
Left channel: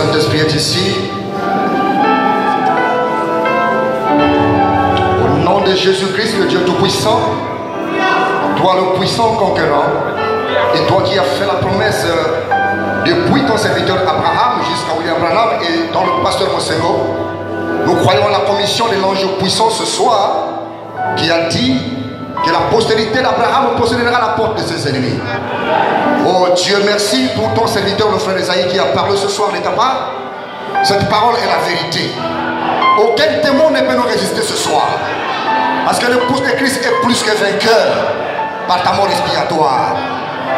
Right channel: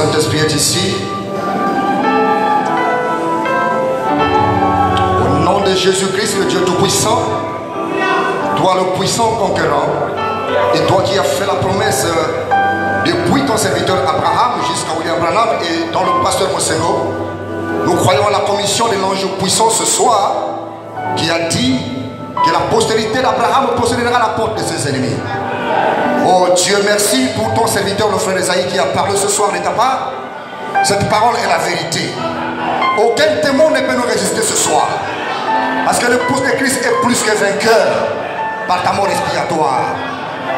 Saint-Esprit est ici. Au nom de Jésus-Christ, le Dieu Tout-Puissant, toi le puissant conquérant, et toi qui as fait la promesse depuis ton serviteur Abraham jusqu'à William Branham et dans le pasteur Mosengo, nous croyons à la commission de l'ange puissant ce soir qui a dit que la postérité d'Abraham possédera la porte de ses ennemis. Oh Dieu, merci pour ton serviteur, le frère Esaïe, qui a parlé ce soir de ta part. Cette parole est la vérité. Aucun démon ne peut nous résister ce soir. Parce que l'épouse de Christ est plus que vainqueur par ta mort expiatoire.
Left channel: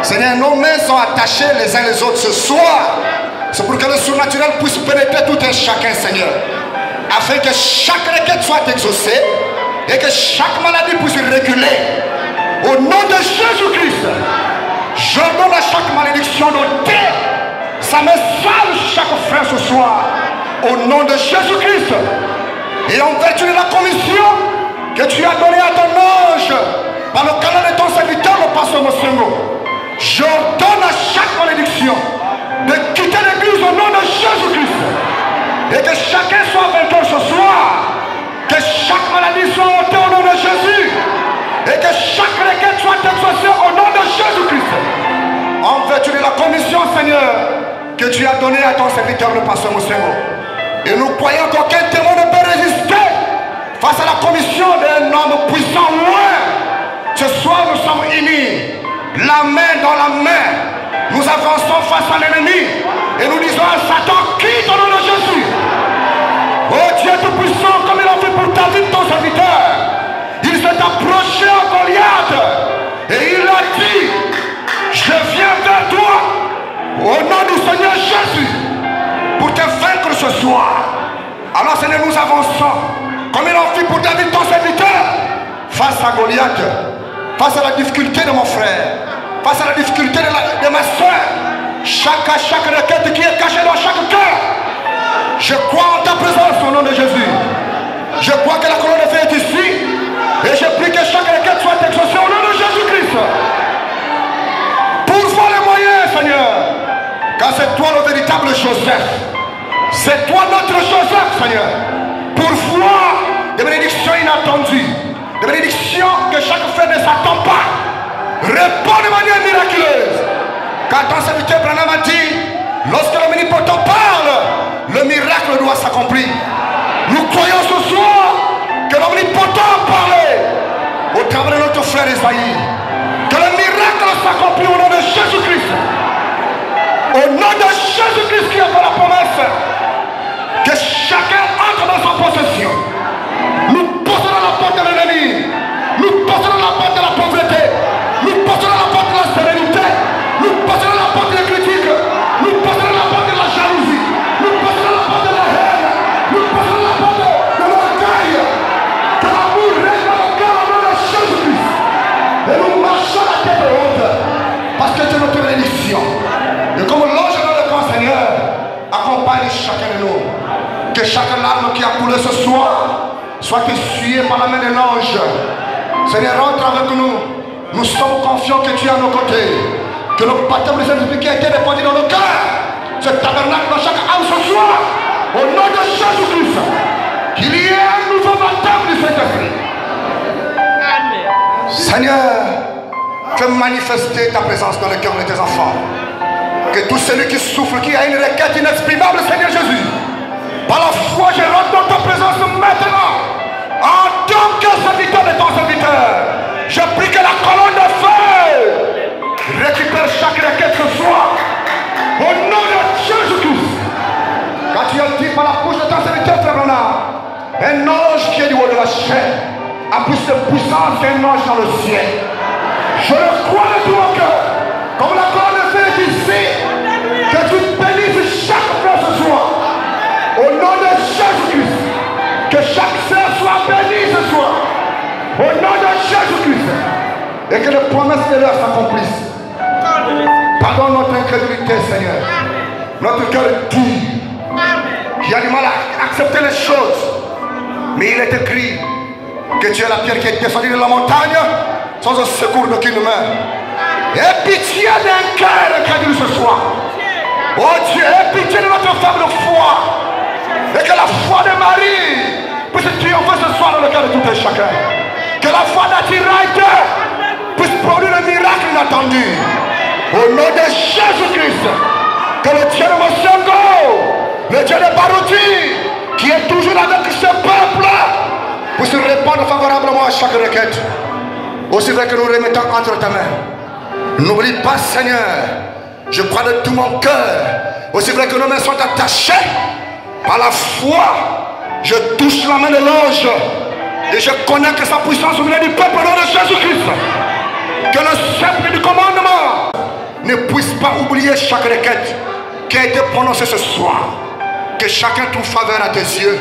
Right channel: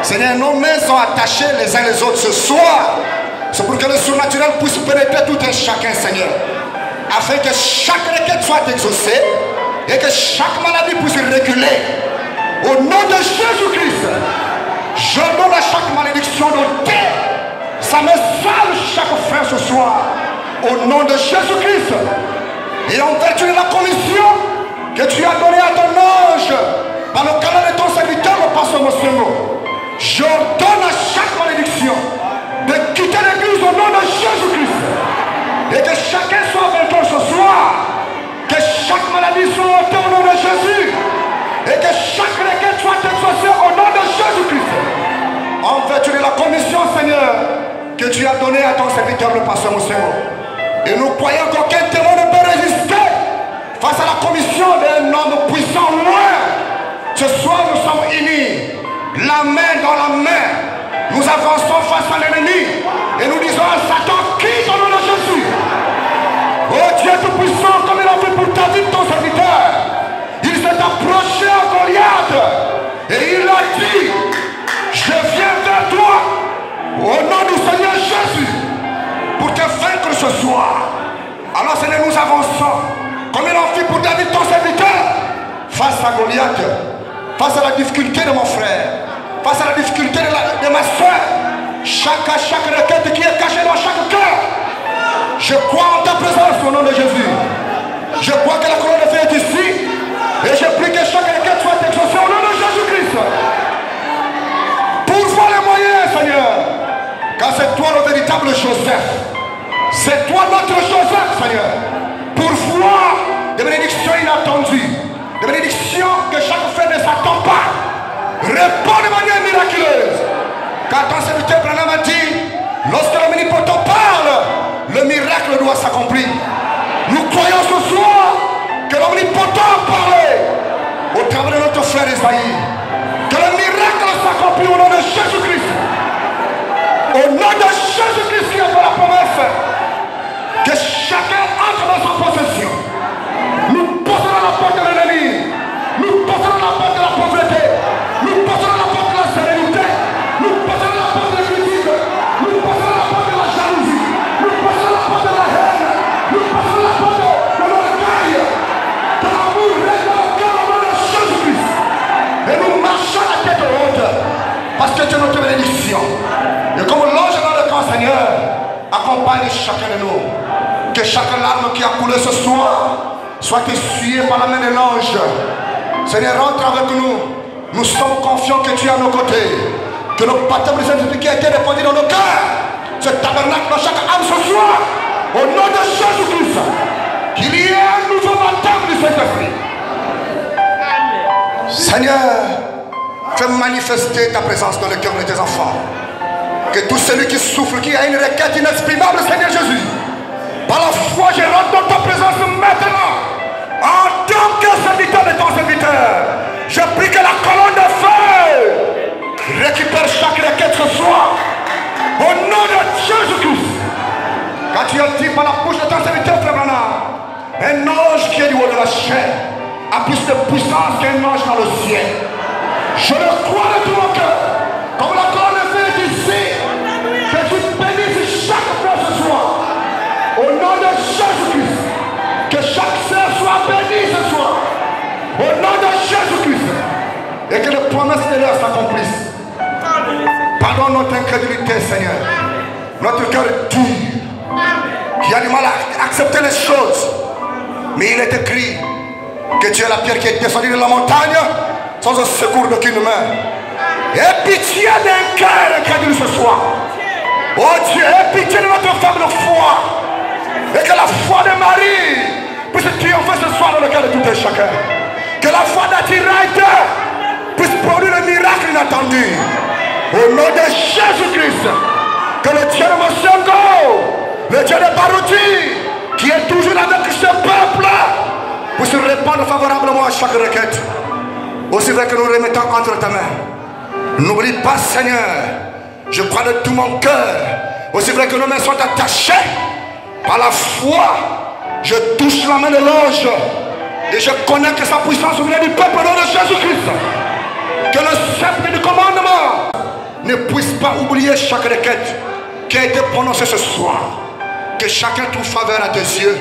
Seigneur, nos mains sont attachées les uns les autres ce soir. C'est pour que le surnaturel puisse pénétrer tout un chacun, Seigneur. Afin que chaque requête soit exaucée et que chaque maladie puisse reculer. Au nom de Jésus-Christ, je donne à chaque malédiction d'ôter sa main sale chaque frère ce soir. Au nom de Jésus-Christ. Et en vertu de la commission que tu as donnée à ton ange par le canal de ton serviteur, le pasteur Mosengo, j'ordonne à chaque malédiction de quitter l'église au nom de Jésus-Christ. Et que chacun soit vainqueur ce soir. Que chaque maladie soit ôtée au nom de Jésus. Et que chaque requête soit exaucée au nom de Jésus-Christ. En vertu de la commission, Seigneur, que tu as donnée à ton serviteur, le pasteur Mosengo. Et nous croyons qu'aucun démon ne peut résister face à la commission d'un homme puissant loin. Ce soir, nous sommes unis, la main dans la main. Nous avançons face à l'ennemi. Et nous disons à Satan, quitte au nom de Jésus. Oh Dieu Tout-Puissant, comme il a fait pour David, ton serviteur, il s'est approché à Goliath et il a dit, je viens vers toi au nom du Seigneur Jésus pour te vaincre ce soir. Alors Seigneur, nous avançons comme il a fait pour David, ton serviteur, face à Goliath, face à la difficulté de mon frère, face à la difficulté de ma soeur. Chaque requête qui est cachée dans chaque cœur, je crois en ta présence au nom de Jésus. Je crois que la couronne de feu est ici et je prie que chaque requête soit exaucée au nom de Jésus-Christ. Pourvois les moyens, Seigneur, car c'est toi le véritable Joseph. C'est toi notre Joseph, Seigneur. Pourvois des bénédictions inattendues, des bénédictions que chaque frère ne s'attend pas. Réponds de manière miraculeuse. Car ton serviteur Branham a dit, lorsque l'omnipotent parle, le miracle doit s'accomplir. Nous croyons ce soir que l'omnipotent a parlé au travers de notre frère Esaïe. Que le miracle s'accomplit au nom de Jésus-Christ. Au nom de Jésus-Christ qui a fait la promesse que chacun entre dans sa possession. Nous porterons la porte de l'ennemi. Nous porterons la porte de la pauvreté. Nous porterons la porte de la sérénité. Nous porterons la porte des critiques. Nous porterons la porte de la jalousie. Nous porterons la porte de la haine. Nous porterons la porte de l'orgueil. Que l'amour règne dans le cœur au nom de Jésus-Christ. Et nous marchons la tête haute. Parce que c'est notre bénédiction. Et comme l'ange dans le camp, Seigneur, accompagne chacun de nous. Que chaque larme qui a coulé ce soir soit essuyée par la main de l'ange. Seigneur, rentre avec nous. Nous sommes confiants que tu es à nos côtés. Que le baptême de Saint-Esprit qui a été répandu dans nos cœurs, ce tabernacle dans chaque âme ce soir, au nom de Jésus-Christ, qu'il y ait un nouveau baptême de Saint-Esprit. Seigneur, fais manifester ta présence dans le cœur de tes enfants. Que tout celui qui souffre, qui a une requête inexprimable, Seigneur Jésus, par la foi, je rentre dans ta présence maintenant. En tant que serviteur de ton serviteur, je prie que la colonne de feu récupère chaque requête ce soir. Au nom de Jésus-Christ. Quand tu as dit par la bouche de ton serviteur, un ange qui est du haut de la chair a plus de puissance qu'un ange dans le ciel. Je le crois de tout mon cœur. Comme la colonne de feu est ici, que tu bénisses chaque frère ce soir. Au nom de Jésus-Christ. Que chaque sœur soit bénie ce soir. Au nom de Jésus-Christ. Et que les promesses de l'heure s'accomplissent. Pardonne notre incrédulité, Seigneur. Notre cœur est dur. Qui a du mal à accepter les choses. Mais il est écrit que tu es la pierre qui est descendue de la montagne sans un secours d'aucune main. Et pitié d'un cœur incrédule ce soir. Oh Dieu, aie pitié de notre femme de foi. Et que la foi de Marie puisse triompher ce soir dans le cœur de tout un chacun. Que la foi d'Atirite puisse produire le miracle inattendu. Au nom de Jésus-Christ. Que le Dieu de Mosendo, le Dieu de Barouti, qui est toujours avec ce peuple, puisse répondre favorablement à chaque requête. Aussi vrai que nous remettons entre ta main. N'oublie pas, Seigneur, je crois de tout mon cœur. Aussi vrai que nos mains sont attachées, par la foi, je touche la main de l'ange et je connais que sa puissance vient du peuple au nom de Jésus-Christ. Que le sceptre du commandement ne puisse pas oublier chaque requête qui a été prononcée ce soir. Que chacun trouve faveur à tes yeux,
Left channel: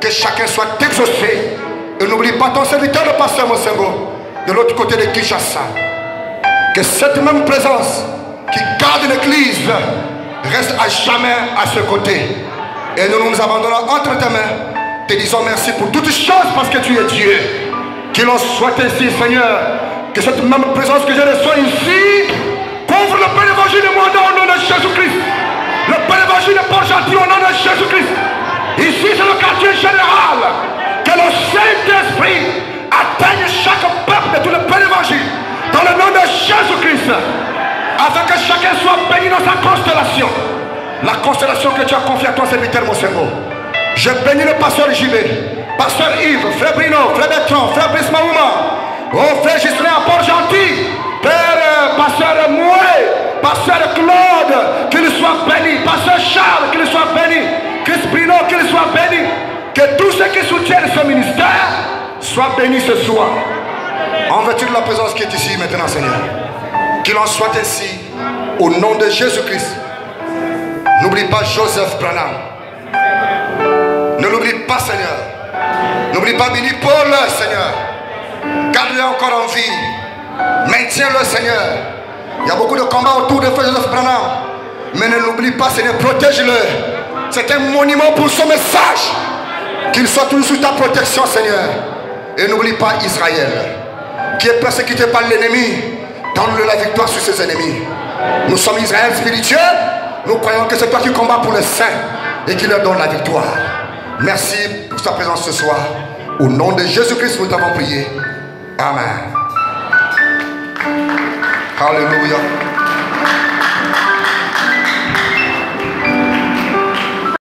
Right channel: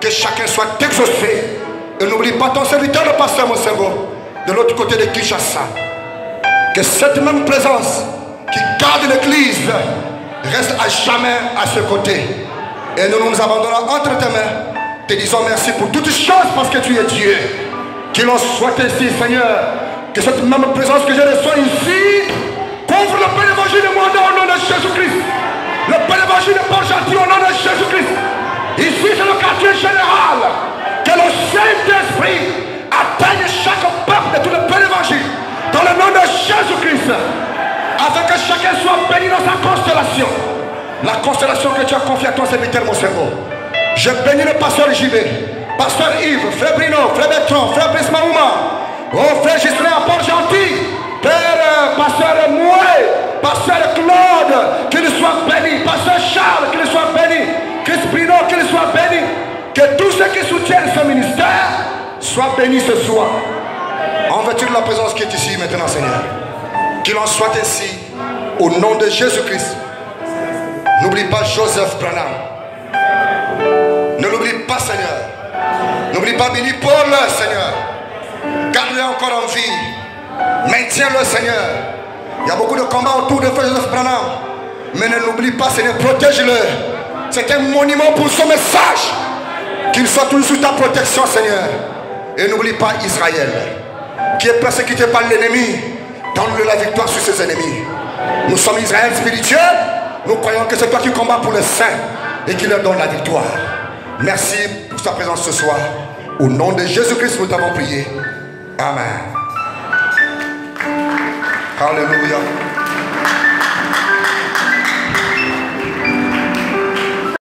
que chacun soit exaucé. Et n'oublie pas ton serviteur, le pasteur Mosengo, de l'autre côté de Kinshasa. Que cette même présence qui garde l'église reste à jamais à ce côté. Et nous nous abandonnons entre tes mains, te disons merci pour toutes choses parce que tu es Dieu. Qu'il en soit ainsi, Seigneur, que cette même présence que je reçois ici couvre le Père évangile de mon nom au nom de Jésus-Christ. Le Père évangile de Port-Gentil au nom de Jésus-Christ. Ici c'est le quartier général. Que le Saint-Esprit atteigne chaque peuple de tout le Père évangile dans le nom de Jésus-Christ. Afin que chacun soit béni dans sa constellation. La constellation que tu as confiée à ton serviteur, mon cerveau. Je bénis le pasteur JB, pasteur Yves, frère Bruno, frère Bertrand, frère Brice Mahouma, oh frère Gislain à Port-Gentil, père pasteur Moué, pasteur Claude, qu'il soit béni, pasteur Charles, qu'il soit béni, Chris Bruno, qu'il soit béni, que tous ceux qui soutiennent ce ministère soient bénis ce soir. En vertu de la présence qui est ici maintenant, Seigneur, qu'il en soit ainsi au nom de Jésus-Christ. N'oublie pas Joseph Branham. Ne l'oublie pas, Seigneur. N'oublie pas Billy Paul, Seigneur. Garde-le encore en vie. Maintiens-le, Seigneur. Il y a beaucoup de combats autour de Frère Joseph Branham. Mais ne l'oublie pas, Seigneur. Protège-le. C'est un monument pour son message. Qu'il soit toujours sous ta protection, Seigneur. Et n'oublie pas Israël, qui est persécuté par l'ennemi. Donne-le la victoire sur ses ennemis. Nous sommes Israël spirituel. Nous croyons que c'est toi qui combats pour les saints et qui leur donne la victoire. Merci pour sa présence ce soir. Au nom de Jésus-Christ, nous t'avons prié. Amen. Alléluia.